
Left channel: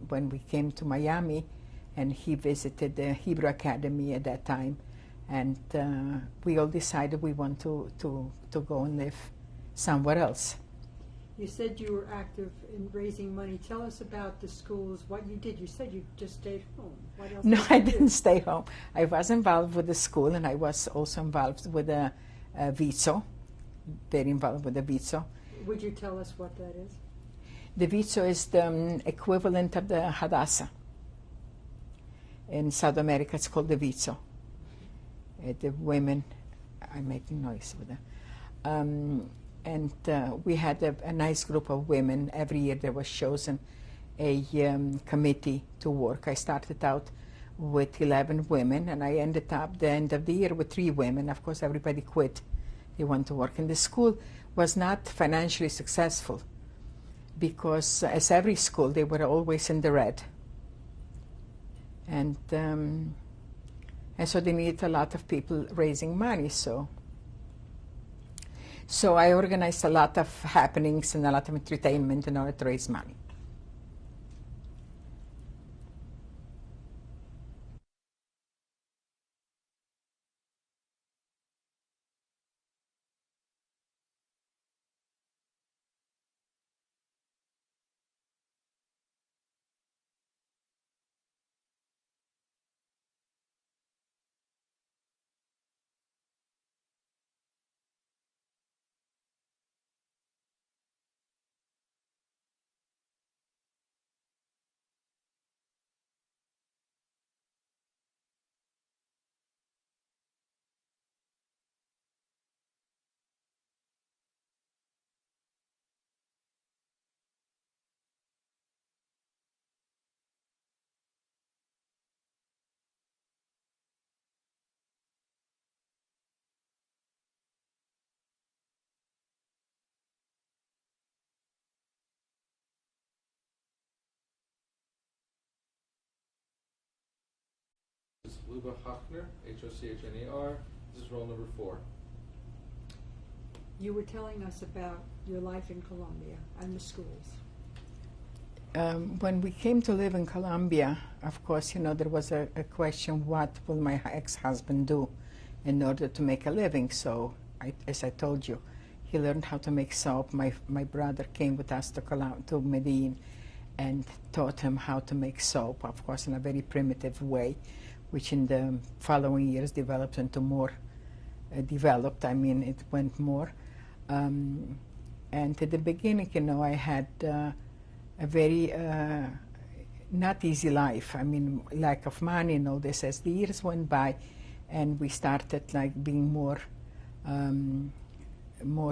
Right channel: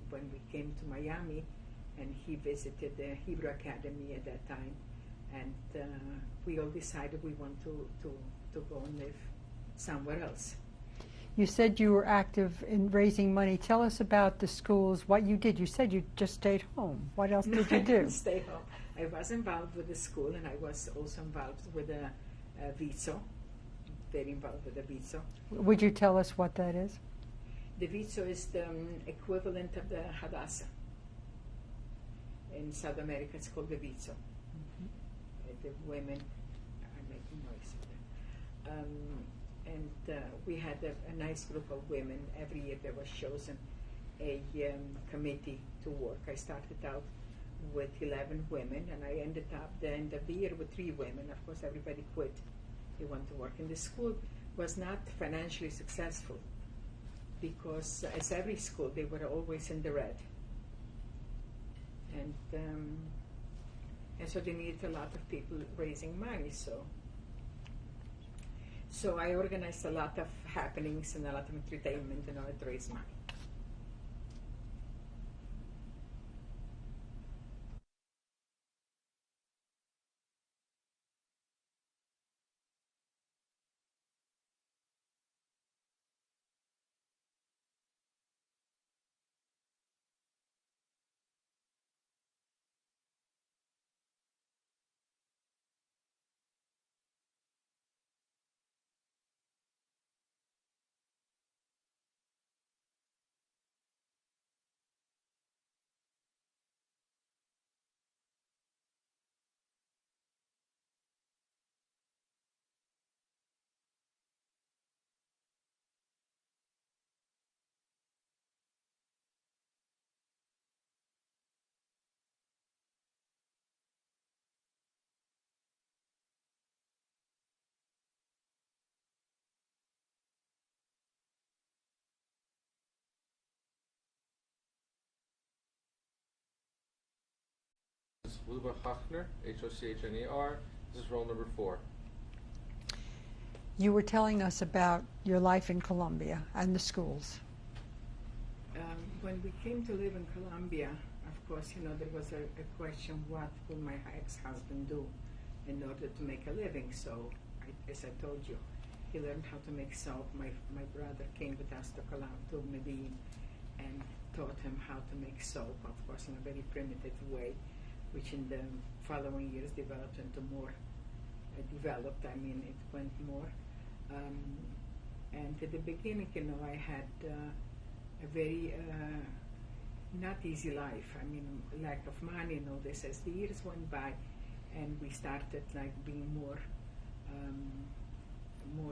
when we came to Miami, and he visited the Hebrew Academy at that time, and we all decided we want to go and live somewhere else. You said you were active in raising money. Tell us about the schools, what you did. You said you just stayed home. What else No, did you I do? didn't stay home. I was involved with the school, and I was also involved with a VIZO, very involved with the VIZO. Would you tell us what that is? The VIZO is the equivalent of the Hadassah. In South America, it's called the VIZO. The women, I'm making noise with them. And we had a nice group of women. Every year there was chosen a committee to work. I started out with 11 women, and I ended up the end of the year with 3 women. Of course, everybody quit. They went to work. And the school was not financially successful because, as every school, they were always in the red. And so they needed a lot of people raising money. So I organized a lot of happenings and a lot of entertainment in order to raise money. Luba Hochner, Hochner. This is roll number 4. You were telling us about your life in Colombia and the schools. When we came to live in Colombia, of course, you know, there was a question, what will my ex-husband do in order to make a living? So, as I told you, he learned how to make soap. My brother came with us to Medellin and taught him how to make soap, of course, in a very primitive way, which in the following years developed into more it went more. And at the beginning, you know, I had a very not easy life. I mean, lack of money and all this. As the years went by, and we started like being more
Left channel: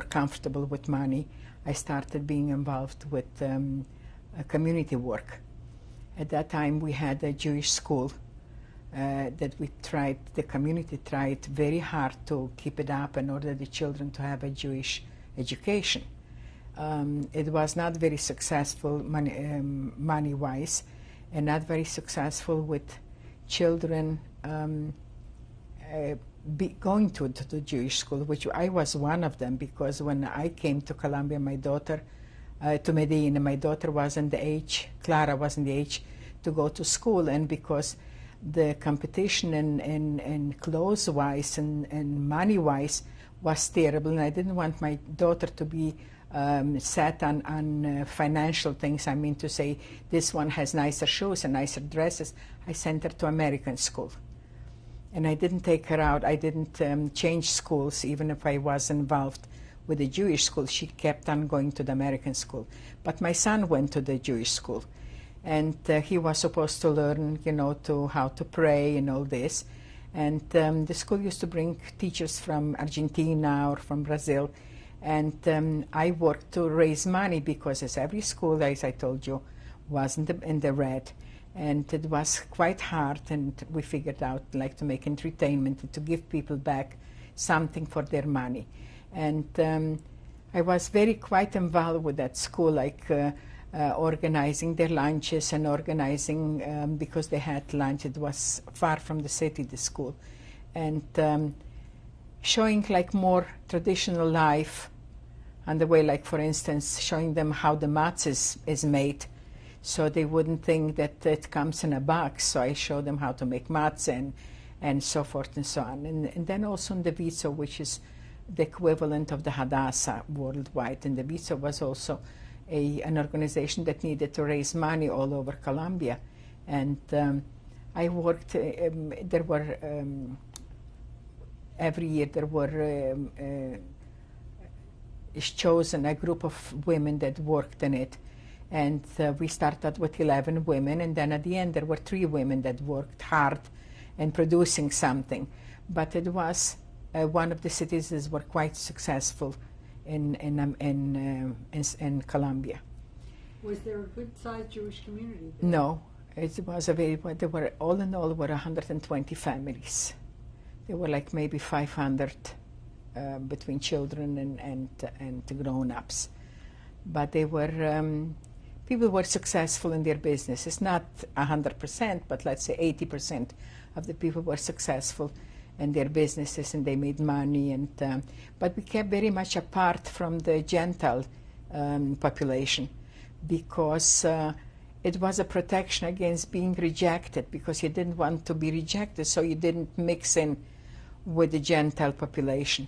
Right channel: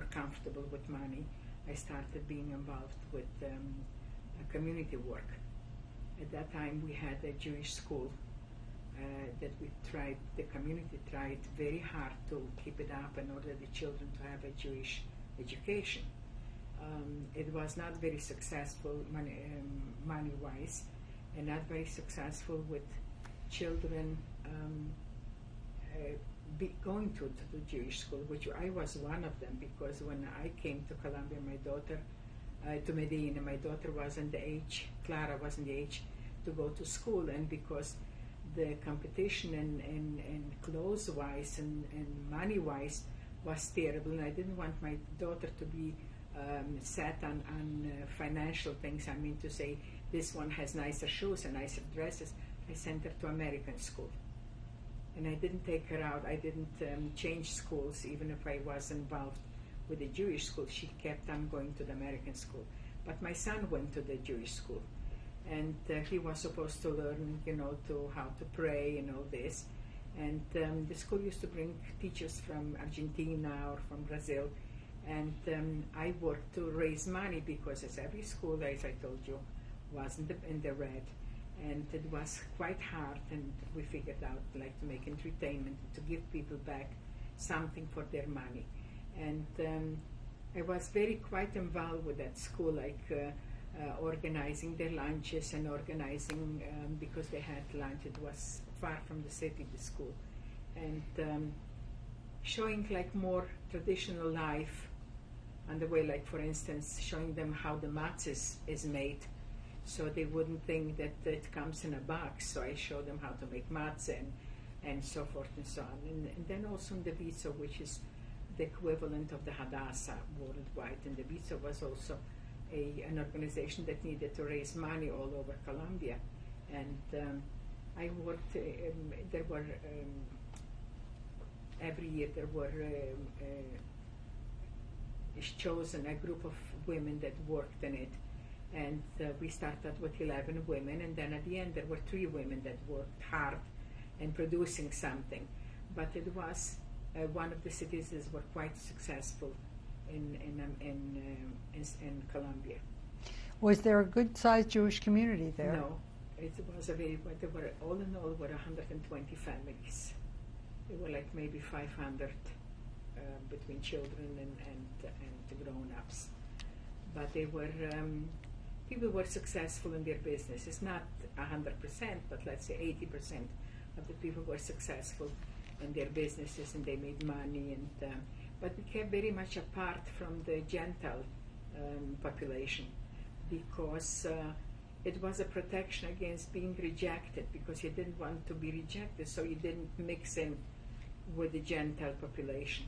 comfortable with money, I started being involved with community work. At that time, we had a Jewish school that the community tried very hard to keep it up in order the children to have a Jewish education. It was not very successful money-wise, and not very successful with children going to the Jewish school, which I was one of them, because when I came to Colombia, to Medellin, my daughter wasn't the age, Clara wasn't the age to go to school, and because the competition and clothes-wise and money-wise was terrible, and I didn't want my daughter to be set on financial things. I mean to say, this one has nicer shoes and nicer dresses. I sent her to American school. And I didn't take her out. I didn't change schools, even if I was involved with the Jewish school. She kept on going to the American school. But my son went to the Jewish school. And he was supposed to learn, you know, how to pray and all this. And the school used to bring teachers from Argentina or from Brazil. And I worked to raise money because, as every school, as I told you, was in the red. And it was quite hard, and we figured out like to make entertainment and to give people back something for their money. And I was quite involved with that school. Like organizing their lunches and organizing, because they had lunch, it was far from the city, the school, and showing like more traditional life on the way, like for instance, showing them how the matzah is made, so they wouldn't think that it comes in a box. So I showed them how to make matzah and so forth and so on. And then also in the Viso, which is the equivalent of the Hadassah worldwide. And the Viso was also an organization that needed to raise money all over Colombia. And I worked, there were, every year there were is chosen a group of women that worked in it. And we started with 11 women, and then at the end there were 3 women that worked hard in producing something. But it was one of the cities that were quite successful in Colombia. Was there a good-sized Jewish community there? No, it was a very, there were, all in all, were 120 families. There were like maybe 500 between children and grown-ups. But they were, people were successful in their business. It's not 100%, but let's say 80% of the people were successful in their businesses, and they made money. And but we kept very much apart from the Gentile population, because it was a protection against being rejected, because you didn't want to be rejected, so you didn't mix in with the Gentile population.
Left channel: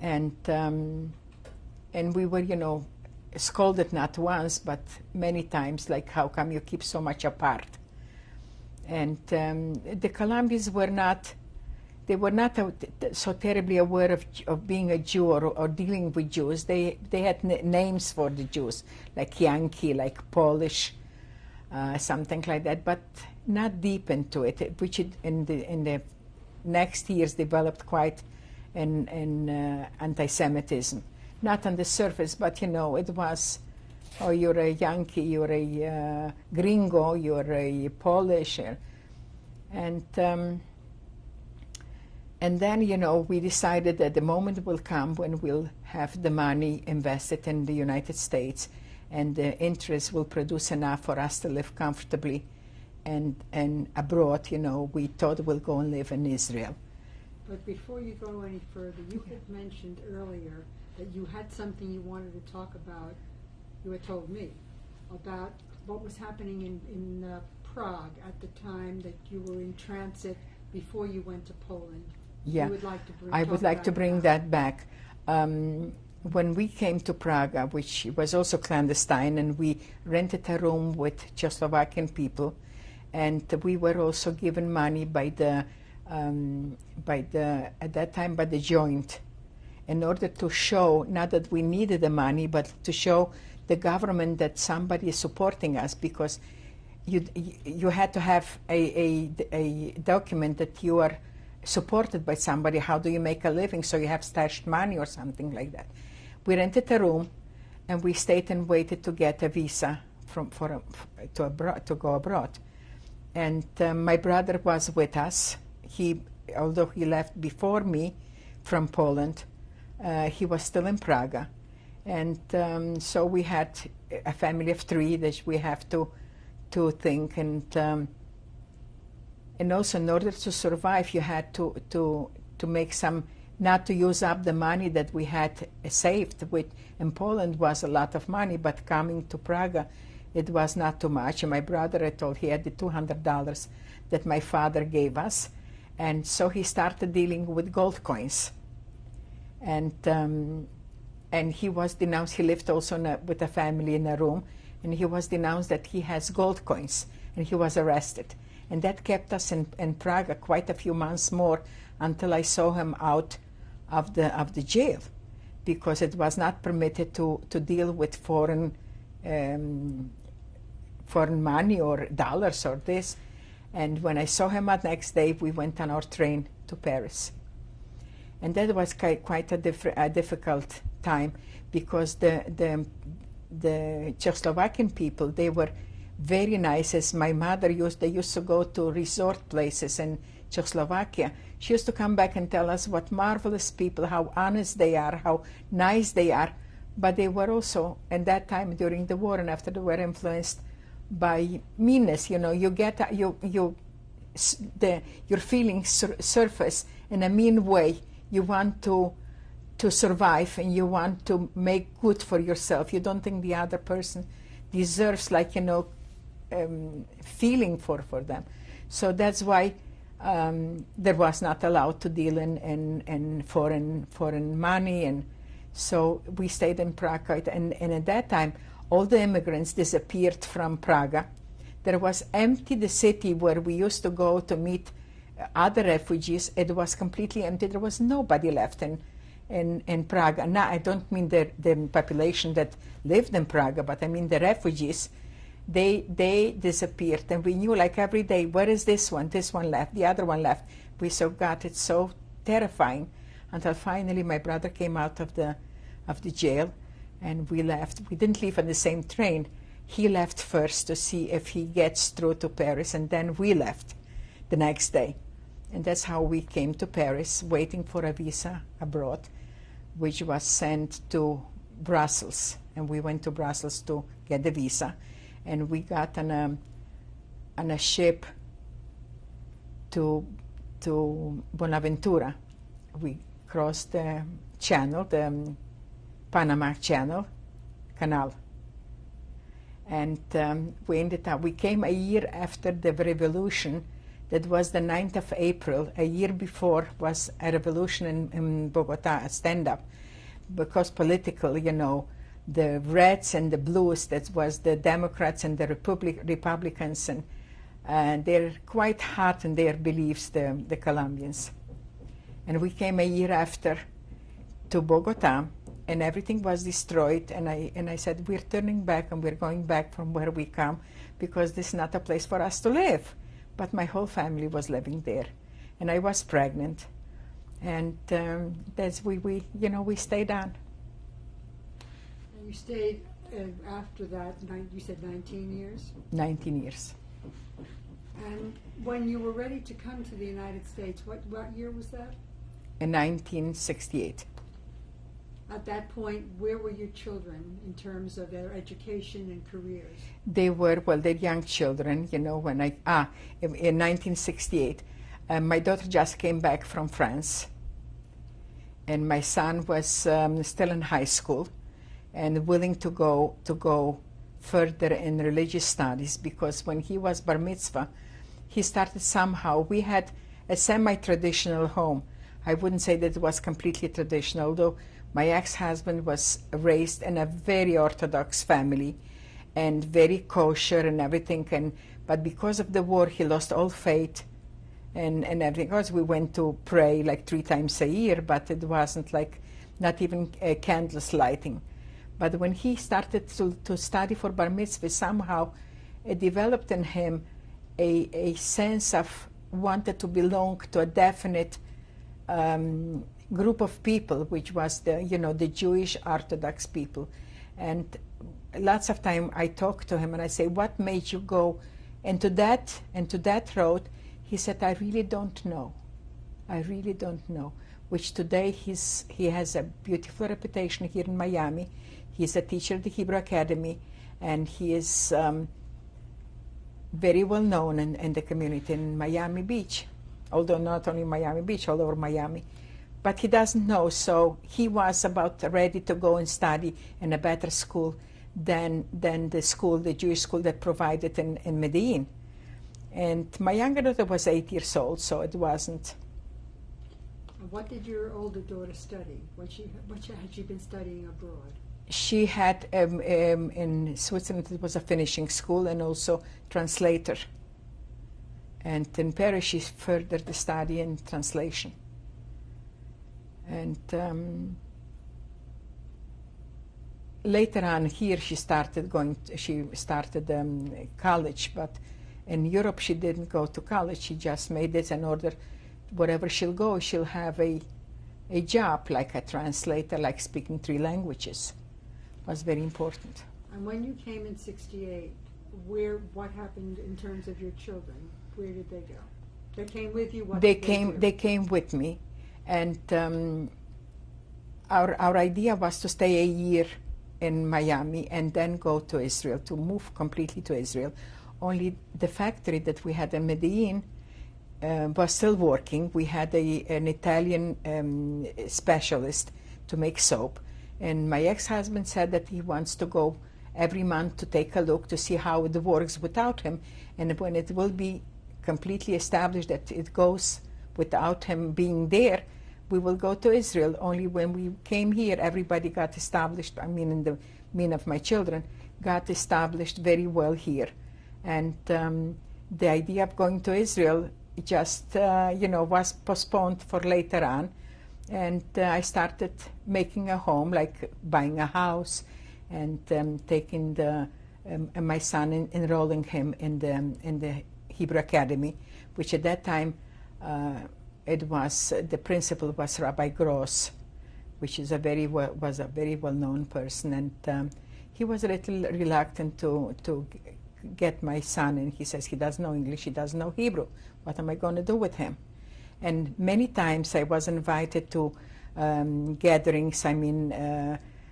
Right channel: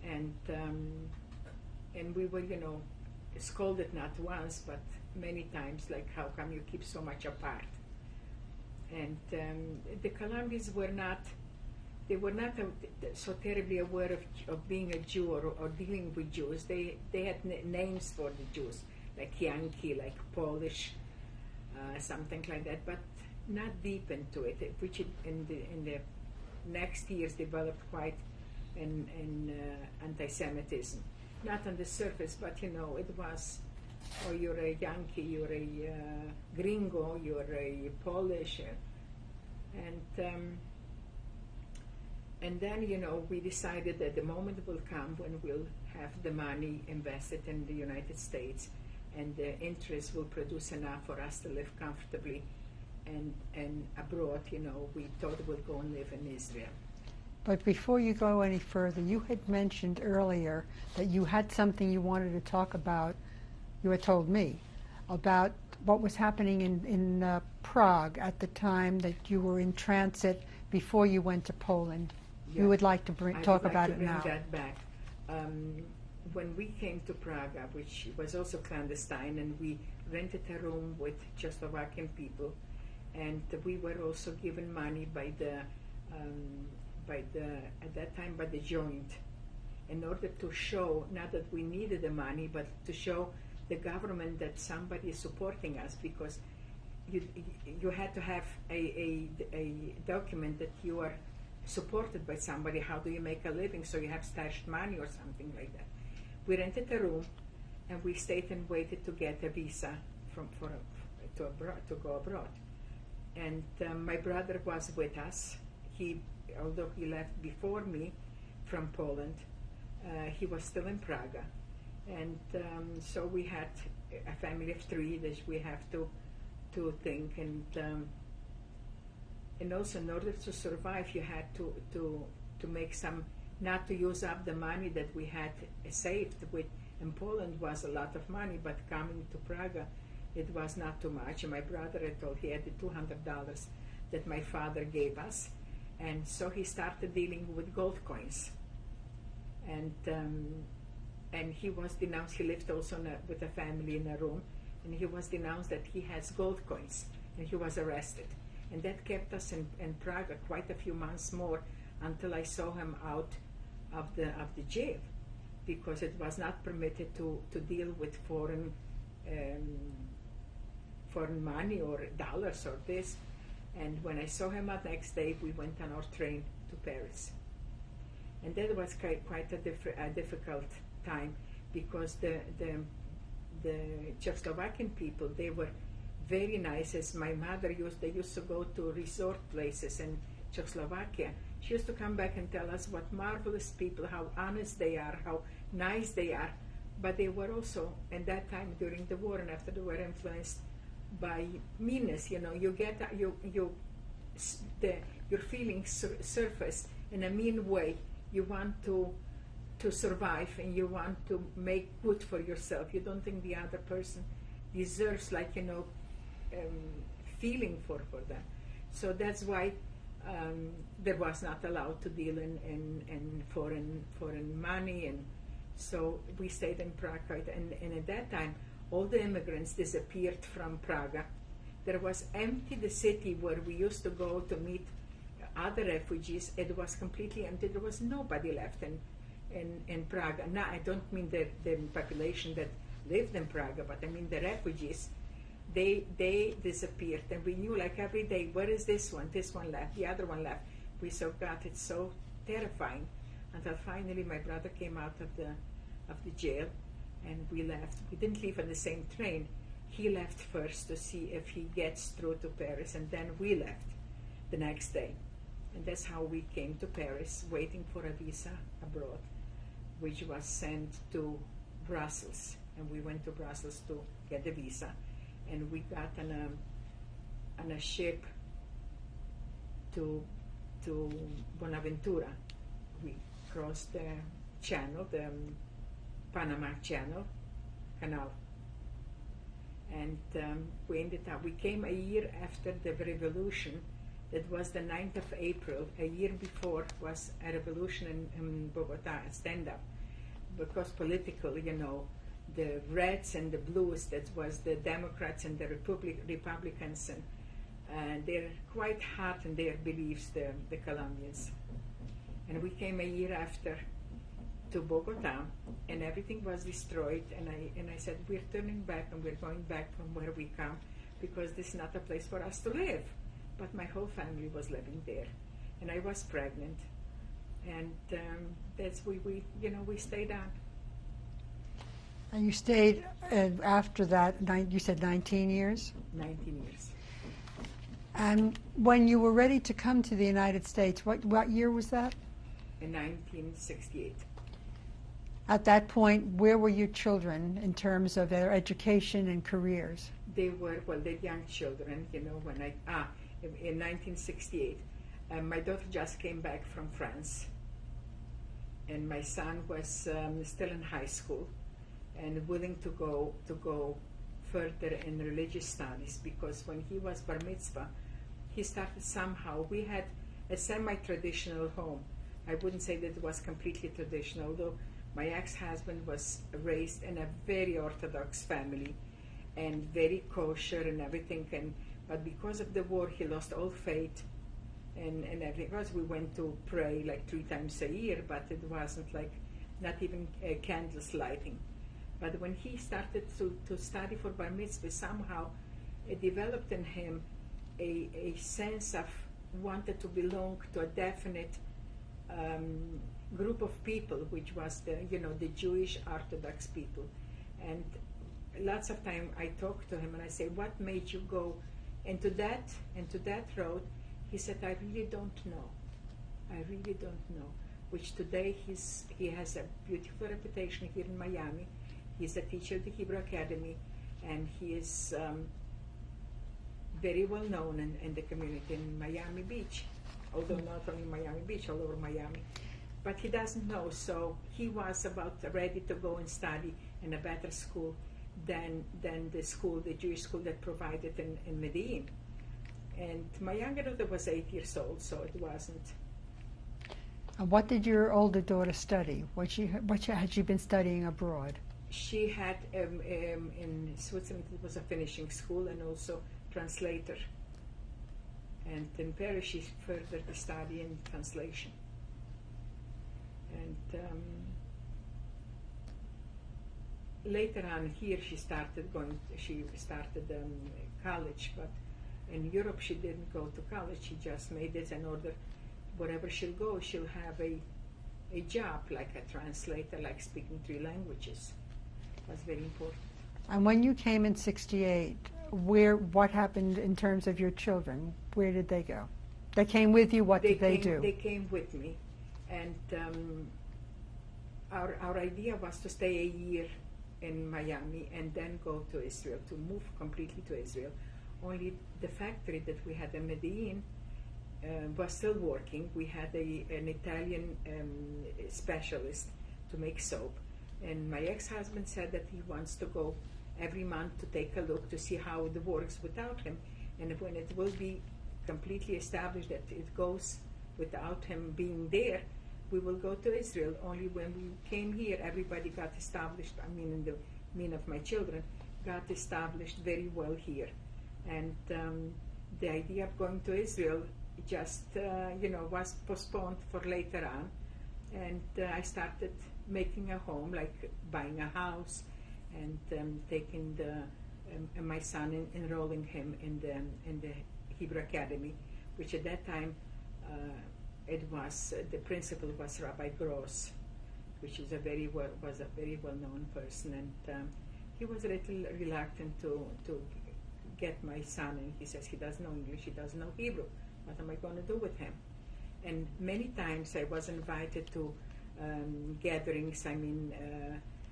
And we were, you know, scolded not once, but many times, like, how come you keep so much apart? And the Colombians were not, they were not so terribly aware of being a Jew or dealing with Jews. They had names for the Jews, like Yankee, like Polish, something like that, but not deep into it, which in the next years developed quite in anti-Semitism. Not on the surface, but, you know, it was, oh, you're a Yankee, you're a gringo, you're a Polish. And then, you know, we decided that the moment will come when we'll have the money invested in the United States, and the interest will produce enough for us to live comfortably. And abroad, you know, we thought we'll go and live in Israel. But before you go any further, you had mentioned earlier that you had something you wanted to talk about. You had told me about what was happening in Prague at the time that you were in transit before you went to Poland. Yeah. You would like to bring. I would like to bring now. that back. When we came to Prague, which was also clandestine, and we rented a room with Czechoslovakian people, and we were also given money by the at that time by the joint, in order to show, not that we needed the money, but to show the government that somebody is supporting us, because you had to have a document that you are supported by somebody. How do you make a living? So you have stashed money or something like that. We rented a room, and we stayed and waited to get a visa to go abroad. And my brother was with us. Although he left before me from Poland, he was still in Prague. And so we had a family of 3 that we have to think. And also, in order to survive, you had to make some, not to use up the money that we had saved. In Poland was a lot of money, but coming to Prague, it was not too much. And my brother, I told, he had the $200 that my father gave us. And so he started dealing with gold coins. And he was denounced. He lived also with a family in a room, and he was denounced that he has gold coins, and he was arrested. And that kept us in Prague quite a few months more, until I saw him out of the jail, because it was not permitted to deal with foreign money or dollars or this. And when I saw him the next day, we went on our train to Paris. And that was quite a difficult time, because the Czechoslovakian people, they were very nice. As my mother they used to go to resort places in Czechoslovakia. She used to come back and tell us what marvelous people, how honest they are, how nice they are. but they were also, at that time during the war and after they were influenced by meanness. You know, you get your feelings surface in a mean way. You want to survive, and you want to make good for yourself. You don't think the other person deserves, like, you know, feeling for them. So that's why there was not allowed to deal in foreign money, and so we stayed in Prague. And at that time, all the immigrants disappeared from Prague. There was empty the city where we used to go to meet other refugees. It was completely empty. There was nobody left in Prague. And now I don't mean the population that lived in Prague, but I mean the refugees. They disappeared, and we knew, like, every day, where is this one? This one left, the other one left. We so got it so terrifying, until finally my brother came out of the jail, and we left. We didn't leave on the same train. He left first to see if he gets through to Paris, and then we left the next day. And that's how we came to Paris, waiting for a visa abroad, which was sent to Brussels. And we went to Brussels to get the visa. And we got on a ship to Buenaventura. We crossed the channel, the Panama Canal, and we came a year after the revolution. That was the 9th of April. A year before was a revolution in Bogota, a stand-up, because political, you know, the reds and the blues, that was the Democrats and the Republicans, and they're quite hot in their beliefs, the Colombians. And we came a year after to Bogota, and everything was destroyed, and I said, we're turning back, and we're going back from where we come, because this is not a place for us to live. But my whole family was living there, and I was pregnant, and that's we stayed on. And you stayed after that, you said 19 years? 19 years. And when you were ready to come to the United States, what year was that? In 1968. At that point, where were your children in terms of their education and careers? They were, well, they're young children, you know, when in 1968. My daughter just came back from France, and my son was still in high school and willing to go further in religious studies, because when he was bar mitzvah, he started somehow. We had a semi-traditional home. I wouldn't say that it was completely traditional, although my ex-husband was raised in a very Orthodox family and very kosher and everything, but because of the war, he lost all faith and everything. Of course, we went to pray like 3 times a year, but it wasn't like, not even candles lighting. But when he started to study for bar mitzvah, somehow it developed in him a sense of wanted to belong to a definite group of people, which was the Jewish Orthodox people. And lots of time I talk to him and I say, what made you go into that road? He said, I really don't know. I really don't know. Which today he has a beautiful reputation here in Miami. He's a teacher at the Hebrew Academy, and he is very well known in the community in Miami Beach, although not only Miami Beach, all over Miami. But he doesn't know, so he was about ready to go and study in a better school than the Jewish school that provided in Medellin. And my younger daughter was 8 years old, so it wasn't. What did your older daughter study? What had she been studying abroad? She had, in Switzerland, it was a finishing school and also translator. And in Paris, she furthered the study in translation. And later on here, she started college, but in Europe, she didn't go to college. She just made it in order, wherever she'll go, she'll have a job, like a translator, like speaking 3 languages. Was very important. And when you came in '68, what happened in terms of your children? Where did they go? They came with you. What did they do? They came with me, and our idea was to stay a year in Miami and then go to Israel, to move completely to Israel. Only the factory that we had in Medellin was still working. We had an Italian specialist to make soap, and my ex-husband said that he wants to go every month to take a look to see how it works without him, and when it will be completely established that it goes without him being there, we will go to Israel. Only when we came here, everybody got established. I mean, in the mean of my children, got established very well here. And the idea of going to Israel just, was postponed for later on. And I started making a home, like buying a house, and taking my son, enrolling him in the Hebrew Academy, which at that time it was the principal was Rabbi Gross, which is was a very well-known person, and he was a little reluctant to get my son, and he says he doesn't know English, he doesn't know Hebrew. What am I going to do with him? And many times I was invited to gatherings,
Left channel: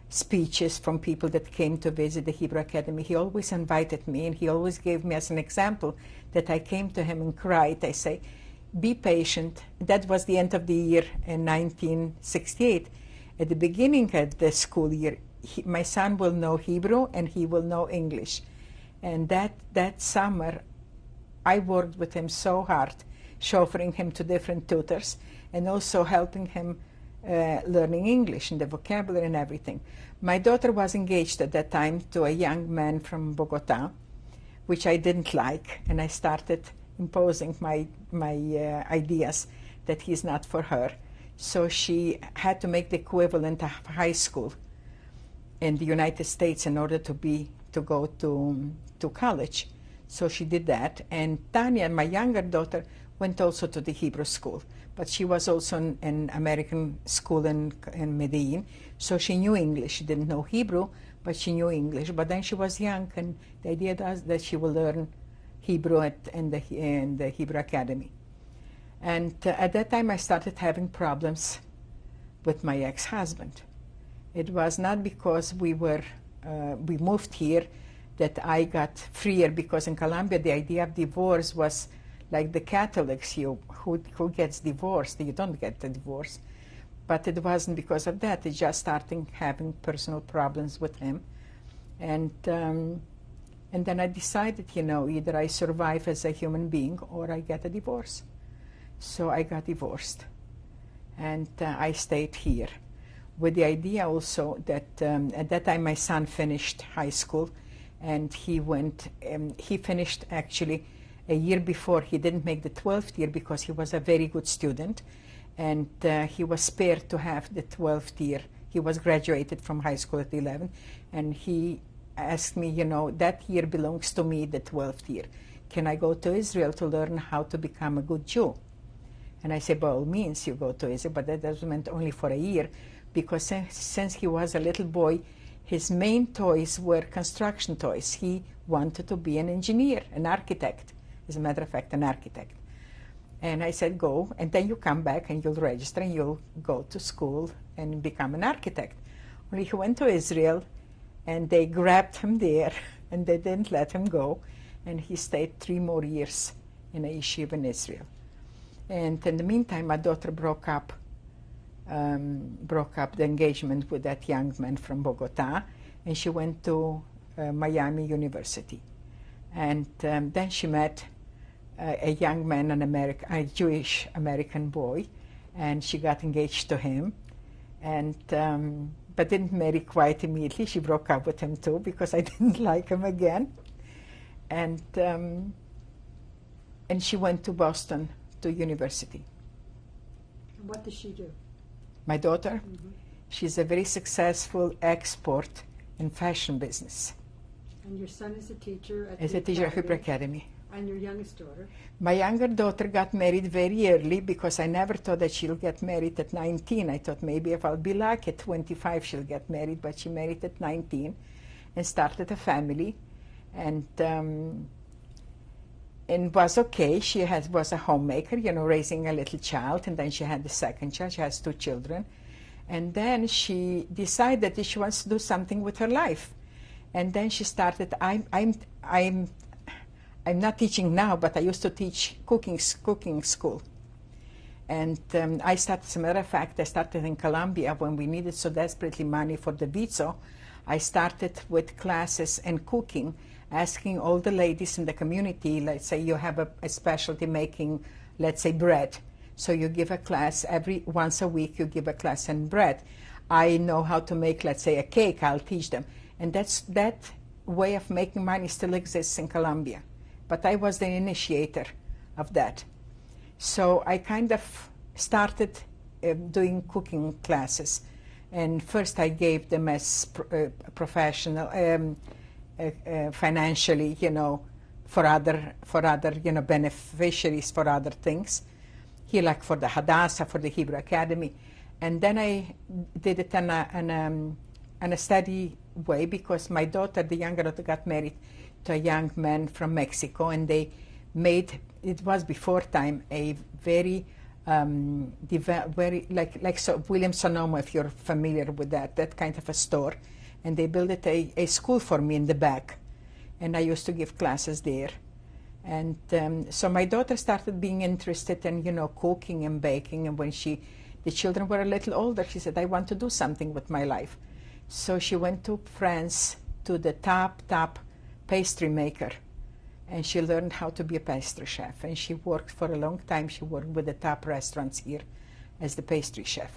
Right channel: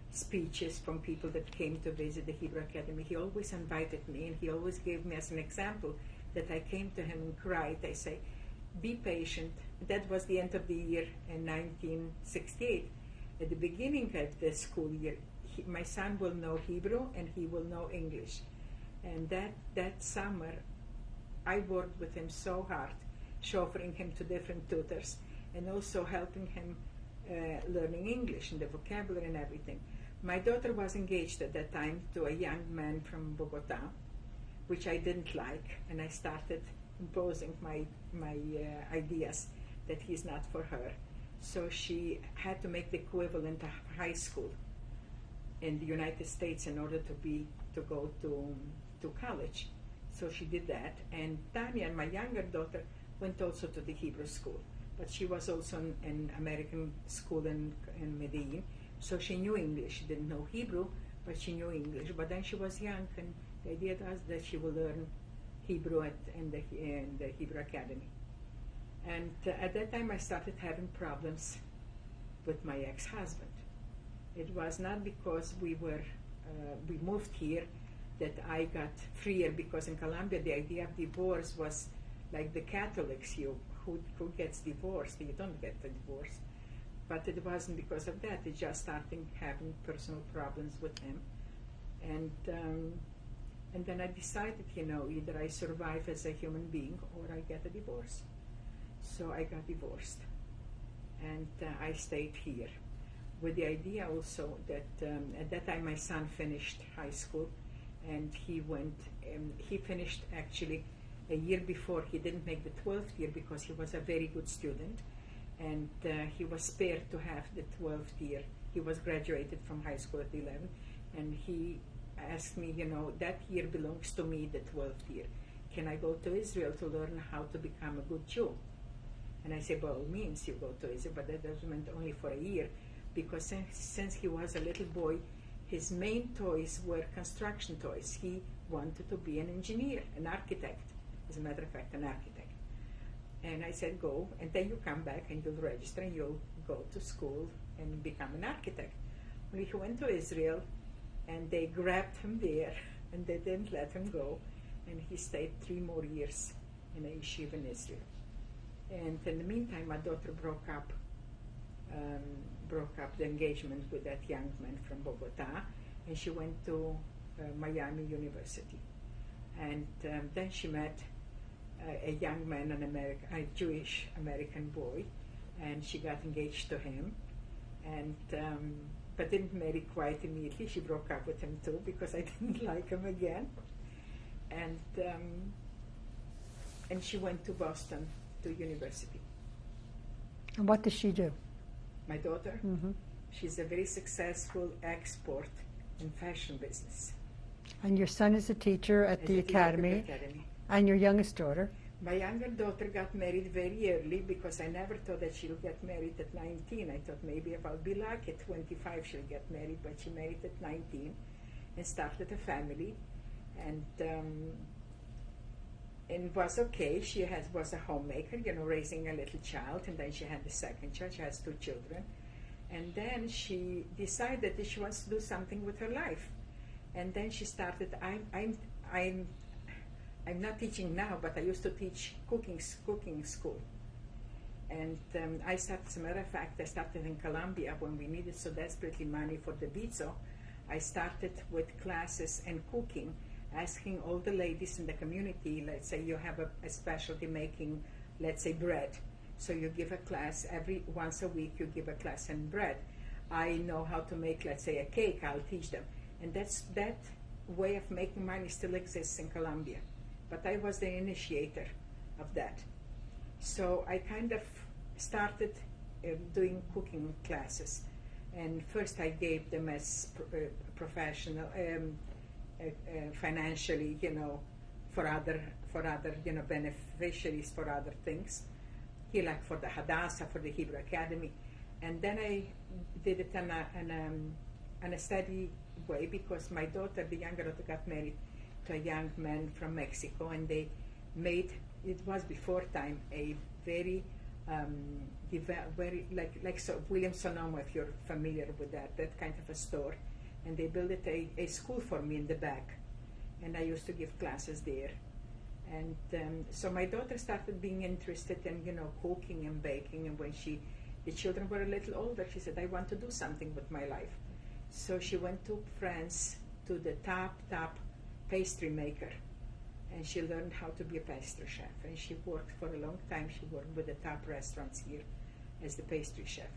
speeches from people that came to visit the Hebrew Academy. He always invited me, and he always gave me as an example that I came to him and cried. I say, be patient. That was the end of the year in 1968. At the beginning of the school year, my son will know Hebrew and he will know English. And that summer, I worked with him so hard, chauffeuring him to different tutors and also helping him learning English and the vocabulary and everything. My daughter was engaged at that time to a young man from Bogota, which I didn't like, and I started imposing my ideas that he's not for her. So she had to make the equivalent of high school in the United States in order to go to college. So she did that, and Tanya, my younger daughter, went also to the Hebrew school, but she was also in American school in Medellin, so she knew English. She didn't know Hebrew, but she knew English. But then she was young, and the idea was that she will learn Hebrew in the Hebrew Academy. And at that time I started having problems with my ex-husband. It was not because we moved here that I got freer, because in Colombia the idea of divorce was like the Catholics, who gets divorced, you don't get the divorce. But it wasn't because of that. It just starting having personal problems with him. And then I decided, either I survive as a human being or I get a divorce. So I got divorced. And I stayed here with the idea also that at that time my son finished high school, and he finished actually a year before. He didn't make the 12th year because he was a very good student, and he was spared to have the 12th year. He was graduated from high school at 11, and he asked me, that year belongs to me, the 12th year. Can I go to Israel to learn how to become a good Jew? And I said, by all means, you go to Israel, but that was meant only for a year, because since he was a little boy, his main toys were construction toys. He wanted to be an engineer, an architect. As a matter of fact, an architect. And I said, go, and then you come back and you'll register and you'll go to school and become an architect. Only he went to Israel, and they grabbed him there, and they didn't let him go, and he stayed 3 more years in a yeshiva in Israel. And in the meantime, my daughter broke up the engagement with that young man from Bogota, and she went to Miami University. And then she met a young man, a Jewish American boy, and she got engaged to him, and but didn't marry quite immediately. She broke up with him too because I didn't like him again, and she went to Boston to university. And what does she do? My daughter, Mm-hmm. she's a very successful export in fashion business. And your son is a teacher at As the a teacher at Hebrew academy. Academy. And your youngest daughter? My younger daughter got married very early because I never thought that she'll get married at 19. I thought maybe if I'll be lucky at 25 she'll get married, but she married at 19 and started a family, and was okay. She was a homemaker, raising a little child, and then she had the second child. She has 2 children. And then she decided that she wants to do something with her life. And then she started, I'm not teaching now, but I used to teach cooking school. And I started, as a matter of fact, I started in Colombia when we needed so desperately money for the visa. I started with classes and cooking, asking all the ladies in the community, let's say you have a specialty making, let's say, bread. So you give a class once a week, you give a class in bread. I know how to make, let's say, a cake, I'll teach them. And that way of making money still exists in Colombia. But I was the initiator of that. So I kind of started doing cooking classes. And first I gave them as professional, financially, for other, beneficiaries for other things. Here, like for the Hadassah, for the Hebrew Academy. And then I did it in a steady way, because my daughter, the younger daughter, got married to a young man from Mexico, and they made, it was before time, a very, very like so Williams Sonoma, if you're familiar with that kind of a store. And they built a school for me in the back, and I used to give classes there. And so my daughter started being interested in, cooking and baking. And when the children were a little older, she said, I want to do something with my life. So she went to France to the top pastry maker. And she learned how to be a pastry chef. And she worked for a long time. She worked with the top restaurants here as the pastry chef.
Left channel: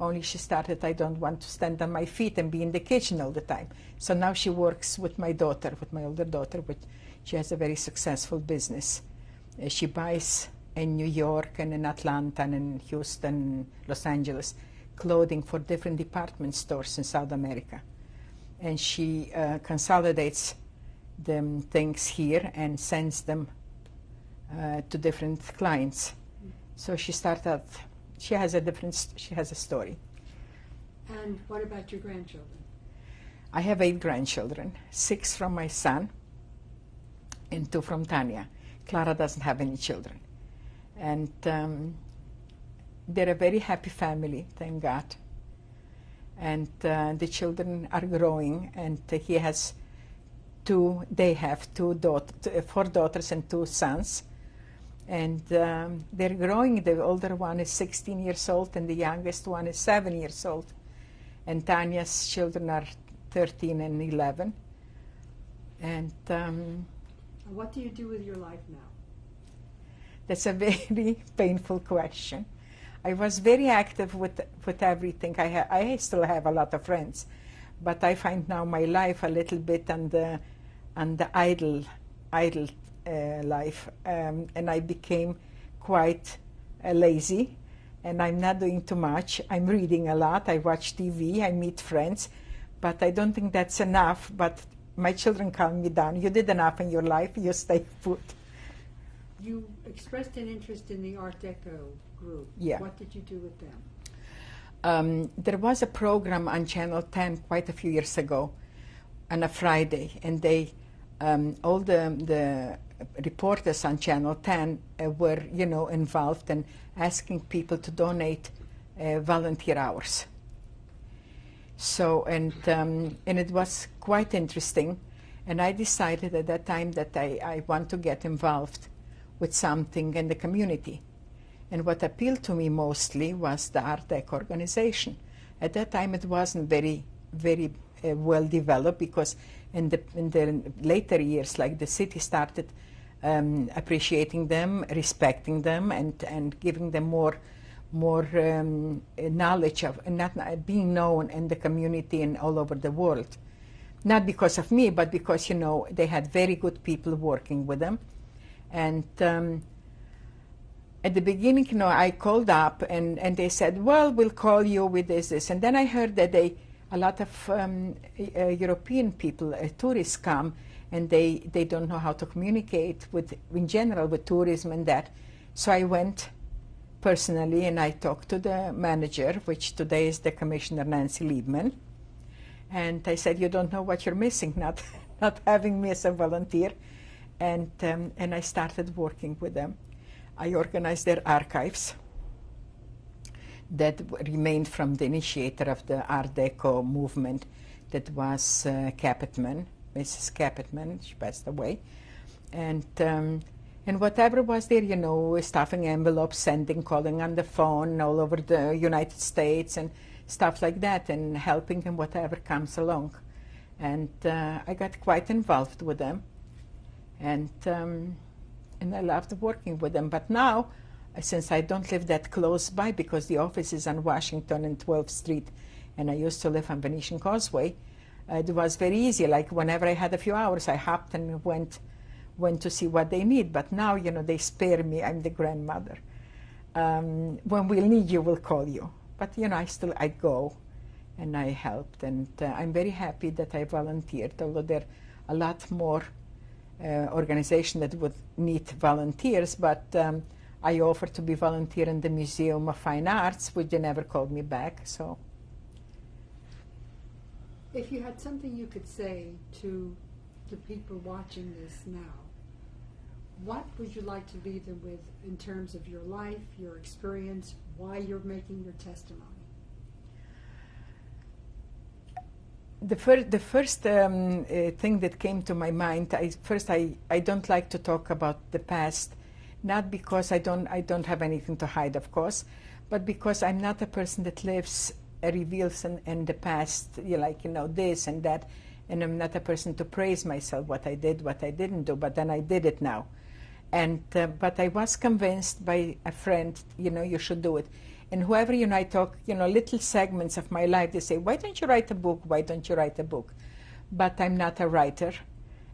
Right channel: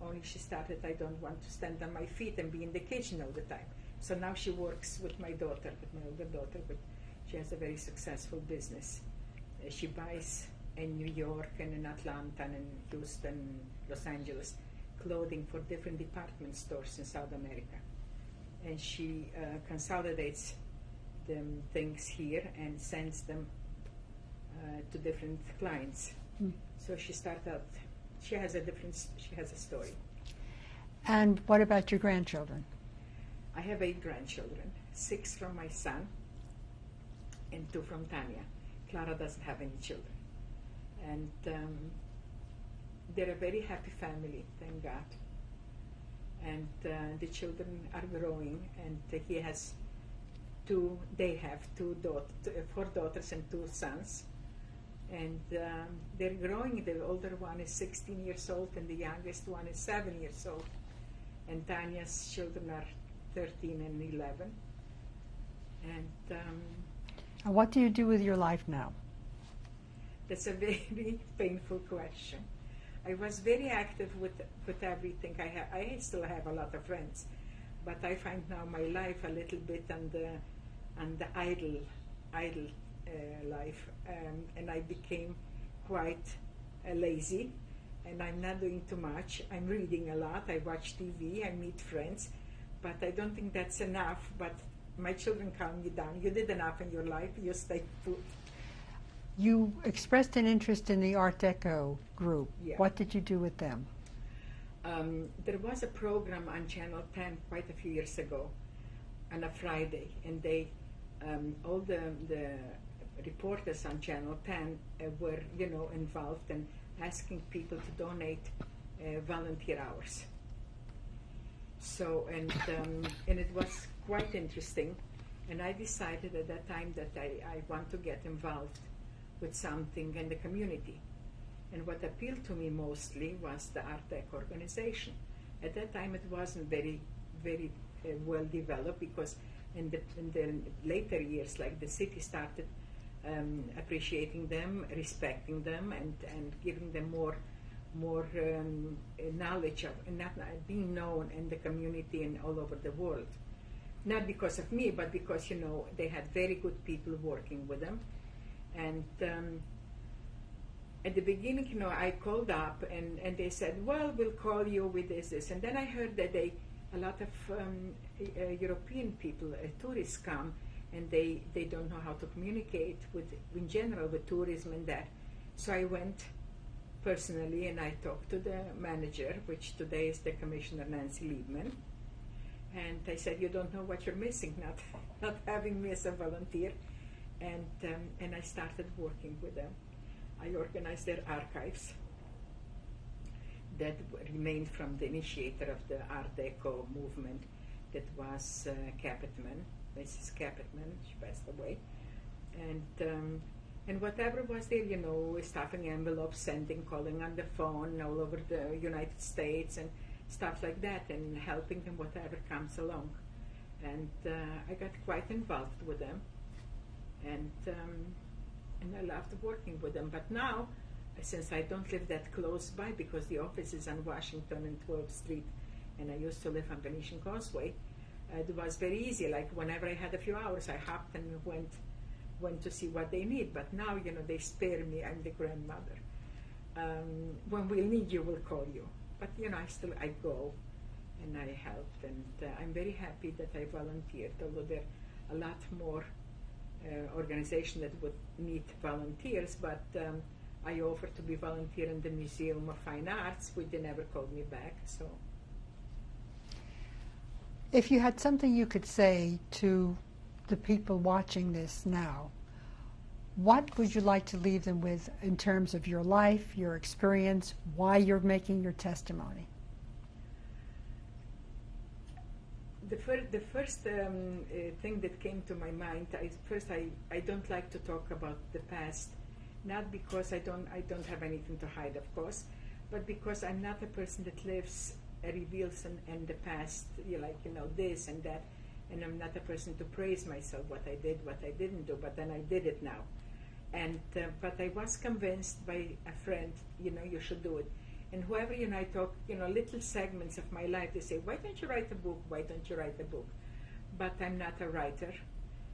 Only she started, I don't want to stand on my feet and be in the kitchen all the time. So now she works with my daughter, with my older daughter, which she has a very successful business. She buys in New York and in Atlanta and in Houston, Los Angeles, clothing for different department stores in South America. And she consolidates them things here and sends them to different clients. So she started, she has a story. And what about your grandchildren? I have 8 grandchildren, 6 from my son and 2 from Tanya. Clara doesn't have any children. And they're a very happy family, thank God. And the children are growing, and they have 4 daughters and 2 sons. And they're growing. The older one is 16 years old, and the youngest one is 7 years old. And Tanya's children are 13 and 11. And what do you do with your life now? That's a very painful question. I was very active with everything. I still have a lot of friends, but I find now my life a little bit on the idle life, and I became quite lazy, and I'm not doing too much. I'm reading a lot. I watch TV. I meet friends, but I don't think that's enough. But my children calm me down. You did enough in your life. You stay put. You expressed an interest in the Art Deco group. Yeah. What did you do with them? There was a program on Channel 10 quite a few years ago on a Friday, and they all the reporters on Channel 10 were, involved in asking people to donate volunteer hours. So, and it was quite interesting, and I decided at that time that I want to get involved with something in the community. And what appealed to me mostly was the Art Deco organization. At that time it wasn't very well developed, because in the later years, like, the city started appreciating them, respecting them, and giving them more knowledge of, and not being known in the community and all over the world. Not because of me, but because, they had very good people working with them. And at the beginning, I called up, and they said, well, we'll call you with this. And then I heard that a lot of European people, tourists come, and they don't know how to communicate in general with tourism and that. So I went personally, and I talked to the manager, which today is the Commissioner Nancy Liebman. And I said, you don't know what you're missing, not having me as a volunteer. And I started working with them. I organized their archives. that remained from the initiator of the Art Deco movement, that was Capitman, Mrs. Capitman. She passed away. And whatever was there, you know, stuffing envelopes, sending, calling on the phone all over the United States and stuff like that, and helping them whatever comes along. And I got quite involved with them, and I loved working with them. But now, since I don't live that close by, because the office is on Washington and 12th Street, and I used to live on Venetian Causeway, it was very easy. Like whenever I had a few hours, I hopped and went to see what they need. But now, you know, they spare me. I'm the grandmother. When we'll need you, we'll call you. But, you know, I go and I helped. And I'm very happy that I volunteered, although there are a lot more organizations that would need volunteers. But I offered to be volunteer in the Museum of Fine Arts, which they never called me back. So, if you had something you could say to the people watching this now, what would you like to leave them with in terms of your life, your experience, why you're making your testimony? The first thing that came to my mind, I don't like to talk about the past, not because I don't have anything to hide, of course, but because I'm not a person that lives, reveals in the past, like, you know, this and that, and I'm not a person to praise myself, what I did, what I didn't do, but then I did it now. And but I was convinced by a friend, you know, you should do it. And whoever, you know, I talk, you know, little segments of my life, they say, why don't you write a book? Why don't you write a book? But I'm not a writer.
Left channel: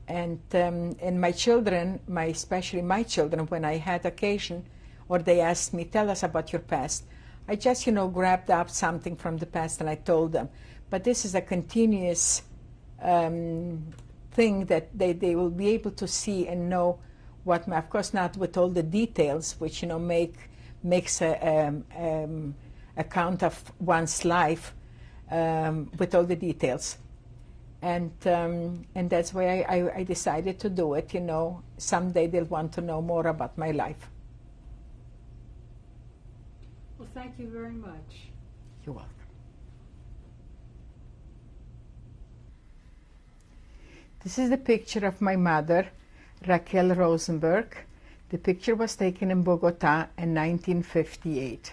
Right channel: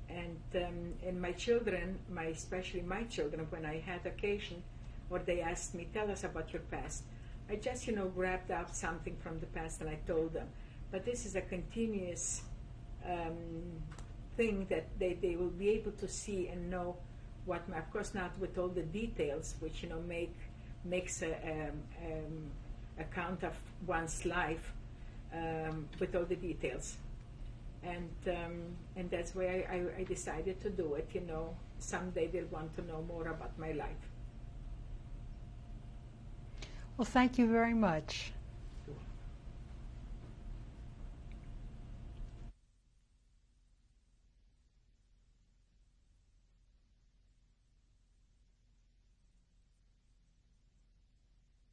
And my children, especially my children, when I had occasion, or they asked me, tell us about your past, I just, you know, grabbed up something from the past and I told them. But this is a continuous thing that they will be able to see and know what, of course not with all the details, which, you know, makes a account of one's life with all the details. And that's why I decided to do it, you know. Someday they'll want to know more about my life. Well, thank you very much. You're welcome. This is the picture of my mother, Raquel Rosenberg. The picture was taken in Bogota in 1958.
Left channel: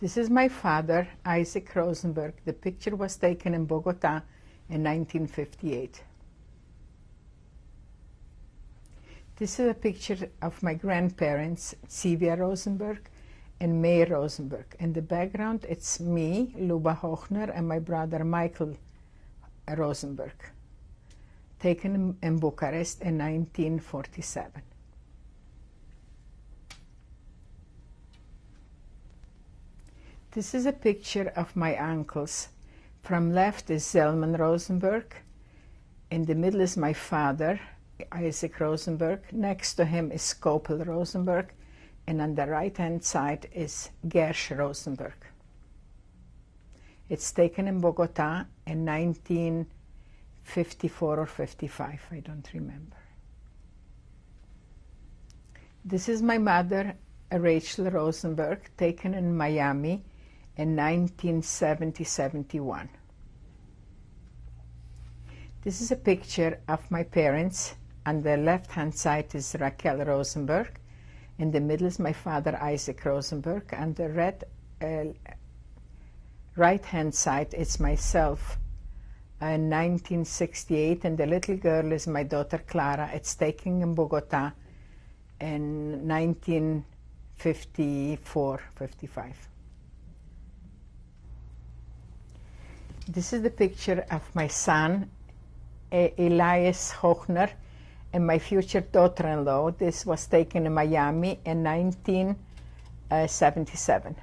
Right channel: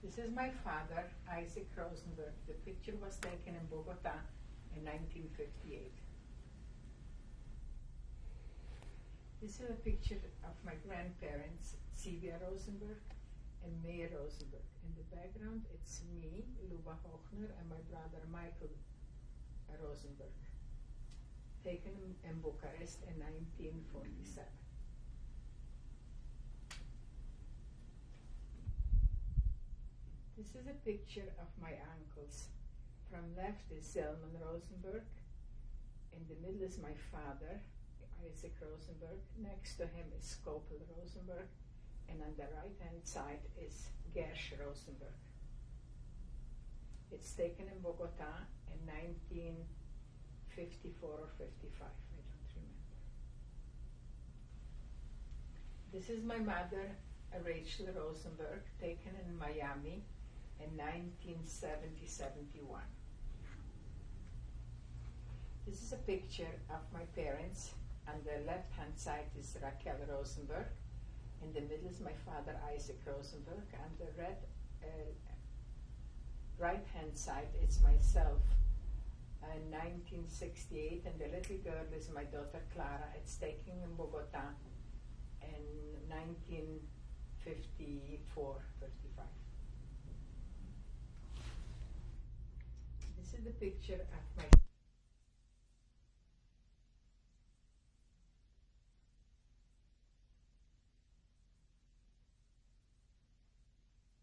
This is my father, Isaac Rosenberg. The picture was taken in Bogota in 1958. This is a picture of my grandparents, Sylvia Rosenberg and May Rosenberg. In the background, it's me, Luba Hochner, and my brother Michael Rosenberg, taken in Bucharest in 1947. This is a picture of my uncles. From left is Zelman Rosenberg. In the middle is my father, Isaac Rosenberg. Next to him is Skopel Rosenberg. And on the right-hand side is Gersh Rosenberg. It's taken in Bogota in 1954 or 55, I don't remember. This is my mother, Rachel Rosenberg, taken in Miami in 1970-71. This is a picture of my parents. On the left-hand side is Raquel Rosenberg. In the middle is my father, Isaac Rosenberg. On the right-hand side, it's myself in 1968, and the little girl is my daughter, Clara. It's taken in Bogota in 1954, 55. This is the picture of my son, Elias Hochner, and my future daughter-in-law. This was taken in Miami in 1977.